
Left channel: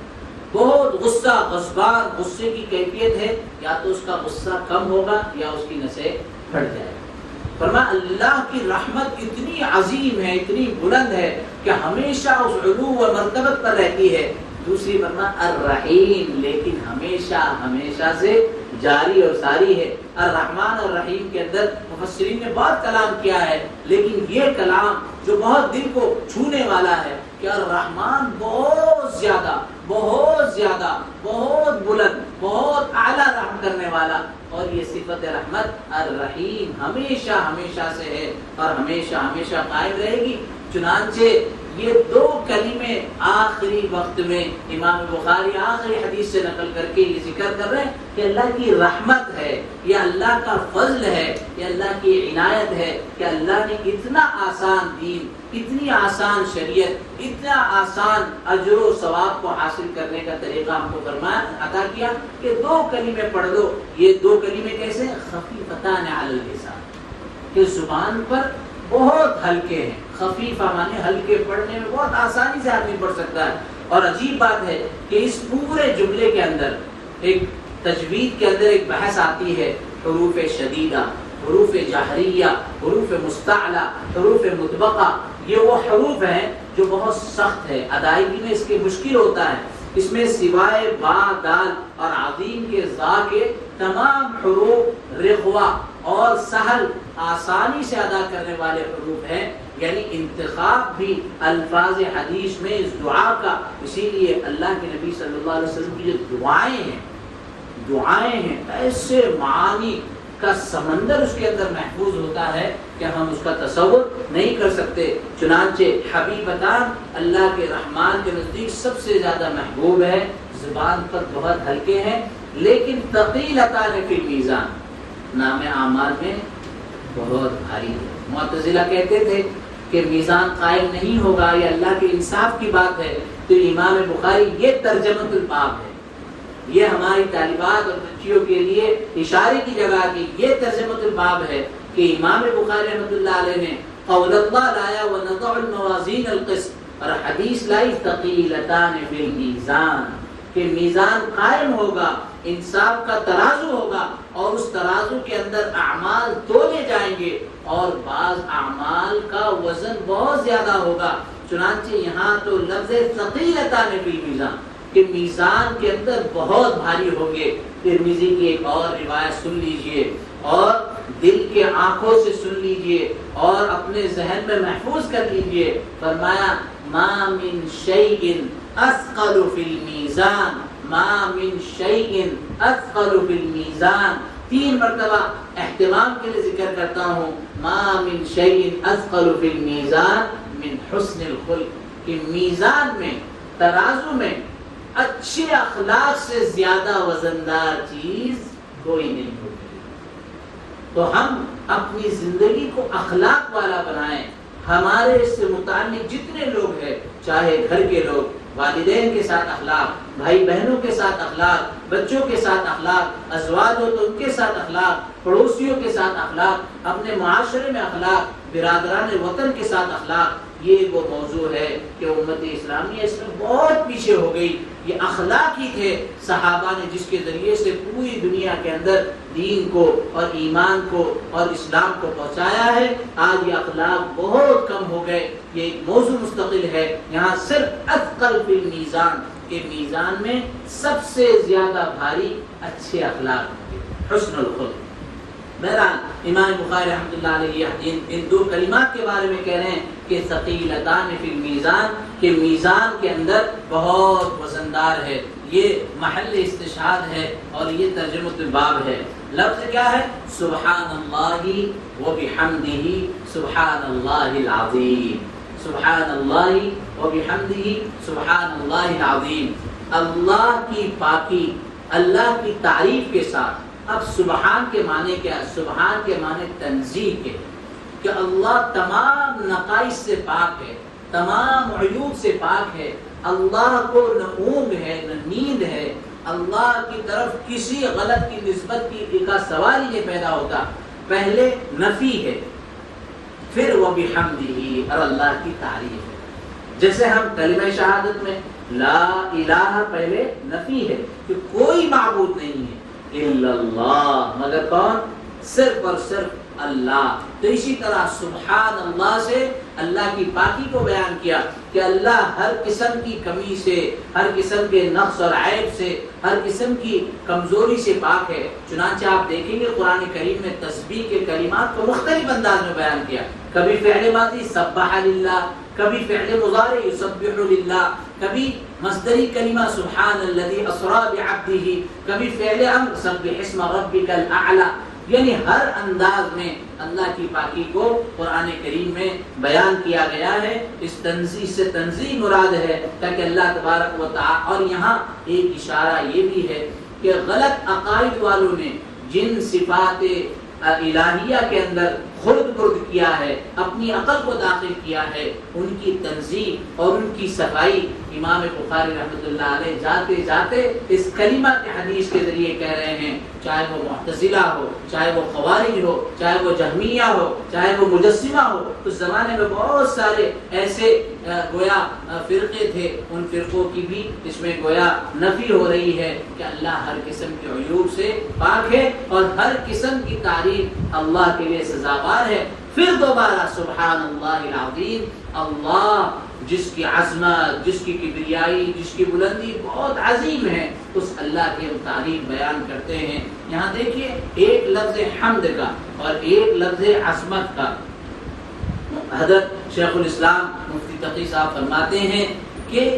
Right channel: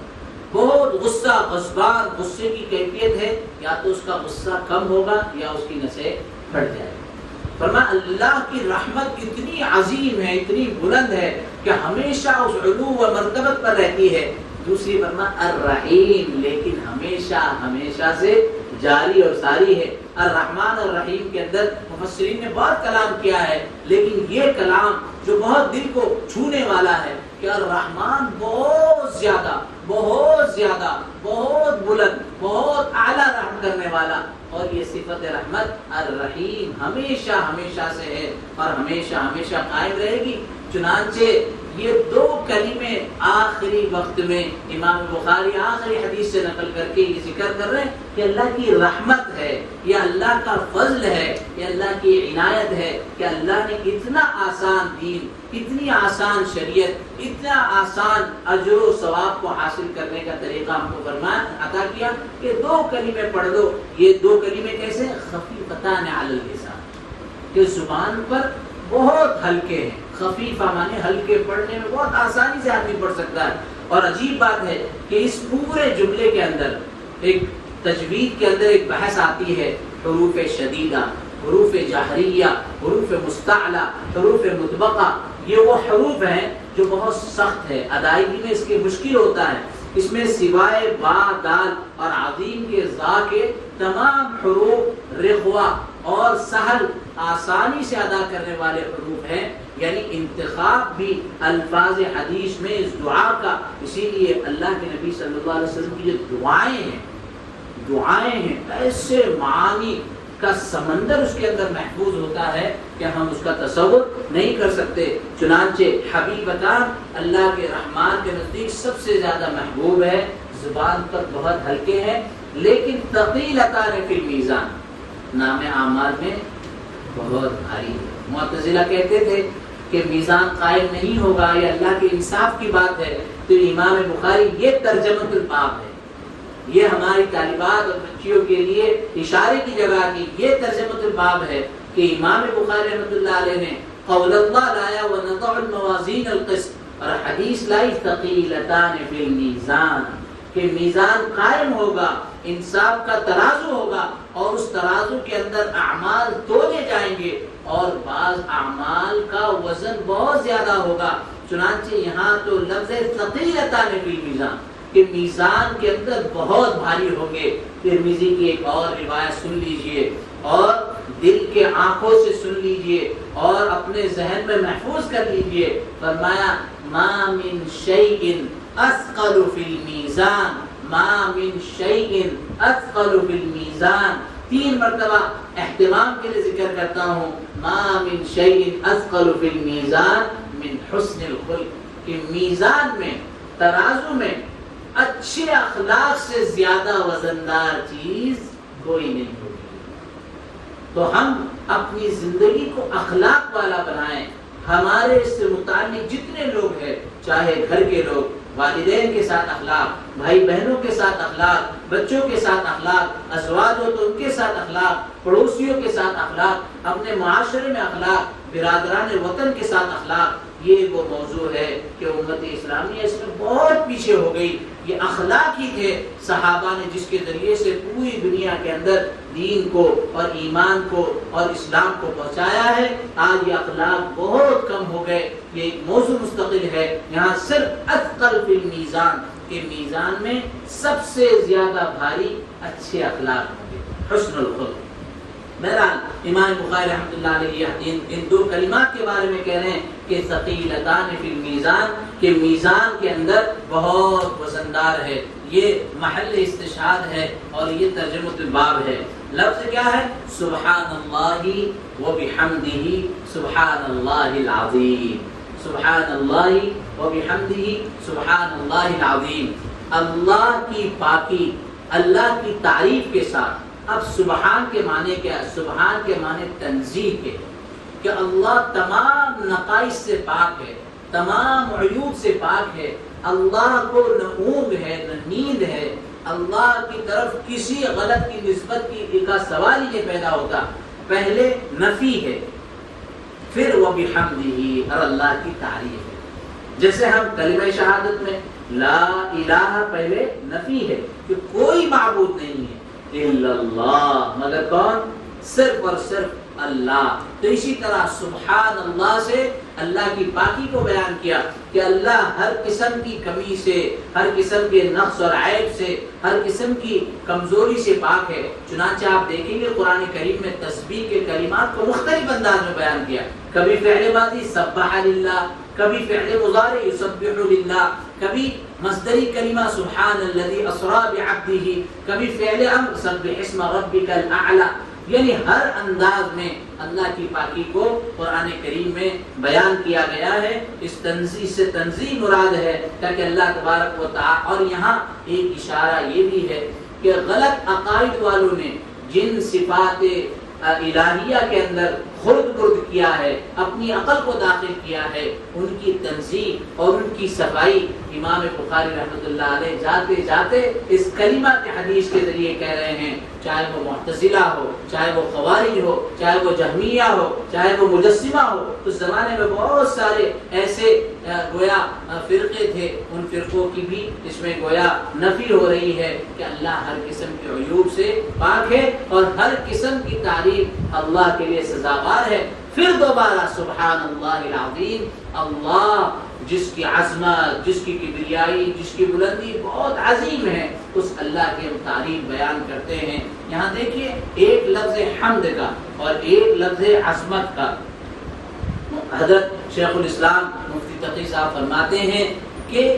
بہت غصہ، غضبان، غصے کی کیفیت ہے، یا تو اس کا غصہ کم ہوگا یا اس کی نسیں پھٹ جائے گا۔ فرمایا اللہ کی رحمت اتنی عظیم ہے، اتنی بلند ہے کہ ہمیشہ اس علو و مرتبت پر رہتی ہے۔ دوسری فرمایا الرحیم، لیکن ہمیشہ ہمیشہ سے جاری اور ساری ہے۔ الرحمن الرحیم کے اندر مفسرین نے بہت کلام کیا ہے، لیکن یہ کلام جو بہت دل کو چھونے والا ہے کہ الرحمن بہت زیادہ بہت بلند، بہت اعلیٰ رحم کرنے والا، اور یہ صفت رحمت الرحیم ہمیشہ ہمیشہ سے ہے اور ہمیشہ ہمیشہ قائم رہے گی۔ چنانچہ یہ دو کلمے آخری وقت میں امام بخاری آخری حدیث سے نقل کر کے یہ ذکر کر رہے ہیں کہ اللہ کی رحمت ہے، یہ اللہ کا فضل ہے، یہ اللہ کی عنایت ہے کہ اللہ نے اتنا آسان دین، اتنی آسان شریعت، اتنا آسان اجر و ثواب کو حاصل کرنے کا طریقہ ہم کو فرمایا، عطا کیا کہ دو کلمے پڑھ دو۔ یہ دو کلمے کیسے؟ خفیفتان علی اللسان، کہ زبان پر بہت ہلکے ہیں۔ خفیفہ مانے ہلکے، پڑھنے میں بہت آسانی سے آدمی پڑھ سکتا ہے۔ اور عجیب بات ہے کہ اس پورے جملے کے اندر ایک تجوید کے اندر ایک بحث آتی ہے، حروف شدیدہ، حروف جہریہ، حروف مستعلا، حروف مطبقہ۔ یہ وہ حروف ہیں جو بہت سخت ہے، ادائیگی میں اس کے مشکل ہوتا ہے۔ اس میں سوائے با، دال اور عظیم کے ذا کے تمام حروف رغوا اور سہل، آسانی سے ادا کرنے والے حروف ہیں، یعنی انتخاب بھی الفاظ حدیث میں اس دعا کا۔ اسی لیے اللہ کے نبی صلی اللہ علیہ وسلم کی جو دعائیں ہیں ایسے معانی کا سمندر اس کے اندر محفوظ ہوتا ہے کہ ہم اس کا تصور نہیں کر سکتے۔ چنانچہ حبیبتان اللہ کے رحمان کے نزدیک سب سے زیادہ محبوب ہے، زبان پر بہت ہلکے ہیں، لیکن ثقیلتان فی المیزان، نام اعمال میں بہت بھاری۔ معتزلہ کہتے تھے کہ میزان قائم نہیں ہوگا، یہ اللہ کے انصاف کی بات ہے، تو امام بخاری یہ ترجمۃ الباب ہے، یہ ہماری طالبات اور بچیوں کے لیے اشارے کی جگہ کی یہ ترجمۃ الباب ہے کہ امام بخاری رحمۃ اللہ علیہ نے قول اللہ لایا ونضع الموازین القسط، اور حدیث لائی ثقیلتان فی المیزان، کہ میزان قائم ہوگا، انصاف کا ترازو ہوگا، اور اس ترازو کے اندر اعمال تولے جائیں گے، اور بعض اعمال کا وزن بہت زیادہ ہوگا۔ چنانچہ یہاں تو لفظ ثقیلتان فی المیزان کہ میزان کے اندر بہت بھاری ہوں گے۔ ترمذی کی ایک اور روایت سن لیجئے اور دل کے آنکھوں سے سن لیجئے اور اپنے ذہن میں محفوظ کر لیجئے۔ فرمایا ما من شیء اثقل فی المیزان، ما من شیء اثقل فی المیزان، 3 مرتبہ اہتمام کے لیے ذکر کرتا ہوں، ما من شیء اثقل فی المیزان من حسن الخلق، کہ میزان میں، ترازو میں اچھے اخلاق سے زیادہ وزندار چیز کوئی نہیں ہوتی۔ تو ہم اپنی زندگی کو اخلاق والا بنائیں۔ ہمارے اس سے متعلق جتنے لوگ ہیں، چاہے گھر کے لوگ، والدین کے ساتھ اخلاق، بھائی بہنوں کے ساتھ اخلاق، بچوں کے ساتھ اخلاق، ازواج ہو تو ان کے ساتھ اخلاق، پڑوسیوں کے ساتھ اخلاق، اپنے معاشرے میں اخلاق، برادران وطن کے ساتھ اخلاق، یہ وہ موضوع ہے کہ امت اسلامیہ اس میں بہت پیچھے ہو گئی۔ یہ اخلاق ہی تھے صحابہ نے جس کے ذریعے سے پوری دنیا کے اندر دین کو اور ایمان کو اور اسلام کو پہنچایا ہے۔ آج یہ اخلاق بہت کم ہو گئے، یہ ایک موضوع مستقل ہے۔ یہاں صرف اثقل فی المیزان کے میزان میں سب سے زیادہ بھاری اچھے اخلاق ہوں گے، حسن الخلق۔ بہرحال امام بخاری رحمۃ اللہ علیہ ان دو کلمات کے بارے میں کہہ رہے ہیں کہ ثقیلتان فی المیزان، کہ میزان کے اندر بہت وزندار ہے۔ یہ محل استشہاد ہے اور یہ ترجمۃ الباب ہے۔ لفظ کیا ہے؟ سبحان اللہ و بحمدہ سبحان اللہ العظیم، سبحان اللہ و بحمدہ سبحان اللہ العظیم۔ اللہ کی پاکی، اللہ کی تعریف کے ساتھ۔ اب سبحان کے معنی کیا ہے؟ سبحان کے معنی تنزیہ کے، کہ اللہ تمام نقائص سے پاک ہے، تمام عیوب سے پاک ہے۔ اللہ کو نہ اونگ ہے نہ نیند ہے، اللہ کی طرف کسی غلط کی نسبت کی کا سوال ہی پیدا ہوتا۔ پہلے نفی ہے، پھر وہ بحمدہ اور اللہ کی تعریف ہے۔ جیسے ہم کلمہ شہادت میں لا الہ پہلے نفی ہے کہ کوئی معبود نہیں ہے الا اللہ، مگر کون؟ صرف اور صرف اللہ۔ تو اسی طرح سبحان اللہ سے اللہ کی پاکی کو بیان کیا کہ اللہ ہر قسم کی کمی سے، ہر قسم کے نقص اور عیب سے، ہر قسم کی کمزوری سے پاک ہے۔ چنانچہ آپ دیکھیں گے قرآن کریم میں تسبیح کے کلمات کو مختلف انداز میں بیان کیا۔ کبھی فعل ماضی سبح للہ، کبھی فعل مضارع یسبح للہ، کبھی مصدری کلمہ سبحان الذی اسری بعبدہ، کبھی فعل امر سبح اسم ربک الاعلی۔ یعنی ہر انداز میں اللہ کی پاکی کو قرآن کریم میں بیان کیا گیا ہے۔ اس تنزیہ سے تنزیہ مراد ہے تاکہ اللہ تبارک و تعالی، اور یہاں ایک اشارہ یہ بھی ہے کہ غلط عقائد والوں نے جن صفات الہیہ کے اندر خرد کیا ہے، اپنی عقل کو داخل کیا ہے، ان کی تنزیہ اور ان کی صفائی امام بخاری رحمۃ اللہ علیہ جاتے جاتے اس کلمہ کے حدیث کے ذریعے کہہ رہے ہیں، چاہے وہ معتزلہ ہو، چاہے وہ خوارج ہو، چاہے وہ جہمیہ ہو، چاہے وہ مجسمہ ہو۔ اس زمانے میں بہت سارے ایسے گویا فرقے تھے، ان فرقوں کی بھی اس میں گویا نفی ہو رہی ہے کہ اللہ ہر قسم کے عیوب سے پاک ہے اور ہر قسم کی تعریف اللہ کے لیے سزاوار ہے۔ پھر دوبارہ سبحان اللہ العظیم، اللہ جس کی عظمت، جس کی کبریائی، جس کی بلندی بہت عظیم ہے، اس اللہ کے تعریف بیان کرتے ہیں۔ یہاں دیکھیے ایک لفظ حمد کا اور ایک لفظ عظمت کا۔ حضرت شیخ الاسلام مفتی تقی صاحب فرماتے ہیں کہ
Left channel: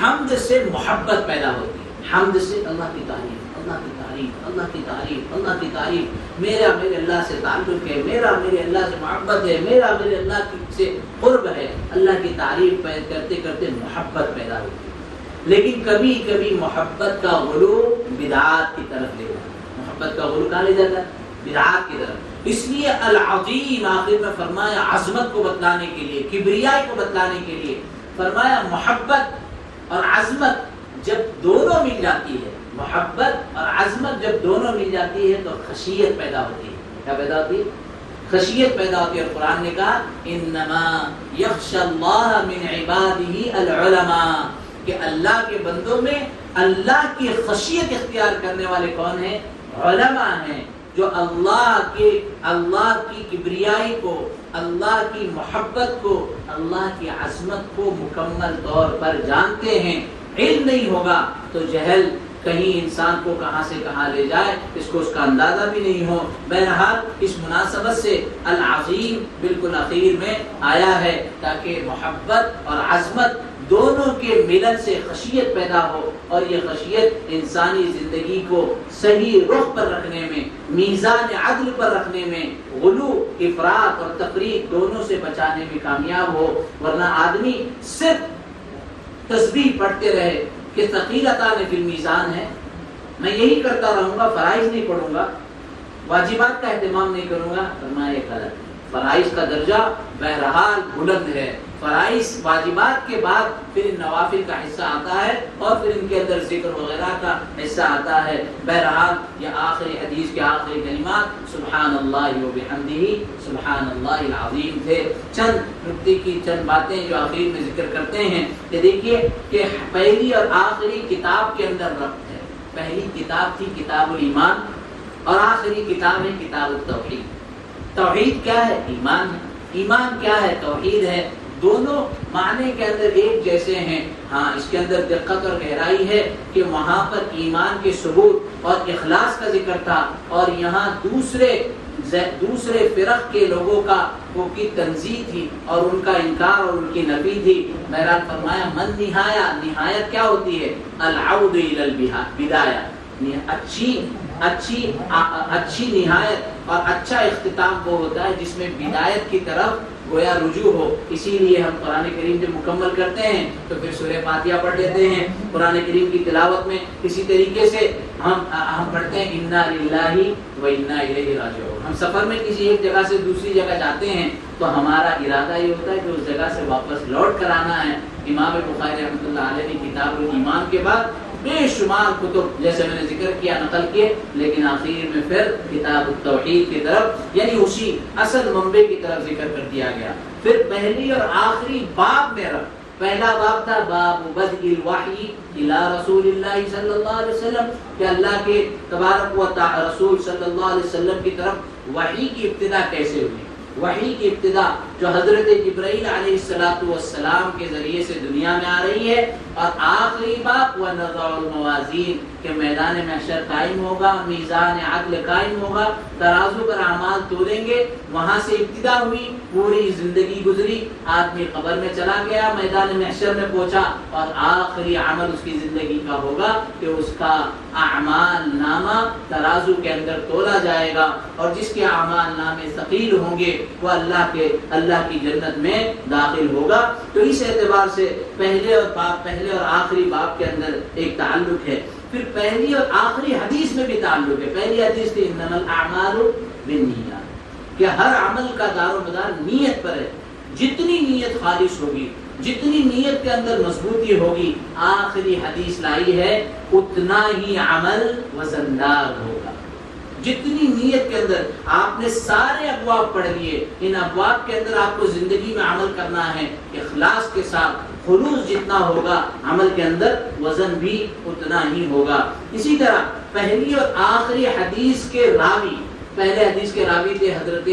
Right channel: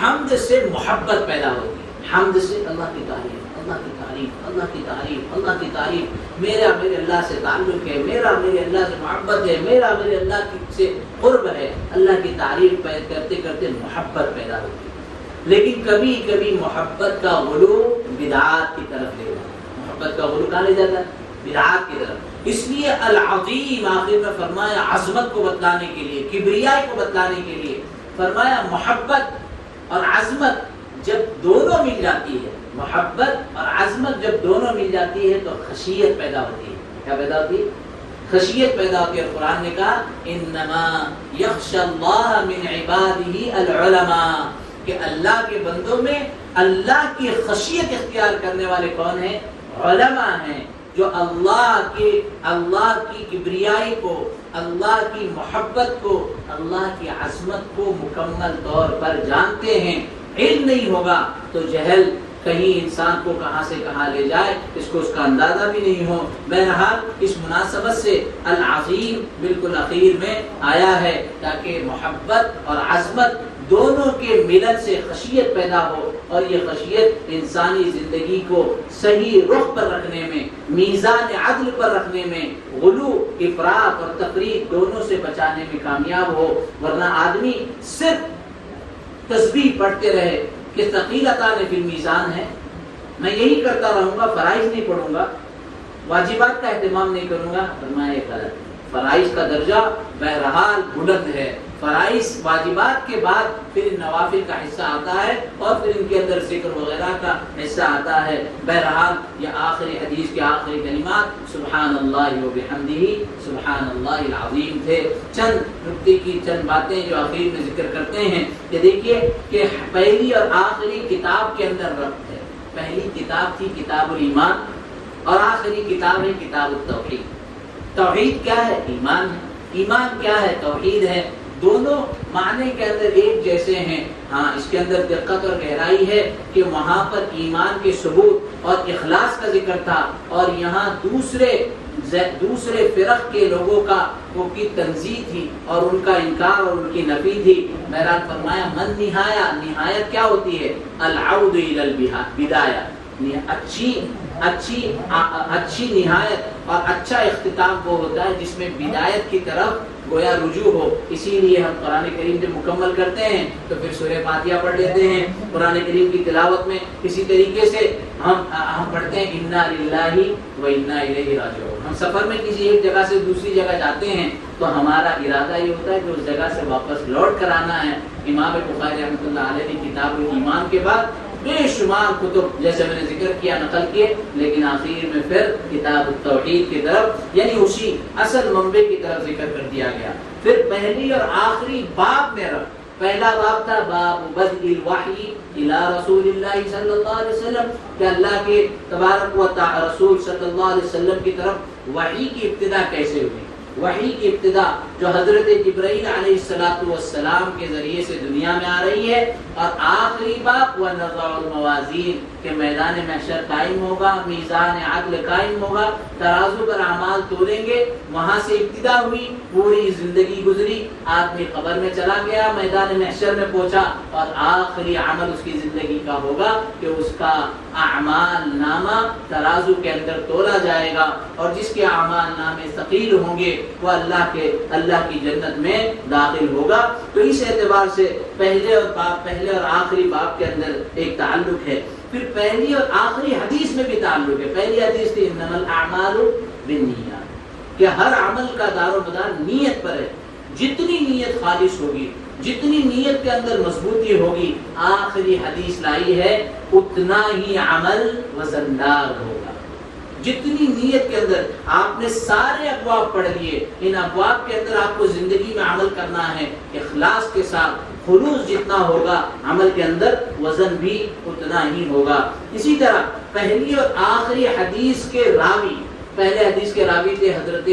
حمد سے محبت پیدا ہوتی ہے، حمد سے اللہ کی تعریف، اللہ کی تعریف، اللہ کی تعریف، اللہ کی تعریف۔ میرا میرے اللہ سے تعلق ہے، میرا میرے اللہ سے محبت ہے، میرا میرے اللہ سے قرب ہے، اللہ کی تعریف کرتے کرتے محبت پیدا ہوتی ہے۔ لیکن کبھی کبھی محبت کا غلو بدعات کی طرف لے جاتا ہے، محبت کا غلو کہاں لے جاتا ہے؟ بدعات کی طرف۔ اس لیے العظیم آخر میں فرمایا عظمت کو بتلانے کے لیے، کبریائی کو بتلانے کے لیے فرمایا محبت اور عظمت جب دونوں مل جاتی ہے، محبت اور عظمت جب دونوں مل جاتی ہے تو خشیت پیدا ہوتی ہے۔ کیا پیدا ہوتی ہے؟ خشیت پیدا ہوتی ہے۔ قرآن نے کہا انما یخشی اللہ من عبادہ العلماء، کہ اللہ کے بندوں میں اللہ کی خشیت اختیار کرنے والے کون ہیں؟ علماء ہیں، جو اللہ کی کبریائی کو، اللہ کی محبت کو، اللہ کی عظمت کو مکمل طور پر جانتے ہیں۔ علم نہیں ہوگا تو جہل کہیں انسان کو کہاں سے کہاں لے جائے، اس کو اس کا اندازہ بھی نہیں ہو۔ بہرحال اس مناسبت سے العظیم بالکل اخیر میں آیا ہے تاکہ محبت اور عظمت دونوں کے ملن سے خشیت پیدا ہو، اور یہ خشیت انسانی زندگی کو صحیح رخ پر رکھنے میں، میزان عدل پر رکھنے میں، غلو، افراط اور تفریط دونوں سے بچانے میں کامیاب ہو۔ ورنہ آدمی صرف تسبیح پڑھتے رہے کہ ثقیلتان فی المیزان ہے، میں یہی کرتا رہوں گا، فرائض نہیں پڑھوں گا، واجبات کا اہتمام نہیں کروں گا، فرمایا غلط۔ فرائض کا درجہ بہرحال بلند ہے. فرائض واجبات کے بعد پھر نوافل کا حصہ آتا ہے اور پھر ان کے اندر ذکر وغیرہ کا حصہ آتا ہے. بہرحال یہ آخری حدیث کے آخری کلمات سبحان اللہ و بحمدہ سبحان اللہ العظیم تھے. چند نکتے کی چند باتیں جو آخر میں ذکر کرتے ہیں کہ دیکھیے کہ پہلی اور آخری کتاب کے اندر ربط ہے. پہلی کتاب تھی کتاب الایمان اور آخری کتاب ہے کتاب التوحید. توحید کیا ہے؟ ایمان ہے. ایمان کیا ہے؟ توحید ہے. دونوں معنی کے اندر ایک جیسے ہیں. ہاں اس کے اندر دقت اور گہرائی ہے کہ وہاں پر ایمان کے ثبوت اور اخلاص کا ذکر تھا اور یہاں دوسرے فرق کے لوگوں کا وہ کی تنزیہ تھی اور ان کا انکار اور ان کی نفی تھی. بہرحال فرمایا من نہایت کیا ہوتی ہے؟ العود الی البدایہ. اچھی نہایت اور اچھا اختتام وہ ہوتا ہے جس میں بدایت کی طرف گویا رجوع ہو. اسی لیے ہم قرآن کریم کے مکمل کرتے ہیں تو پھر سورہ فاتحہ پڑھ لیتے ہیں. قرآن کریم کی تلاوت میں اسی طریقے سے ہم پڑھتے ہیں انا للہ و انا الیہ راجعون. ہم سفر میں کسی ایک جگہ سے دوسری جگہ جاتے ہیں تو ہمارا ارادہ یہ ہوتا ہے کہ اس جگہ سے واپس لوٹ کر آنا ہے. امام بخاری رحمۃ اللہ علیہ نے کتاب الایمان کے بعد بے شمار کتب جیسے میں نے ذکر کیا نقل کیے، لیکن آخری میں پھر کتاب التوحید کی طرف یعنی اسی اصل منبع کی طرف ذکر کر دیا گیا. پھر پہلی اور آخری باب میں پہلا باب تھا باب بدء الوحی الی رسول اللہ صلی اللہ علیہ وسلم کہ اللہ کے تبارک و تعالی رسول صلی اللہ علیہ وسلم کی طرف وحی کی ابتدا کیسے ہوئی. وحی کی ابتدا جو حضرت جبرائیل علیہ السلام کے ذریعے سے دنیا میں آ رہی ہے. اور آخری باب وَنَضَعُ الْمَوَازِينَ کہ میدان محشر قائم ہوگا، میزان عدل قائم ہوگا، ترازو پر اعمال تولیں گے. وہاں سے ابتدا ہوئی، پوری زندگی گزری، آدمی قبر میں چلا گیا، میدان محشر میں پہنچا اور آخری عمل اس کی زندگی کا ہوگا کہ اس کا اعمال نامہ ترازو کے اندر تولا جائے گا اور جس کے اعمال نامے ثقیل ہوں گے وہ اللہ کی جنت میں داخل ہوگا. تو اس اعتبار سے پہلے اور آخری باب کے اندر ایک تعلق ہے. پھر پہلی اور آخری حدیث میں بھی تعلق ہے. پہلی حدیث تھی انما الاعمال بالنیات کہ ہر عمل کا دار و مدار نیت پر ہے. جتنی نیت خالص ہوگی، جتنی نیت کے اندر مضبوطی ہوگی، آخری حدیث لائی ہے اتنا ہی عمل وزندار ہوگا. جتنی نیت کے اندر آپ نے سارے ابواب پڑھ لیے، ان ابواب کے اندر آپ کو زندگی میں عمل کرنا ہے اخلاص کے ساتھ. خلوص جتنا ہوگا عمل کے اندر وزن بھی اتنا ہی ہوگا. اسی طرح پہلی اور آخری حدیث کے راوی، پہلے حدیث کے راوی تھے حضرت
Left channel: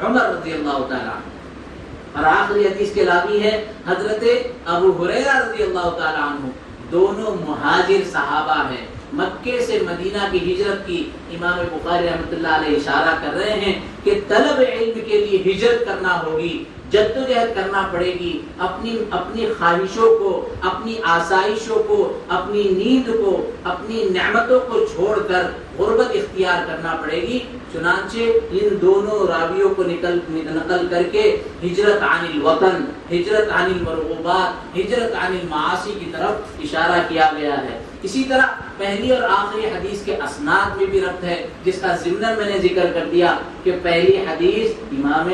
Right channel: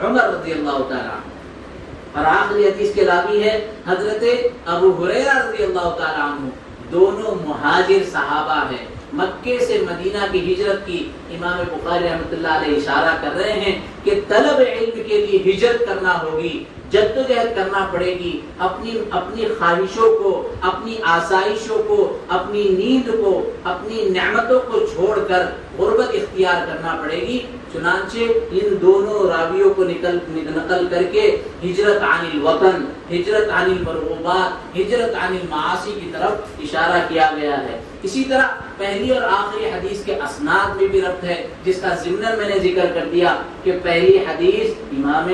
عمر رضی اللہ تعالیٰ عنہ اور آخری حدیث کے راوی ہے حضرت ابو ہریرہ رضی اللہ تعالیٰ عنہ. دونوں مہاجر صحابہ ہیں. مکے سے مدینہ کی ہجرت کی امام بخاری رحمۃ اللہ علیہ اشارہ کر رہے ہیں کہ طلب علم کے لیے ہجرت کرنا ہوگی، جدوجہد کرنا پڑے گی. اپنی خواہشوں کو، اپنی آسائشوں کو، اپنی نیند کو، اپنی نعمتوں کو چھوڑ کر غربت اختیار کرنا پڑے گی. چنانچہ ان دونوں راویوں کو نقل کر کے ہجرت عن الوطن، ہجرت عن المرغوبات، ہجرت عن المعاصی کی طرف اشارہ کیا گیا ہے. اسی طرح پہلی اور آخری حدیث کے اسناد میں بھی ربط ہے جس کا ضمن میں نے ذکر کر دیا کہ پہلی حدیث امام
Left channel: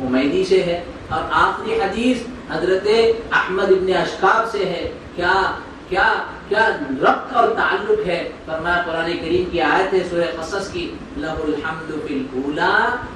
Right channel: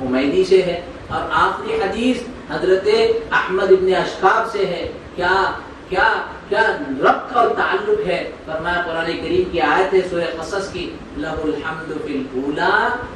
حمیدی سے ہے اور آخری حدیث حضرت احمد ابن اشکاب سے ہے. کیا ربط اور تعلق ہے؟ فرمایا قرآن کریم کی آیت ہے سورہ قصص کی لہ الحمد فی الاولی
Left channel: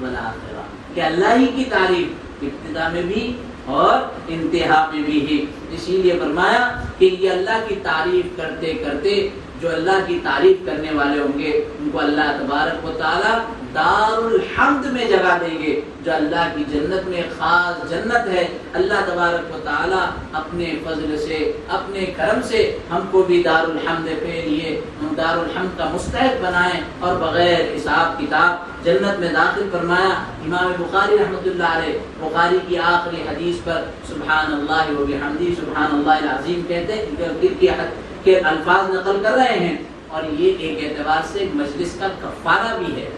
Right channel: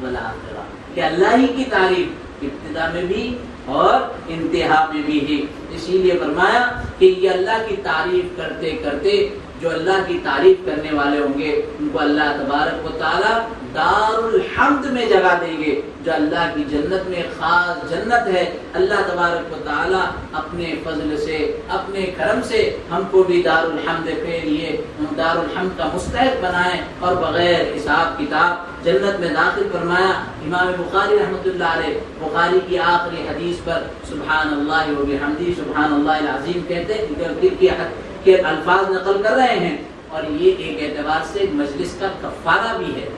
والآخرہ کہ اللہ ہی کی تعریف ابتدا میں بھی اور انتہا میں بھی ہے. اسی لیے فرمایا کہ یہ اللہ کی تعریف کرتے کرتے جو اللہ کی تعریف کرنے والے ہوں گے ان کو اللہ تبارک و تعالی دار الحمد میں جگہ دیں گے جو اللہ کی جنت میں خاص جنت ہے. اللہ تبارک و تعالی اپنے فضل سے، اپنے کرم سے ہم کو بھی دار الحمد کے لیے دار الحمد کا مستحق بنائے اور بغیر حساب کتاب جنت میں داخل فرمایا. امام بخاری رحمۃ اللہ علیہ بخاری کی آخری حدیث پر سبحان اللہ و بحمدہ سبحان اللہ العظیم کہتے ہیں کہ الفاظ نقل کر رہے ہیں اور یہ ایک اعتبار سے مجلس کا کفارہ بھی ہے.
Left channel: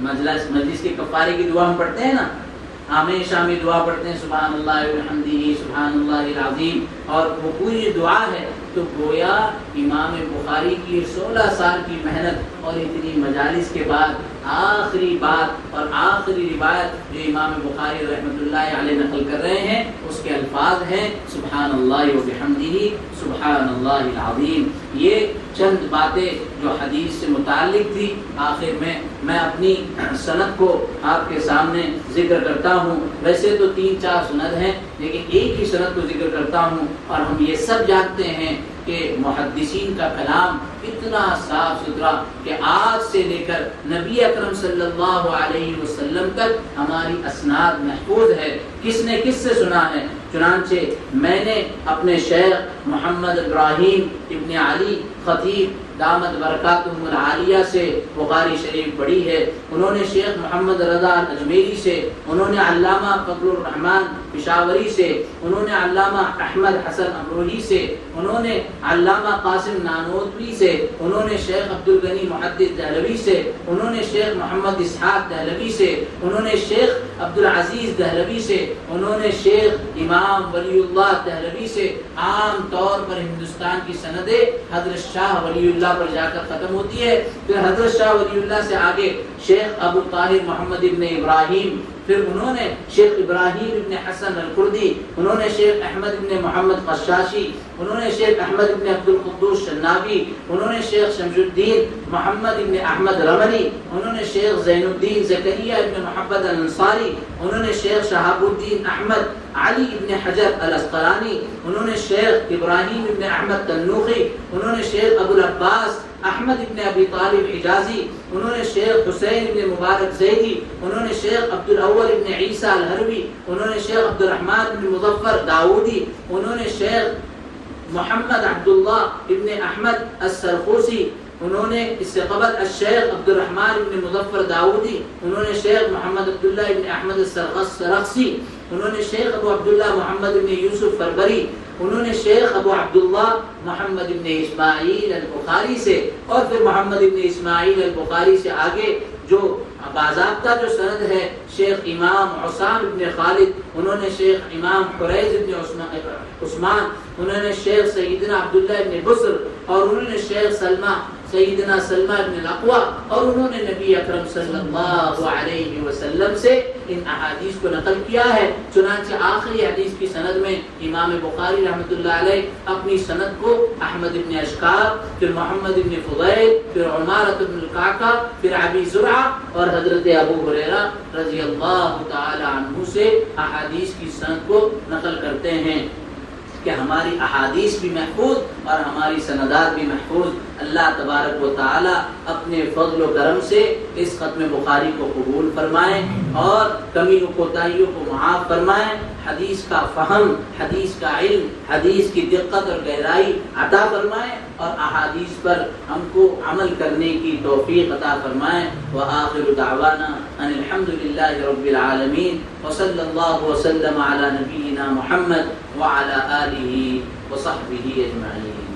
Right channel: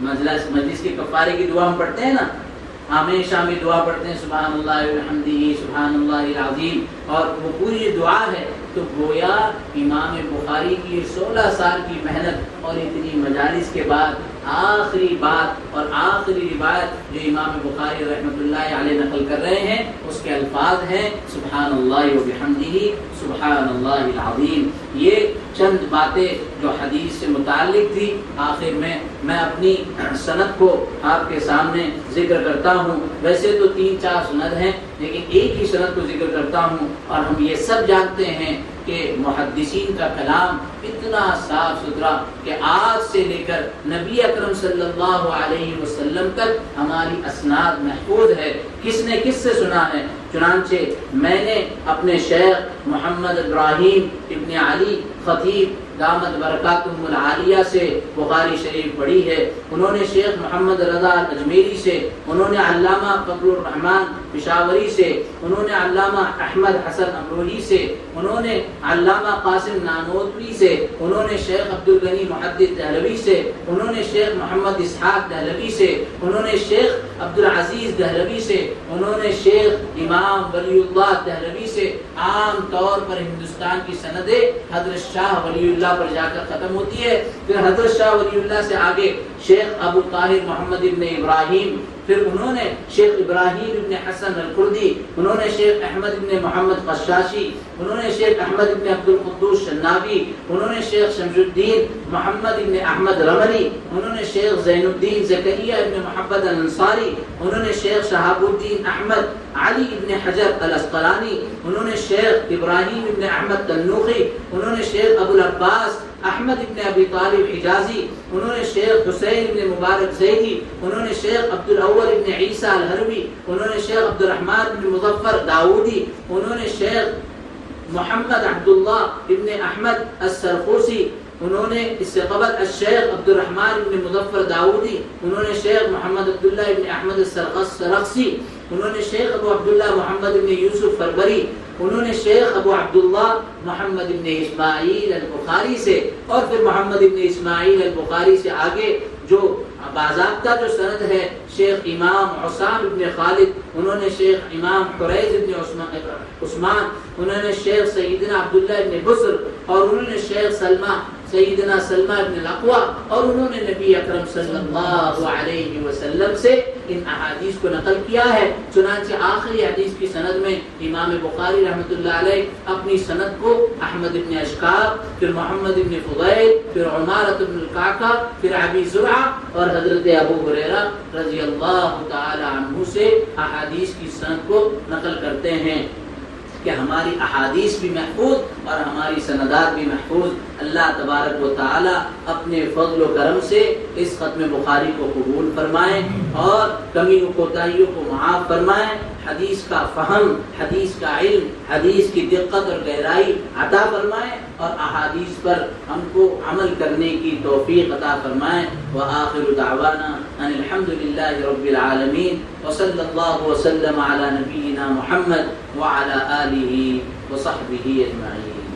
مجلس کے کفارے کی دعا ہم پڑھتے ہیں نا، ہمیشہ میں دعا پڑھتے ہیں سبحان اللہ و بحمدہ سبحان اللہ العظیم اور وہ پوری دعا ہے. تو گویا امام بخاری کی 16 سال کی محنت اور اتنی مجالس کے بعد آخری بات اور آخری روایت جو امام بخاری رحمۃ اللہ علیہ نقل کر رہے ہیں اس کے الفاظ ہیں سبحان اللہ و بحمدہ سبحان اللہ العظیم۔ یہ چند باتیں جو حدیث سے متعلق تھی، آخر میں اپنی سند کو آپ کے سامنے ذکر کرتا ہوں۔ ویسے تو 3-4 سند ہیں لیکن ایک ہی سند کو ذکر کرتا ہوں، اور ہم یہ سب جانتے ہیں کہ محدثین کا کلام اتنا صاف ستھرا کہ آج سے لے کر نبی اکرم صلی اللہ علیہ وسلم تک ہماری اسناد محفوظ ہے، کس نے کس سے سنا ہے۔ چنانچہ میں نے اپنے شیخ محمد ابراہیم ابن علی خطیب دامت برکاتہم العالیہ سے بخاری شریف پڑھی ہے، انہوں نے شیخ محمد رضا اجمیری سے، انہوں نے علامہ فضل الرحمان پشاوری سے، انہوں نے علامہ احمد حسن امروہی سے، انہوں نے علامہ قاسم نانوتوی سے، انہوں نے شیخ عبدالغنی محدث دہلوی سے، انہوں نے شیخ محمد اسحاق دہلوی سے، انہوں نے شیخ عبدالعزیز دہلوی سے، انہوں نے شیخ امام ولی اللہ دہلوی سے۔ عام طور پر ہندوستان کی سندیں حضرت شاہ ولی اللہ پر جا کر ختم ہوتی ہے، پھر حضرت شاہ ولی اللہ سے آگے شیخ ابو طاہر محمد ابن ابراہیم، پھر انہوں نے شیخ ابراہیم ابن حسن الکردی، انہوں نے شیخ احمد ابن محمد قشاشی، انہوں نے شیخ احمد ابن عبد القدوس شنابی، انہوں نے شیخ شمس الدین محمد ابن احمد رملی، انہوں نے شیخ زین الدین زکریا ابن محمد الانصاری، انہوں نے شیخ شہاب الدین احمد علی ابن حجر الاسقلانی، انہوں نے شیخ ابراہیم ابن احمد تنوخی، انہوں نے شیخ ابو العباس احمد ابن ابی طالب حجازی، انہوں نے شیخ حسین ابن مبارک زیدی، انہوں نے شیخ عبد الاول ابن عیسیٰ الہروی، انہوں نے شیخ عبد الرحمن ابن مظفر داؤدی، انہوں نے شیخ محمد عبداللہ ابن احمد السرخوسی، انہوں نے اس سے قبل الشیخ عبد الرحمن ابن مظفر داؤدی، انہوں نے شیخ محمد عبداللہ ابن احمد السرخسی، انہوں نے شیخ ابو عبداللہ محمد ابن یوسف فربری، انہوں نے شیخ ابو عبداللہ محمد ابن اسماعیل البخاری سے، اور پھر محمد ابن اسماعیل البخاری سے آگے جو باضابطہ جو سند ہے شیخ امام حسام ابن خالد، انہوں نے شیخ امام حریز ابن عثمان، انہوں نے شیخ سیدنا عبداللہ ابن بصر، اور انہوں نے شیخ سیدنا سلمہ ابن الاقوہ، اور انہوں نے نبی اکرم صلی اللہ علیہ وسلم سے ان احادیث کو نقل کیا ہے۔ چنانچہ آخری حدیث کی سند میں امام بخاری رحمۃ اللہ علیہ اپنی سند کو احمد ابن اشکاب، پھر محمد ابن فضیل، پھر عمارۃ ابن القعقاع، پھر ابی زرعہ اور حضرت ابو ہریرہ رضی اللہ تعالی عنہ سے احادیث کی سند کو نقل کرتے ہیں کہ ہماری احادیث بھی محفوظ اور ہماری سندات بھی محفوظ۔ اللہ تبارک و تعالی اپنے فضل و کرم سے اس ختم بخاری کو قبول فرمائیں اور کمی و کوتاہیوں کو معاف فرمائیں، حدیث کا فہم، حدیث کا علم، حدیث کی دقت اور گہرائی عطا فرمائیں، اور احادیث پر ہم کو عمل کرنے کی توفیق عطا فرمائیں۔ وآخر دعوانا ان الحمد للہ رب العالمین، وصلی اللہ وسلم علی نبینا محمد وعلی آلہ وصحبہ اجمعین۔